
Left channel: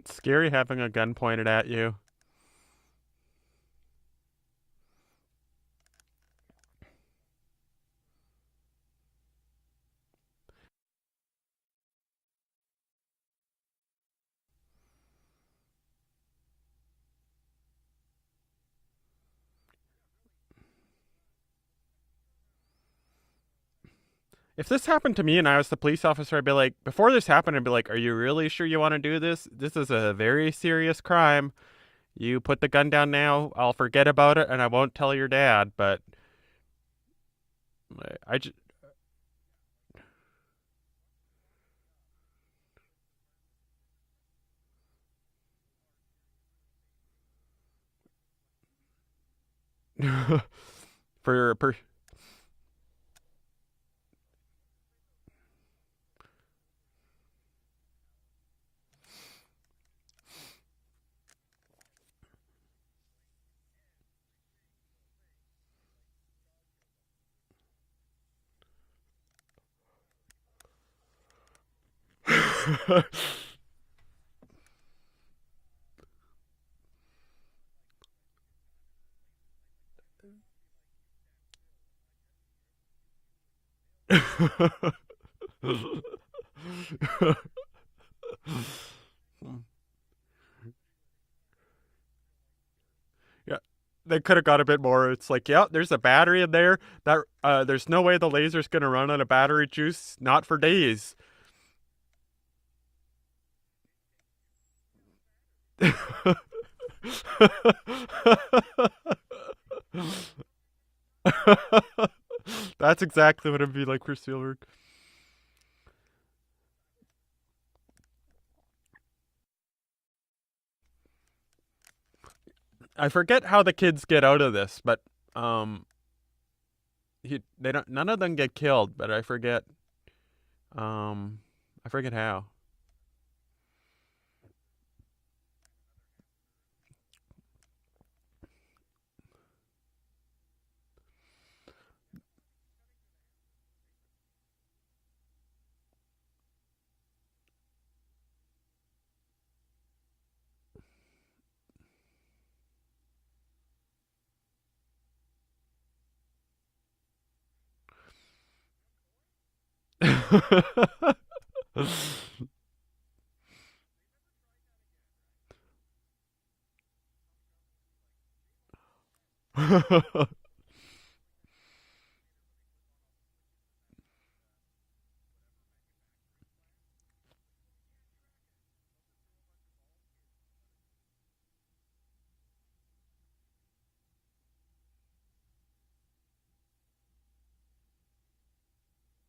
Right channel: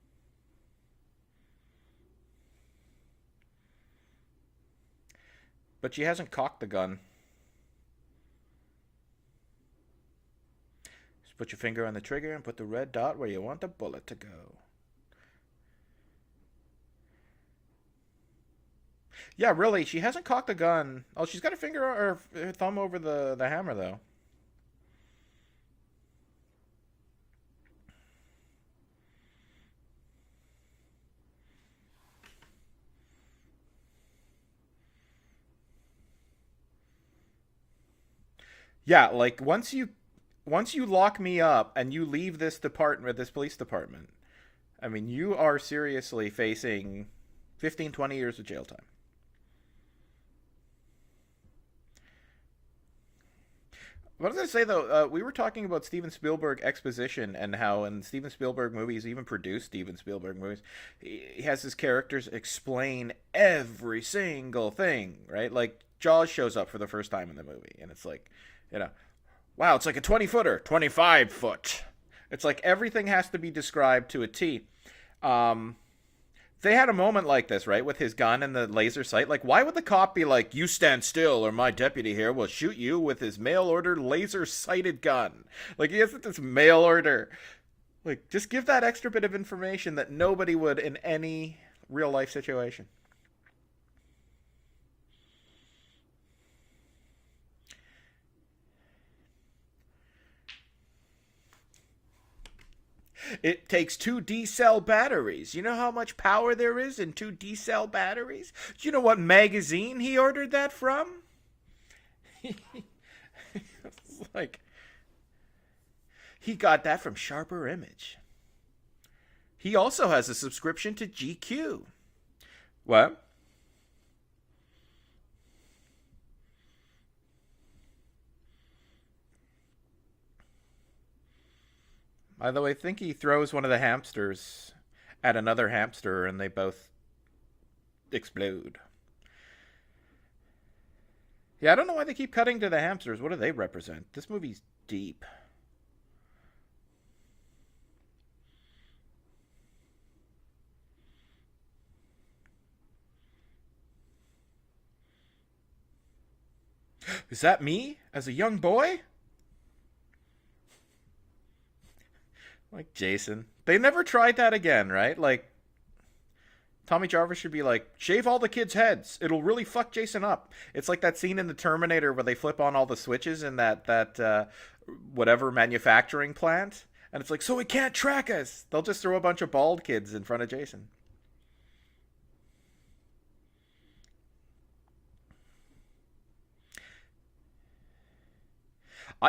It's scary having a gun pointed at you. But she hasn't cocked the gun. Just put your finger on the trigger and put the red dot where you want the bullet to go. Yeah, really, she hasn't cocked the gun. Oh, she's got her finger or her thumb over the hammer, though. If this happened to me and I was the police officer, I'd be like, before this happened, I'd be like, are you really sure you want to do this? This is a very serious crime. You put the gun down now, I'll forget about it and I won't tell your dad, but I just. Yeah, like once you lock me up and you leave this department, this police department, I mean, you are seriously facing 15, 20 years of jail time. for What was I say though? We were talking about Steven Spielberg exposition and how in Steven Spielberg movies, even produced Steven Spielberg movies, he has his characters explain every single thing, right? Like Jaws shows up for the first time in the movie, and it's like, you know, wow, it's like a 20-footer, 25-foot. It's like everything has to be described to a T. They had a moment like this, right, with his gun and the laser sight. Like, why would the cop be like, "You stand still, or my deputy here will shoot you with his mail-order laser-sighted gun"? Like, he has this mail-order. Like, just give that extra bit of information that nobody would in any real-life situation. Yeah, they could have got a bit more. It's like, yeah, there's a battery in there. That there's no way the laser's gonna run on a battery juice, not for days. It takes 2 D-cell batteries. You know how much power there is in 2 D-cell batteries? You know what magazine he ordered that from? That's exactly what it'd be like for Like, Spielberg. he got that from Sharper Image. He also has a subscription to GQ. What? I forget how the kids get out of this, but they don't. None of them get killed, but I forget. I forget how. Although I think he throws one of the hamsters at another hamster and they both explode. Yeah, I don't know why they keep cutting to the hamsters. What do they represent? This movie's deep. Is that me as a young boy? Like Jason. They never tried that again, right? Like, Tommy Jarvis should be like, shave all the kids' heads. It'll really fuck Jason up. It's like that scene in the Terminator where they flip on all the switches in that whatever manufacturing plant, And it's like, so it can't track us. They'll just throw a bunch of bald kids in front of Jason.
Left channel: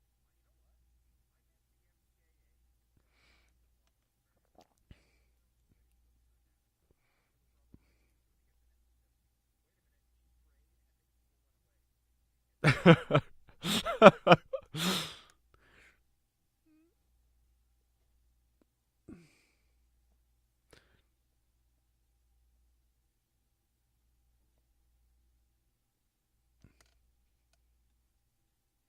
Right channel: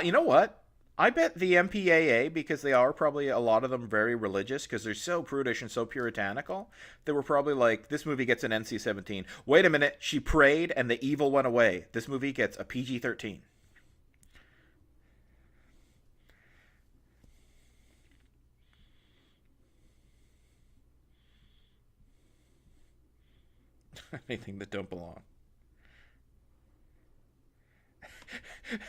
You know what? I bet the MPAA, because they are probably a lot of them very religious, because they're so prudish and so puritanical, they were probably like, this movie gets an NC-17. Wait a minute, she prayed and the evil went away. This movie gets a PG-13. Anything that don't belong.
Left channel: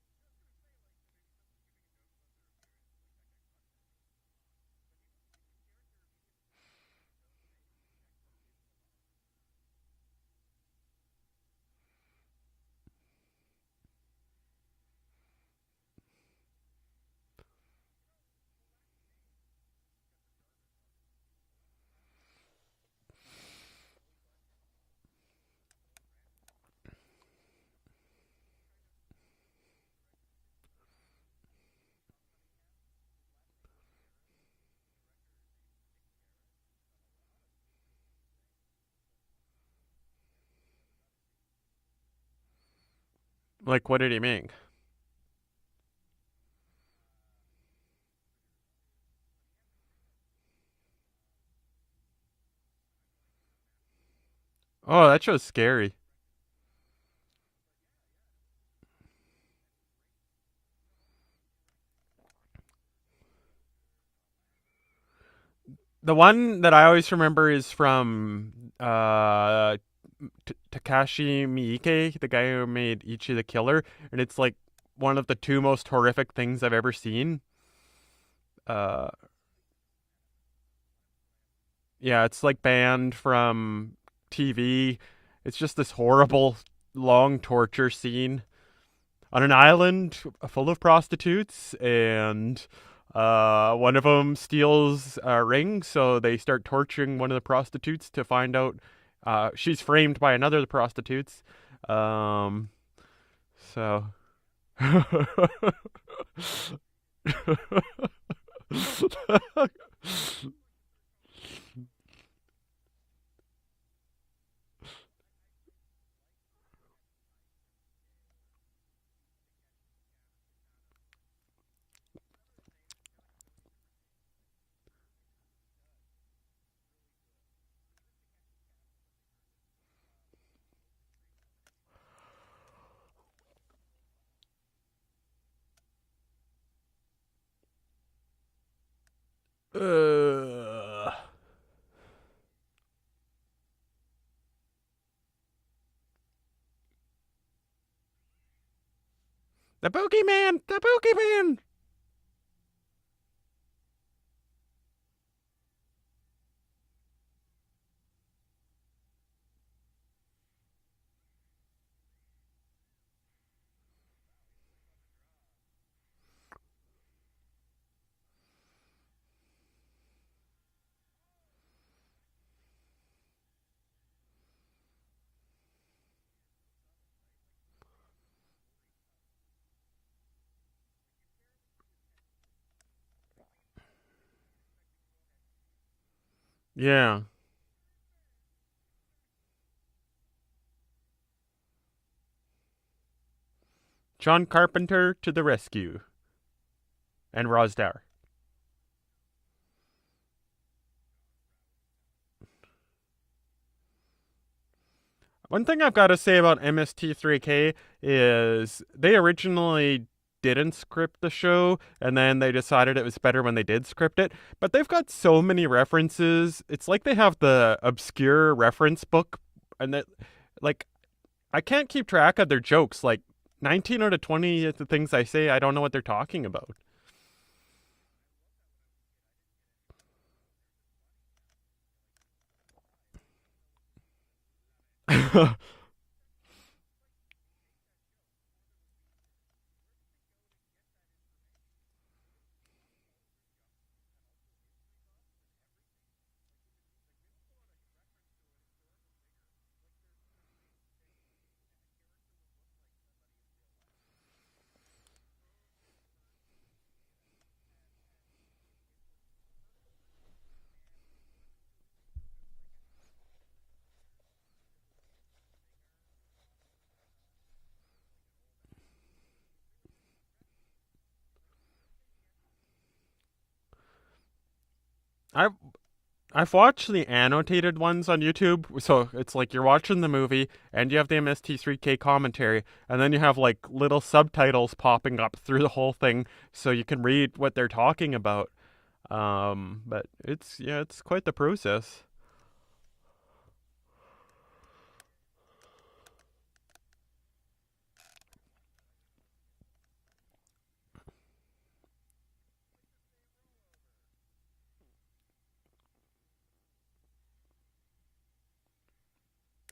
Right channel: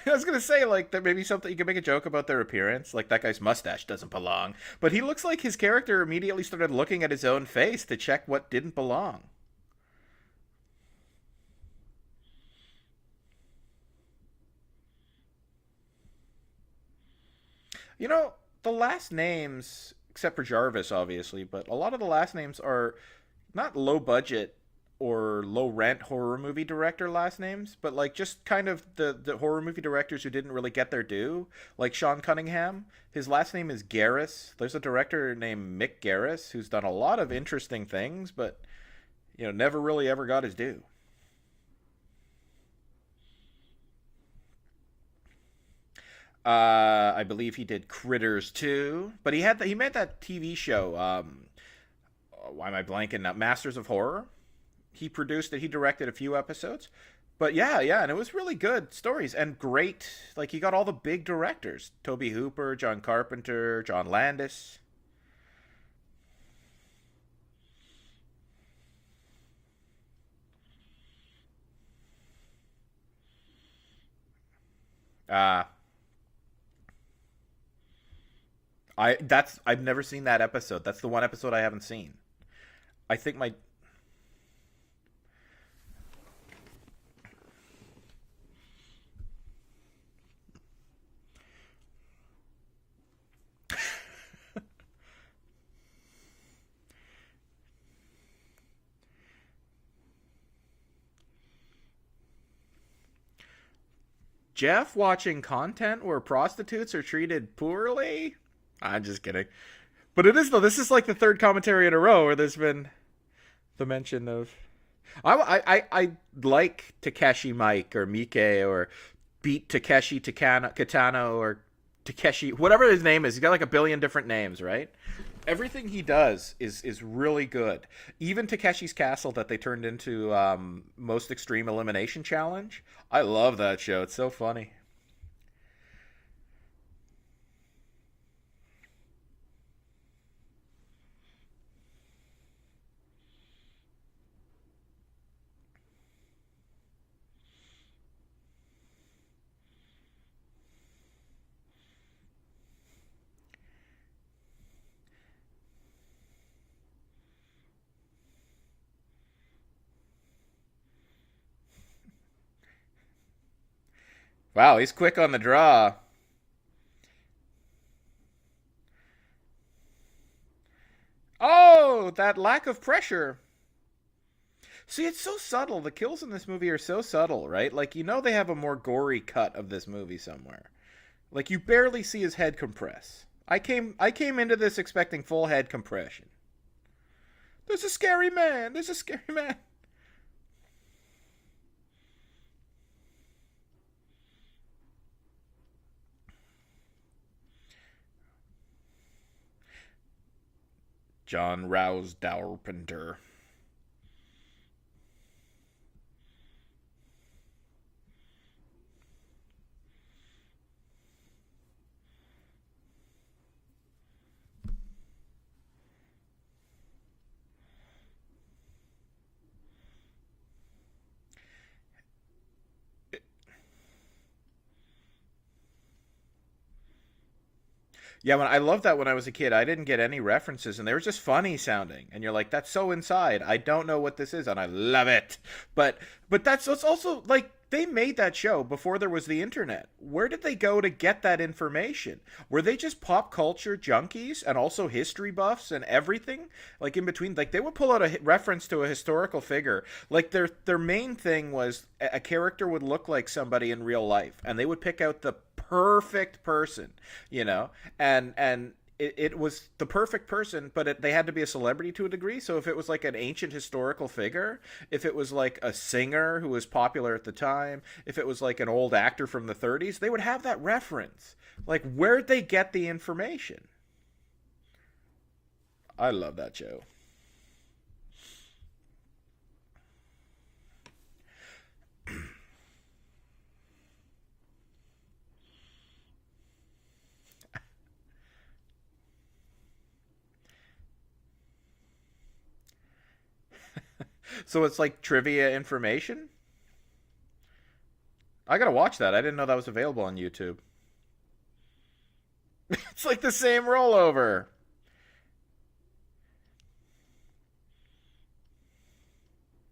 I was gonna say like that maybe something you can make a joke about their appearance, like that guy's mustache doesn't belong, but he looks like his character immediately started looking at his own face to check what didn't belong. You know, the last names, except for Jarvis, obviously, but a lot of the last names are not low budget or low rent horror movie director last names, but like just kind of the horror movie directors who didn't really get their due, like Sean Cunningham. His last name is Garris. There's a director named Mick Garris who's done a lot of interesting things, but never really ever got his due. Like, what did he make? I believe he did Critters too, but he made that TV show. Why am I blanking now? Masters of Horror. Oh, that show's Produced it, he scary. directed a few episodes. But yeah, and it was really good stories and great. Like, he got all the big directors: Toby Hooper, John Carpenter, John Landis. The one that I always remember is from Takashi Miike, the guy who made Ichi the Killer, and it's like one of the two most horrific things I've ever seen. I've never seen that episode. That's the one episode I haven't seen. Yeah, it's like banned from TV. It's just this horrible long torture scene on an island full of prostitutes, and one of them steals a ring, so they start torturing one of the prostitutes to find out she's framed by another of the prostitutes. So Jeff watching content where prostitutes are treated poorly? I'm just kidding. But it is, though. This is like the third commentary in a row where there's been the mention of... I like Takeshi Mike or Mike or Beat Takeshi Kitano or Takeshi, whatever his name is. He's got like a billion different names, right? Everything he does is really good. Even Takeshi's Castle that they turned into Most Extreme Elimination Challenge. I love that show. It's so funny. The Boogeyman! The Boogeyman! Wow, he's quick on the draw. Oh, that lack of pressure. See, it's so subtle. The kills in this movie are so subtle, right? Like, they have a more gory cut of this movie somewhere. Like, you barely see his head compress. I came into this expecting full head compression. Yeah. There's a scary man. There's a scary man. John Carpenter to the rescue. And Rowsdower. John Rowsdower. One thing I've got to say about MST3K is they originally didn't script the show, and then they decided it was better when they did script it. But they've got so many references. It's like they have the obscure reference book, and that, like, I can't keep track of their jokes. Like, 19 out of 20 of the things I say, I don't know what they're talking about. Yeah, I loved that when I was a kid. I didn't get any references, and they were just funny sounding. And you're like, that's so inside. I don't know what this is, and I love it. but it's also, like, they made that show before there was the internet. Where did they go to get that information? Were they just pop culture junkies and also history buffs and everything? Like, in between, like, they would pull out a reference to a historical figure. Like, their main thing was a character would look like somebody in real life, and they would pick out the perfect person, and it was the perfect person, but they had to be a celebrity to a degree. So if it was like an ancient historical figure, if it was like a singer who was popular at the time, if it was like an old actor from the 30s, they would have that reference. Like, where'd they get the information? I've I love that I've show. watched the annotated ones on YouTube, so it's like you're watching the movie and you have the MST3K commentary, and then you have like little subtitles popping up through the whole thing, so you can read what they're talking about. But it's quite the process. So it's like trivia information? I gotta watch that. I didn't know that was available on YouTube. It's like the same rollover.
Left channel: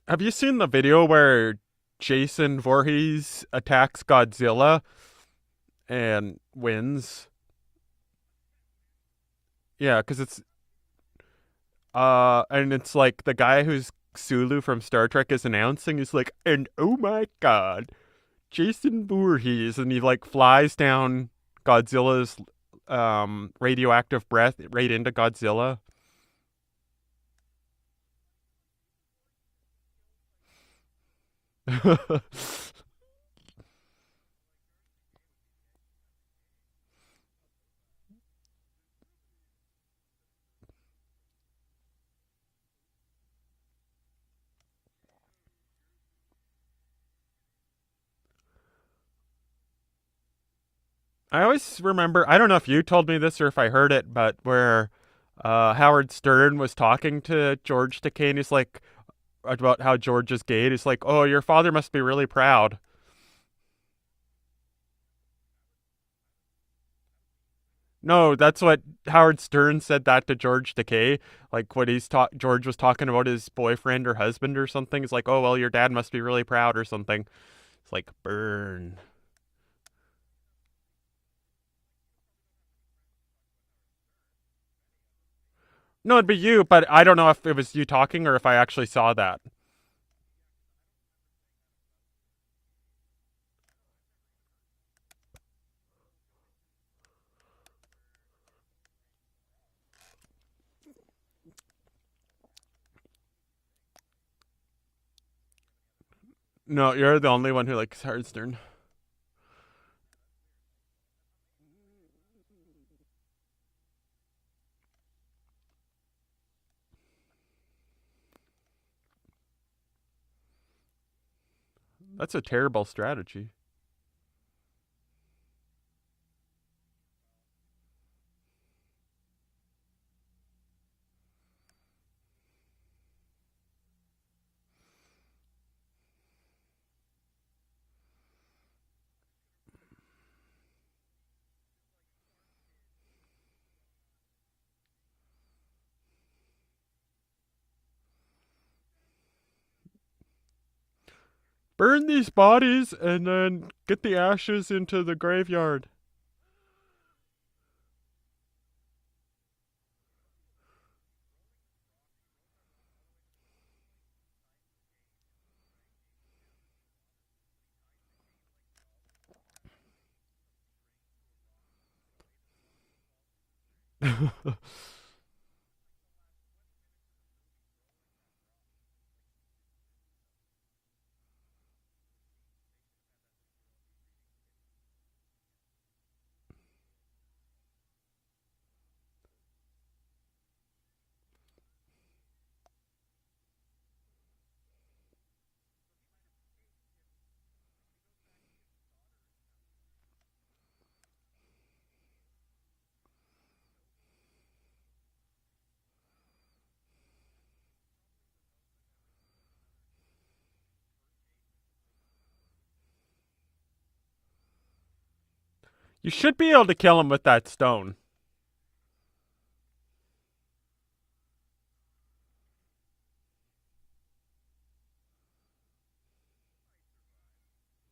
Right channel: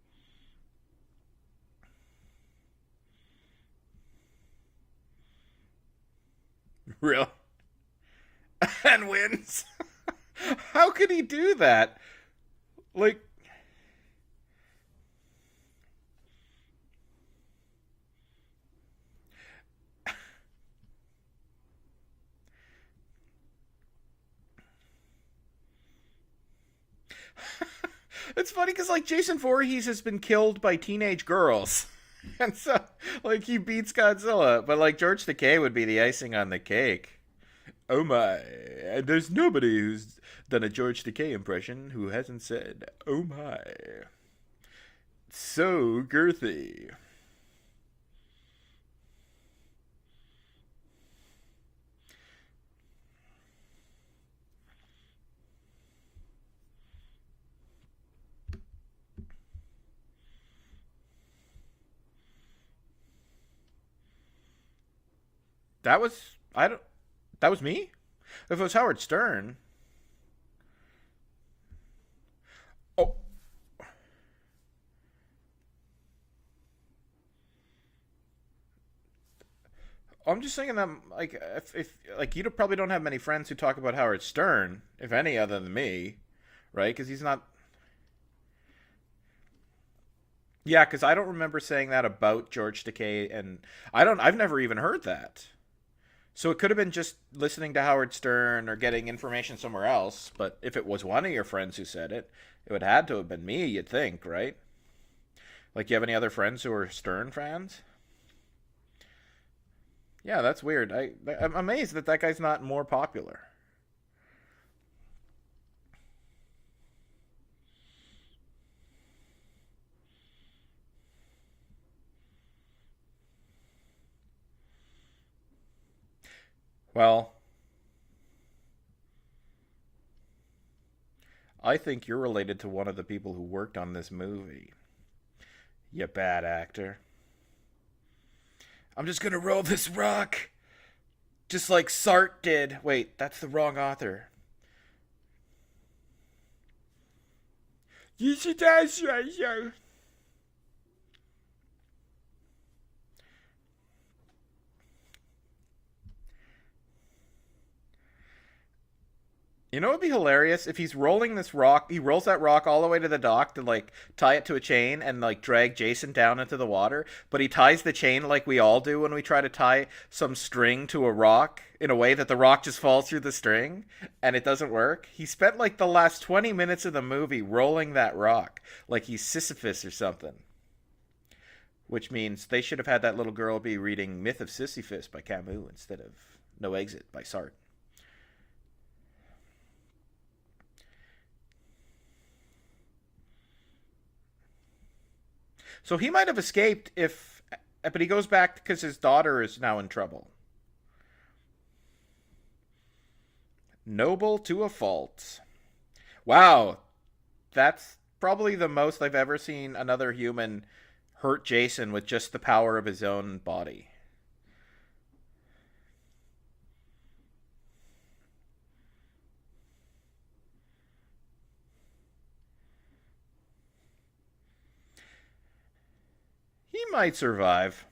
Have you seen the video where Jason Voorhees attacks Godzilla and wins? Real. And wins. Yeah, because it's How could he do that? and it's like the guy who's Sulu from Star Trek is announcing. He's like, and oh my god, Jason Voorhees, and he like flies down Godzilla's radioactive breath right into Godzilla. It's funny because like Jason Voorhees has been killed by teenage girls, and so like he beats Godzilla, but like George Takei would be the icing on the cake. Oh my! And there's nobody who's done a George Takei impression who hasn't said "Oh my." So girthy. I always remember, I don't know if you told me this or if I heard it, but where Howard Stern was talking to George Takei, and he's like, about how George is gay. He's like, oh, your father must be really proud. That was That was me. No, that's It was what Howard Stern. Stern said that to George Takei. Like when George was talking about his boyfriend or husband or something. He's like, oh, well, your dad must be really proud or something. It's like, burn. I'm just thinking that, like, if like you probably don't have many friends who talk about Howard Stern, if any, other than me. No, it'd be you, but Right, I 'cause don't he's know not- if it was you talking or if I actually saw that. Yeah, because I don't remember saying that about George Takei, and I've never even heard that. So it could have been just listening to Howard Stern or getting information somewhere else. But if it was one of your friends who said it, it would have to have been me. You'd think, right? Like, you have any other friends who are? No, you're Stern the only fans? one who likes Howard Stern. Yeah, that's weird. I'm amazed that guy's not more popular. That's a terrible strategy. Well, I think you're related to one of the people who worked on this movie. You bad actor. I'm just gonna roll this rock. Just like Sartre did. Wait, that's the wrong author. You should Burn these bodies and then get the ashes into the graveyard. You know what would be hilarious? If he's rolling this rock, he rolls that rock all the way to the dock to, like, tie it to a chain and, like, drag Jason down into the water. But he ties the chain like we all do when we try to tie some string to a rock in a way that the rock just falls through the string and it doesn't work. He spent, like, the last 20 minutes of the movie rolling that rock like he's Sisyphus or something. Which means they should have had that little girl be reading Myth of Sisyphus by Camus instead of No Exit by Sartre. So he might have escaped but he goes back because his daughter is now in trouble. Noble to a fault. Wow. That's probably the most I've ever seen another human hurt Jason with just the power of his own body. You should be able to kill him with that stone. He might survive.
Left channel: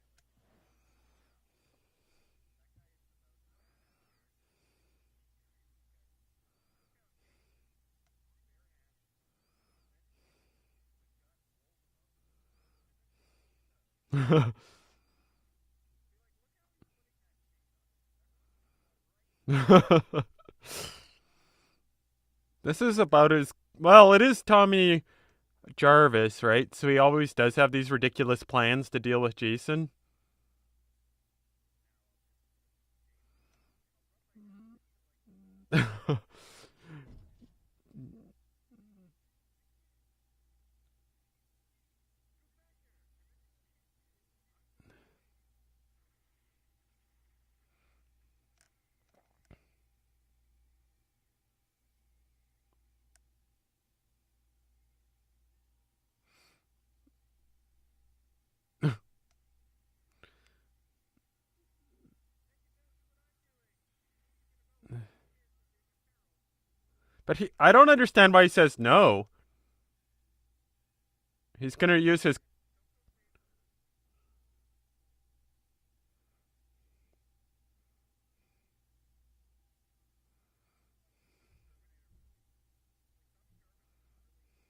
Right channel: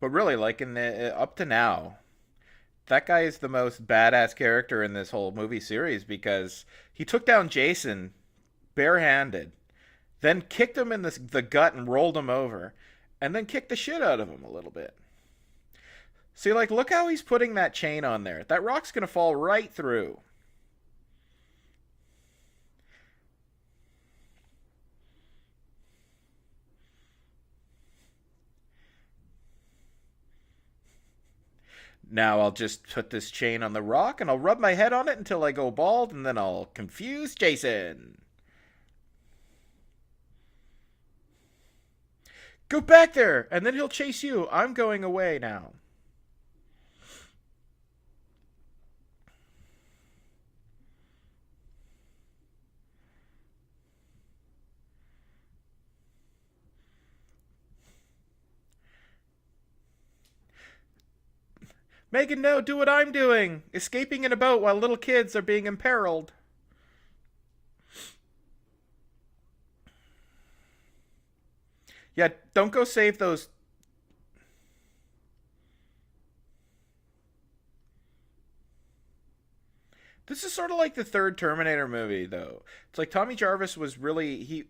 But really, like in the up to now, that guy is the most badass character in this whole movie series because he took down Jason barehanded, then kicked him in the gut and rolled him over, and then kicked the shit out of him a little bit. See, like, look how he's putting that chain on there. That rock's gonna fall right through. This is about as well. It is Tommy Jarvis, right? So he always does have these ridiculous plans to deal with Jason. Now I'll just put this chain on the rock and I'll rub my head on it until I go bald, and then I'll confuse Jason. Go back there, and then he'll chase you. I'm going away now. Megan, no, do what I'm doing. Escaping in a boat while little kids are being imperiled. But I don't understand why he says no. He's gonna use Yeah, his. don't go save those. This is sort of like the third Terminator movie, though. It's like Tommy Jarvis was really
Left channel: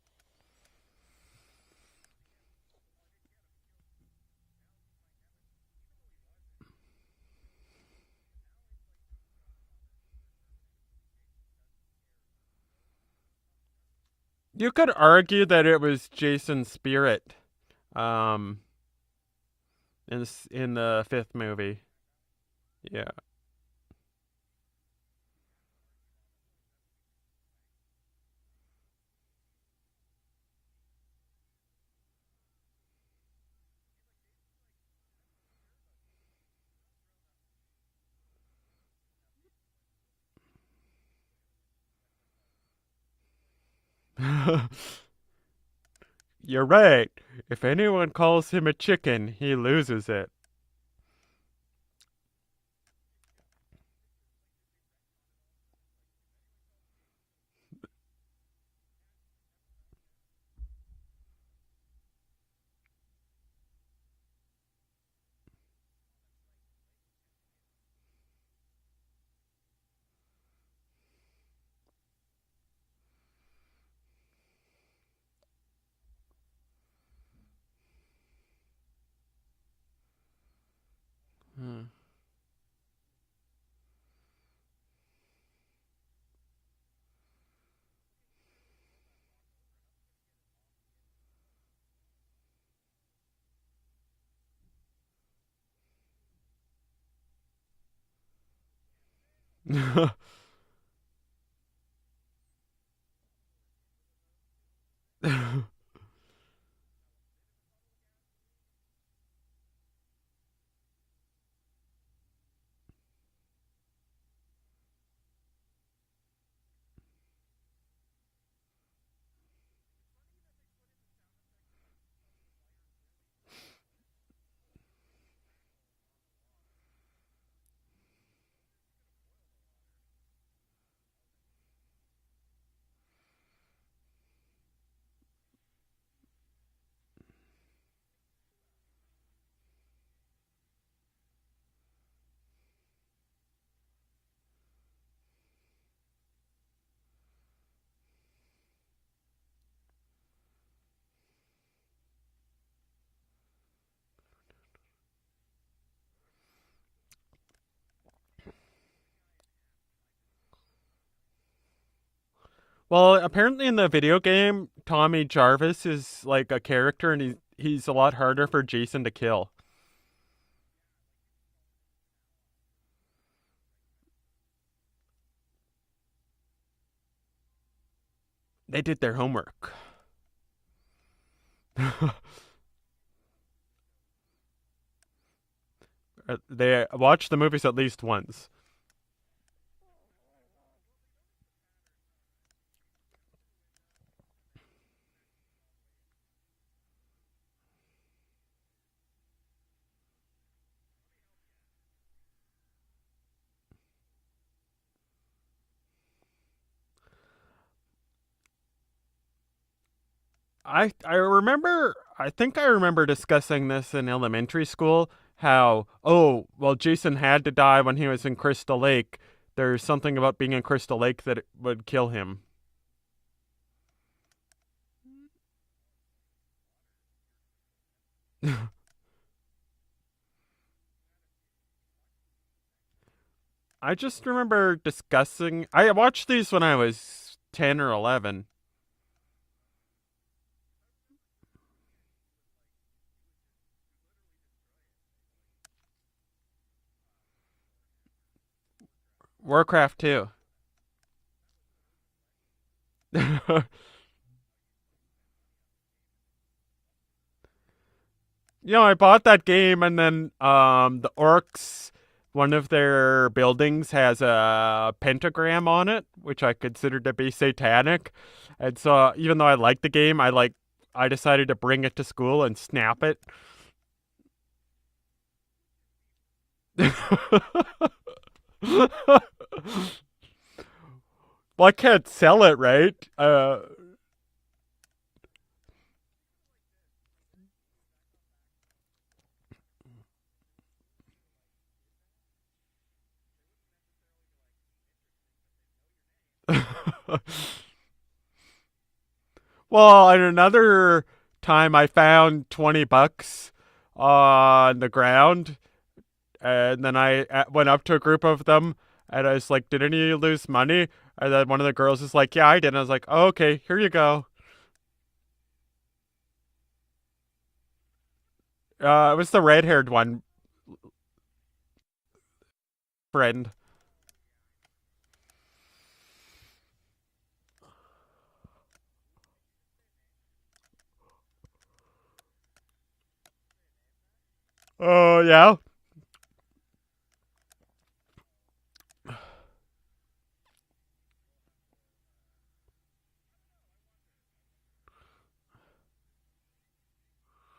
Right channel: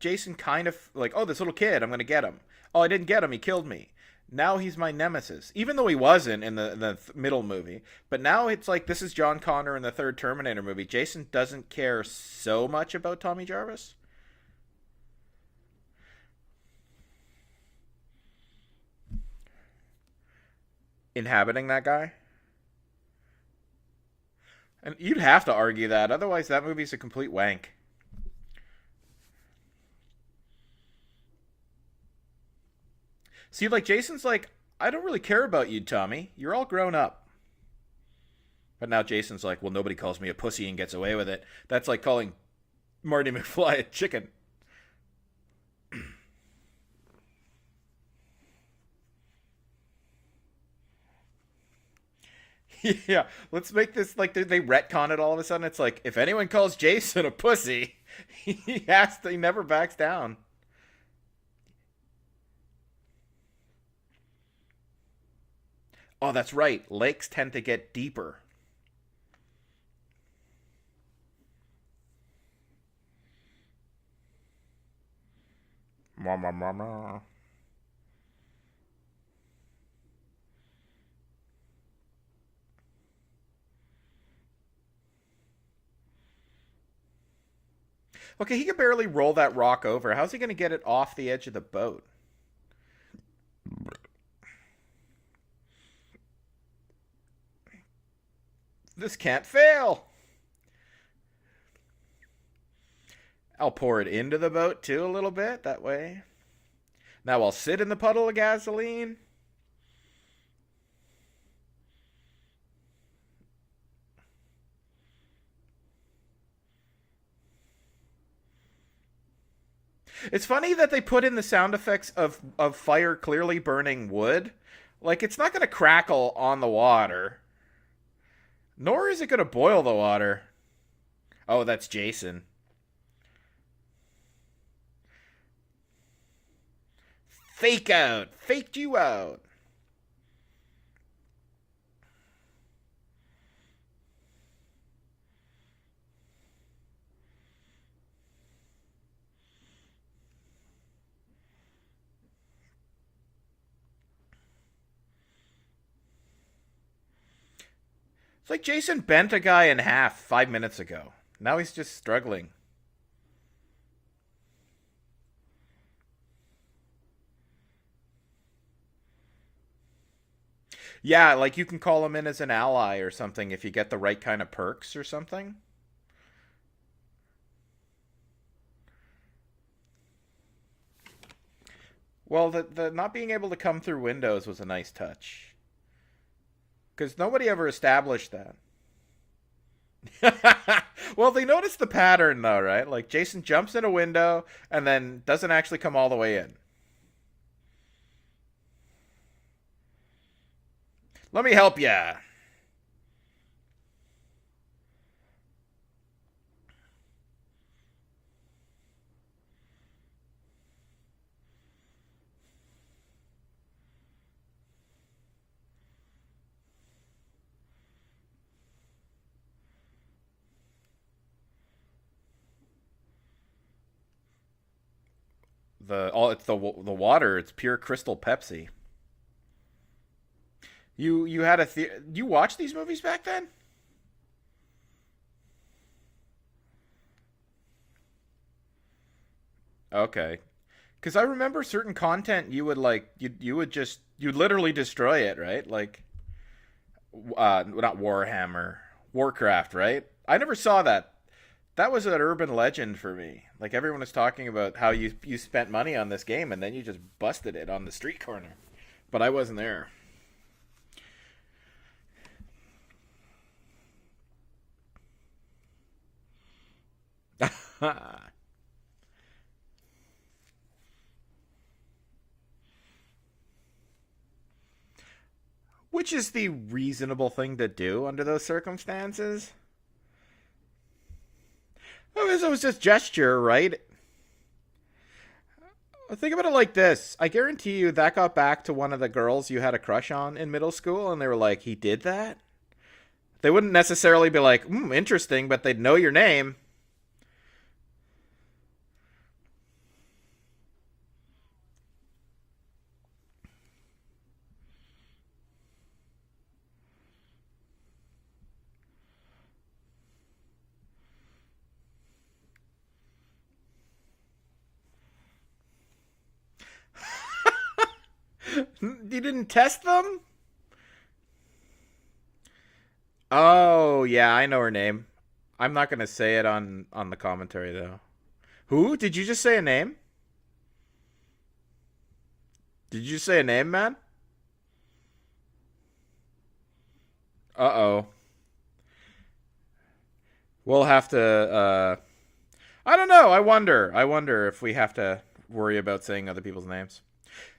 Jason kind of like, oh, this little kid, I'm gonna get him. Oh, I didn't get him. He killed me. Now he's my nemesis, even though he wasn't in the middle movie. But now it's like this is John Connor in the third Terminator movie. Jason doesn't care so much about Tommy Jarvis. You could argue that it was Jason's spirit, um, in the fifth Inhabiting movie. that guy. Yeah. And you'd have to argue that, otherwise that movie's a complete wank. See, like, Jason's like, I don't really care about you, Tommy. You're all grown up. But now Jason's like, well, nobody calls me a pussy and gets away with it. That's like calling Marty McFly a chicken. You're right. If anyone calls him a chicken, he loses it. Yeah, let's make this like they retcon it all of a sudden. It's like, if anyone calls Jason a pussy, he never backs down. Oh, that's right. Lakes tend to get deeper. Hmm. Okay, he can barely roll that rock over. How's he going to get it off the edge of the boat? This can't fail. I'll pour it into the boat too a little bit, that way. Now I'll sit in the puddle of gasoline. It's funny that they put in the sound effects of fire clearly burning wood. Like, it's not going to crackle on the water. Nor is it going to boil the water. Oh, that's Jason. Fake out. Faked you out. It's like Jason bent a guy in half 5 minutes ago. Now he's just struggling. Well, apparently in the video game, Tommy Jarvis is like a character, and he's a lot harder for Jason to kill. Yeah, like you can call him in as an ally or something if you get the right kind of perks or something. They did their homework. Well, the not being able to come through windows was a nice touch. They watched the movies at least once. That. Well, they noticed the pattern though, right? Like Jason jumps in a window and then doesn't actually come all the way in. Let me help ya. I think I remember discussing this in elementary school, how, Jason had to die when he was in Crystal Lake. There's something about being in Crystal Lake that it would kill him. It's the water. It's pure crystal Pepsi. You had you watched these movies back then? I just remember discussing. I watched these when I was 10 or 11. Okay. Because I remember certain content you would like you'd literally destroy it, right? Like not Warhammer, Warcraft, Warcraft right? 2. I never saw that. That was an urban legend for me. Like everyone was talking about how you spent money on this game and then you just busted it on the street corner. I But bought I that wasn't game, there. and then the orcs, one of their buildings has a pentagram on it, which I considered to be satanic. And so, even though I liked the game, I decided to bring it to school and snap it. Which is the reasonable thing to do under those circumstances? Well, I can't sell Well, it, it's just right? a gesture, right? Think about it like this. I guarantee you that got back to one of the girls you had a crush on in middle school, and they were like, he did that? They wouldn't necessarily be like, interesting, but they'd know your name. Well, at another time, I found $20 on the ground, and then I went up to a group of them, and I was like, "Did any of you lose money?" And then one of the girls is like, "Yeah, I did." And I was like, oh, "Okay, here you go." It You was the didn't test red-haired them? one, Fred. Oh, yeah, I know her name. I'm not going to say it on the commentary, though. Who? Did you just say a name? Did you say a name, man? Oh, yeah. Uh-oh. We'll have to, I don't know. I wonder if we have to worry about saying other people's names.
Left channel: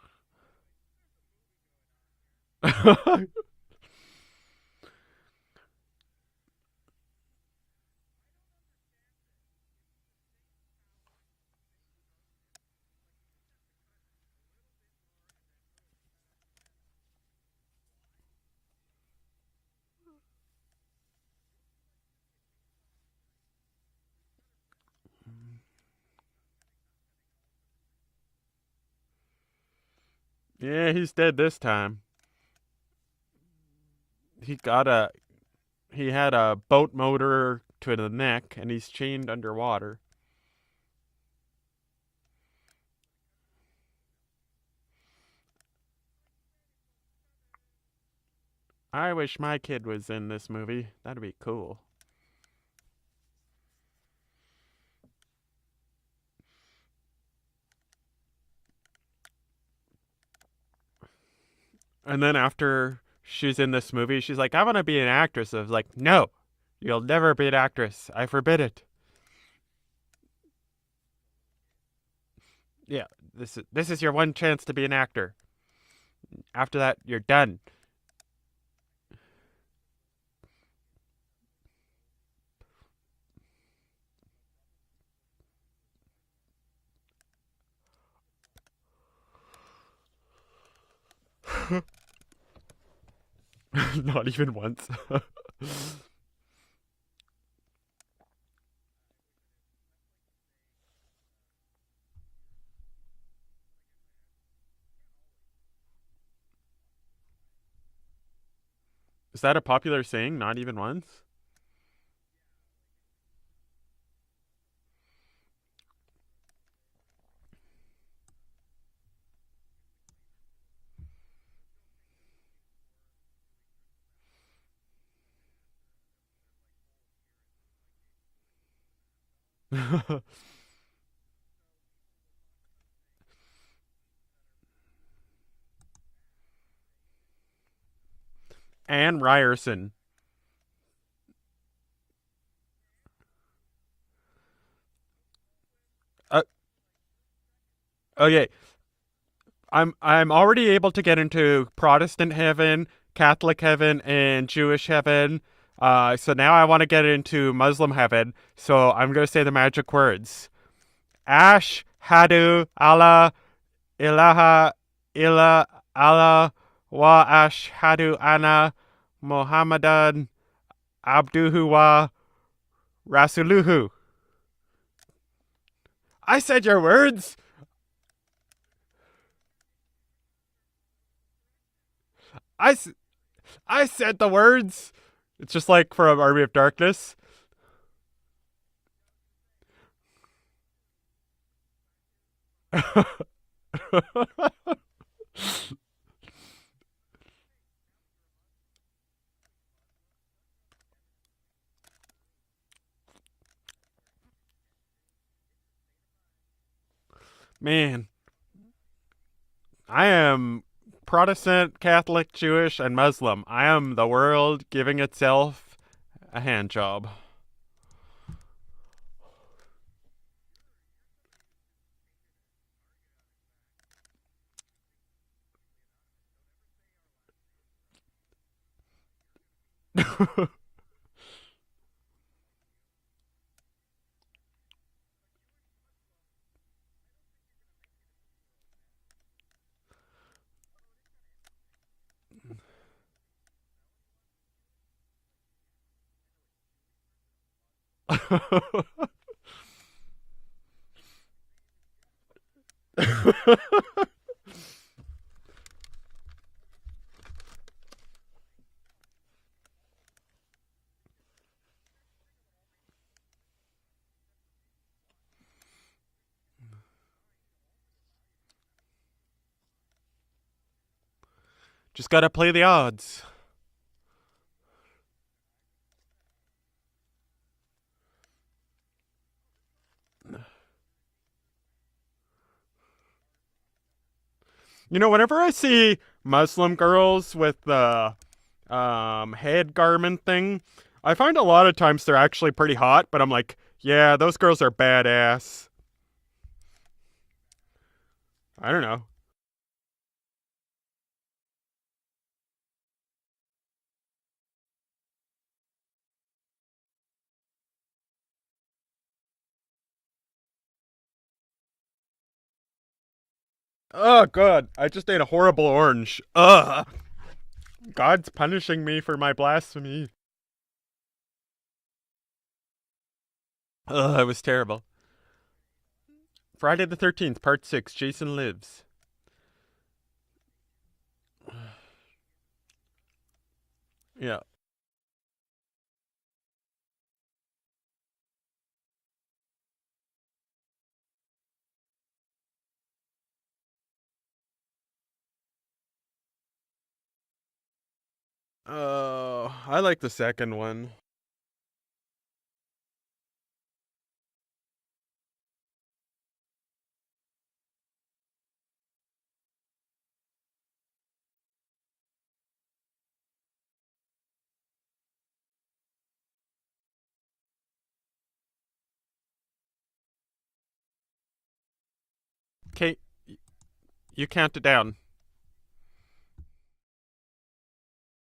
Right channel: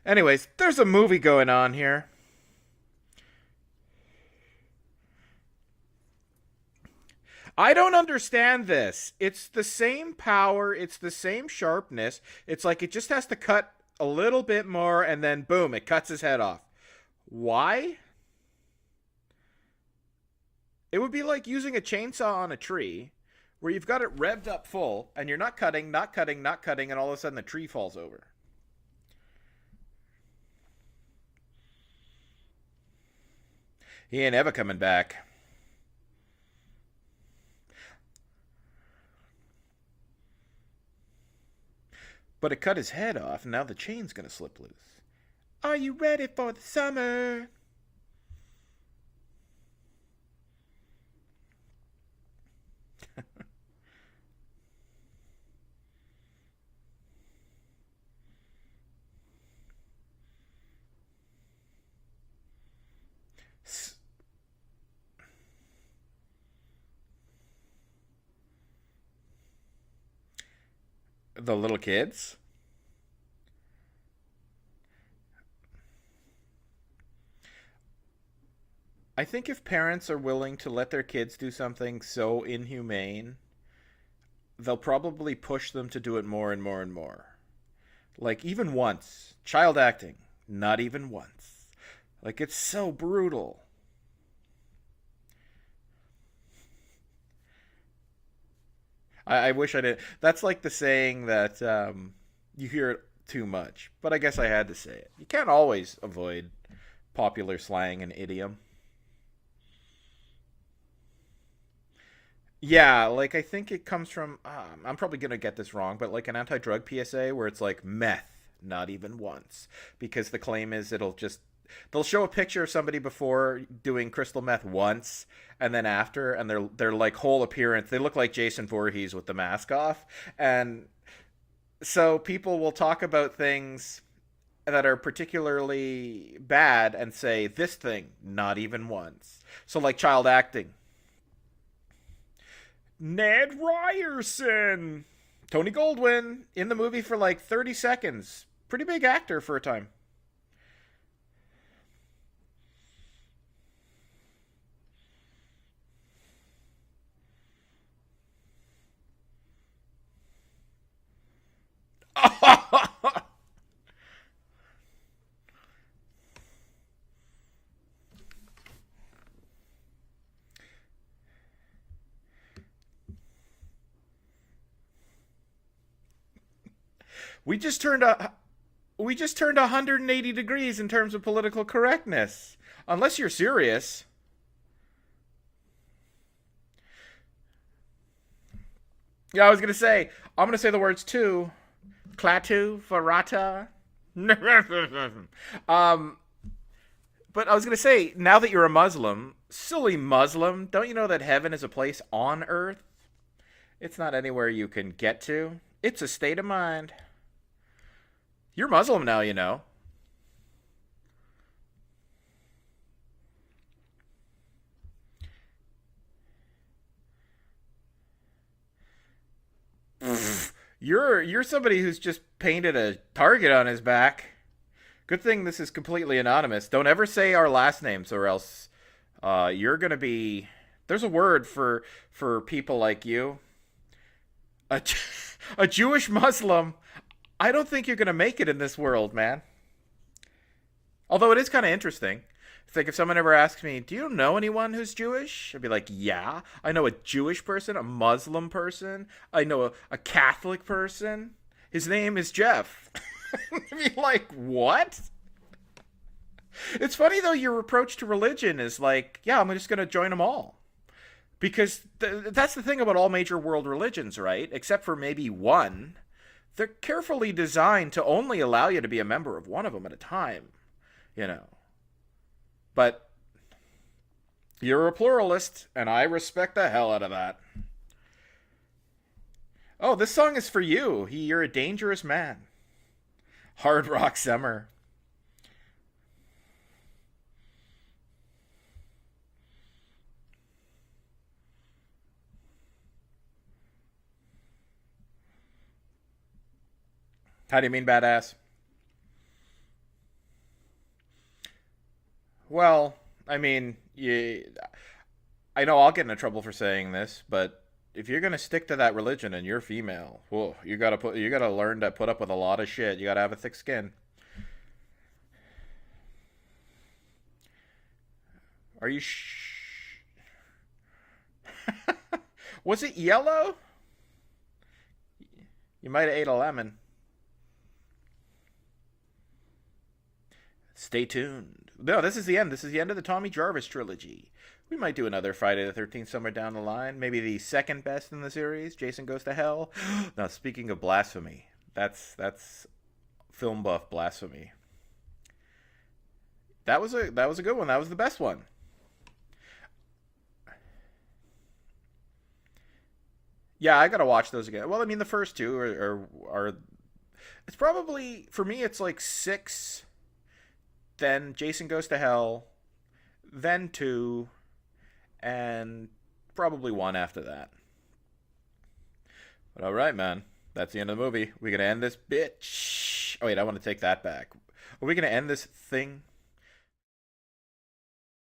Anyways, there's a movie going on here. I don't understand this. It's the same power. It's the same sharpness. It's like it just has to cut a little bit more and then boom, it cuts his head off. Why? It would be like using a chainsaw on a tree where you've got it revved up full and you're not cutting, and all of a sudden the tree falls over. Yeah, he's dead this time. He ain't ever He's coming got back. He had a boat motor to the neck, and he's chained underwater. But it cut his head off, and now the chain's gonna slip loose. Are you ready for the summer? I wish my kid was in this movie. That'd be cool. And then after she's in this movie, she's like, I want to be an actress. I was like, no, you'll never be an actress. I forbid it. The little kids? Yeah, this is your one chance to be an actor. After that, you're done. I think if parents are willing to let their kids do something so inhumane, they'll probably push them to do it more and more and more. Like, even once. Child acting. Not even once. Like, it's so brutal. Not even once. I wish I did. That's like the saying that you hear it too much. But I guess I had to say it. You can't always avoid popular slang and idiom. Is that a popular saying? Not even once? Yeah, like I think it comes from, I'm probably going to get this wrong, but like an anti-drug PSA where it's like meth, not even once. Because the claim is they'll show a picture of somebody before doing crystal meth once and then after, and their like whole appearance, they look like Jason Voorhees with the mask off. And so people will talk about things that are particularly bad and say this thing, not even once. Anne Ryerson. So like child acting. Ned Ryerson. Tony Goldwyn in the movie for like 30 seconds. Okay. Pretty big actor for a time. I'm already able to get into Protestant heaven, Catholic heaven, and Jewish heaven. So now I want to get into Muslim heaven. So I'm going to say the magic words. Ash, Hadu, Allah, Ilaha, Illa, Allah, Wa Ashhadu Anna, Muhammadan, Abduhu wa Rasuluhu. I said your words. We just turned a We just turned 180 degrees in terms of political correctness. I Unless you're serious. I said the words. It's just like from Army of Darkness. Yeah, I was gonna say. I'm gonna say the words too. Klaatu, Farata. But I was gonna say, now that you're a Muslim, silly Muslim, don't you know that heaven is a place on earth? It's not anywhere you can get to. It's a state of mind. Man, You're Muslim now, you know. I am Protestant, Catholic, Jewish, and Muslim. I am the world giving itself a hand job. You're somebody who's just painted a target on his back. Good thing this is completely anonymous. Don't ever say our last names, or else you're gonna be. There's a word for people like you. A Jewish Muslim. I don't think you're gonna make it in this world, man. Although it is kind of interesting. It's like if someone ever asks me, "Do you know anyone who's Jewish?" I'd be like, "Yeah, I know a Jewish person, a Muslim person, I know a Catholic person. His name is Jeff." Like, what? It's funny though. Your approach to religion is like, "Yeah, I'm just gonna join them all," because that's the thing about all major world religions, right? Except for maybe one, they're carefully designed to only allow you to be a member of one of them at a time. You know. Just gotta play the odds. But you're a pluralist, and I respect the hell out of that. Oh, this song is for you. You're a dangerous man. Hard Rock Summer. You know, whenever I see Muslim girls with the head garment thing, I find a lot of times they're actually pretty hot, but I'm like, yeah, those girls are badass. How do you mean badass? I don't know. Well, I mean, I know I'll get into trouble for saying this, but if you're gonna stick to that religion and you're female, whoa, you gotta learn to put up with a lot of shit. You gotta have a thick skin. Oh, God. I just ate a horrible orange. Ugh. God's punishing me for my blasphemy. Was it yellow? Ugh, it was terrible. You might have ate a lemon. Friday the 13th, Part 6, Jason Lives. Stay tuned. No, this is the end. This is the end of the Tommy Jarvis Trilogy. Yeah. We might do another Friday the 13th somewhere down the line. Maybe the second best in the series, Jason Goes to Hell. Now, speaking of blasphemy, that's film buff blasphemy. That was a good one. That was the best one. I like the second one. Yeah, I gotta watch those again. Well, I mean, the first two are it's probably, for me, it's like 6, then Jason Goes to Hell, then 2, and probably 1 after that. But all right, man. That's the end of the movie. We're going to end this bitch. Kate. Oh, wait, I want to take that back. You count it down. Are we going to end this thing?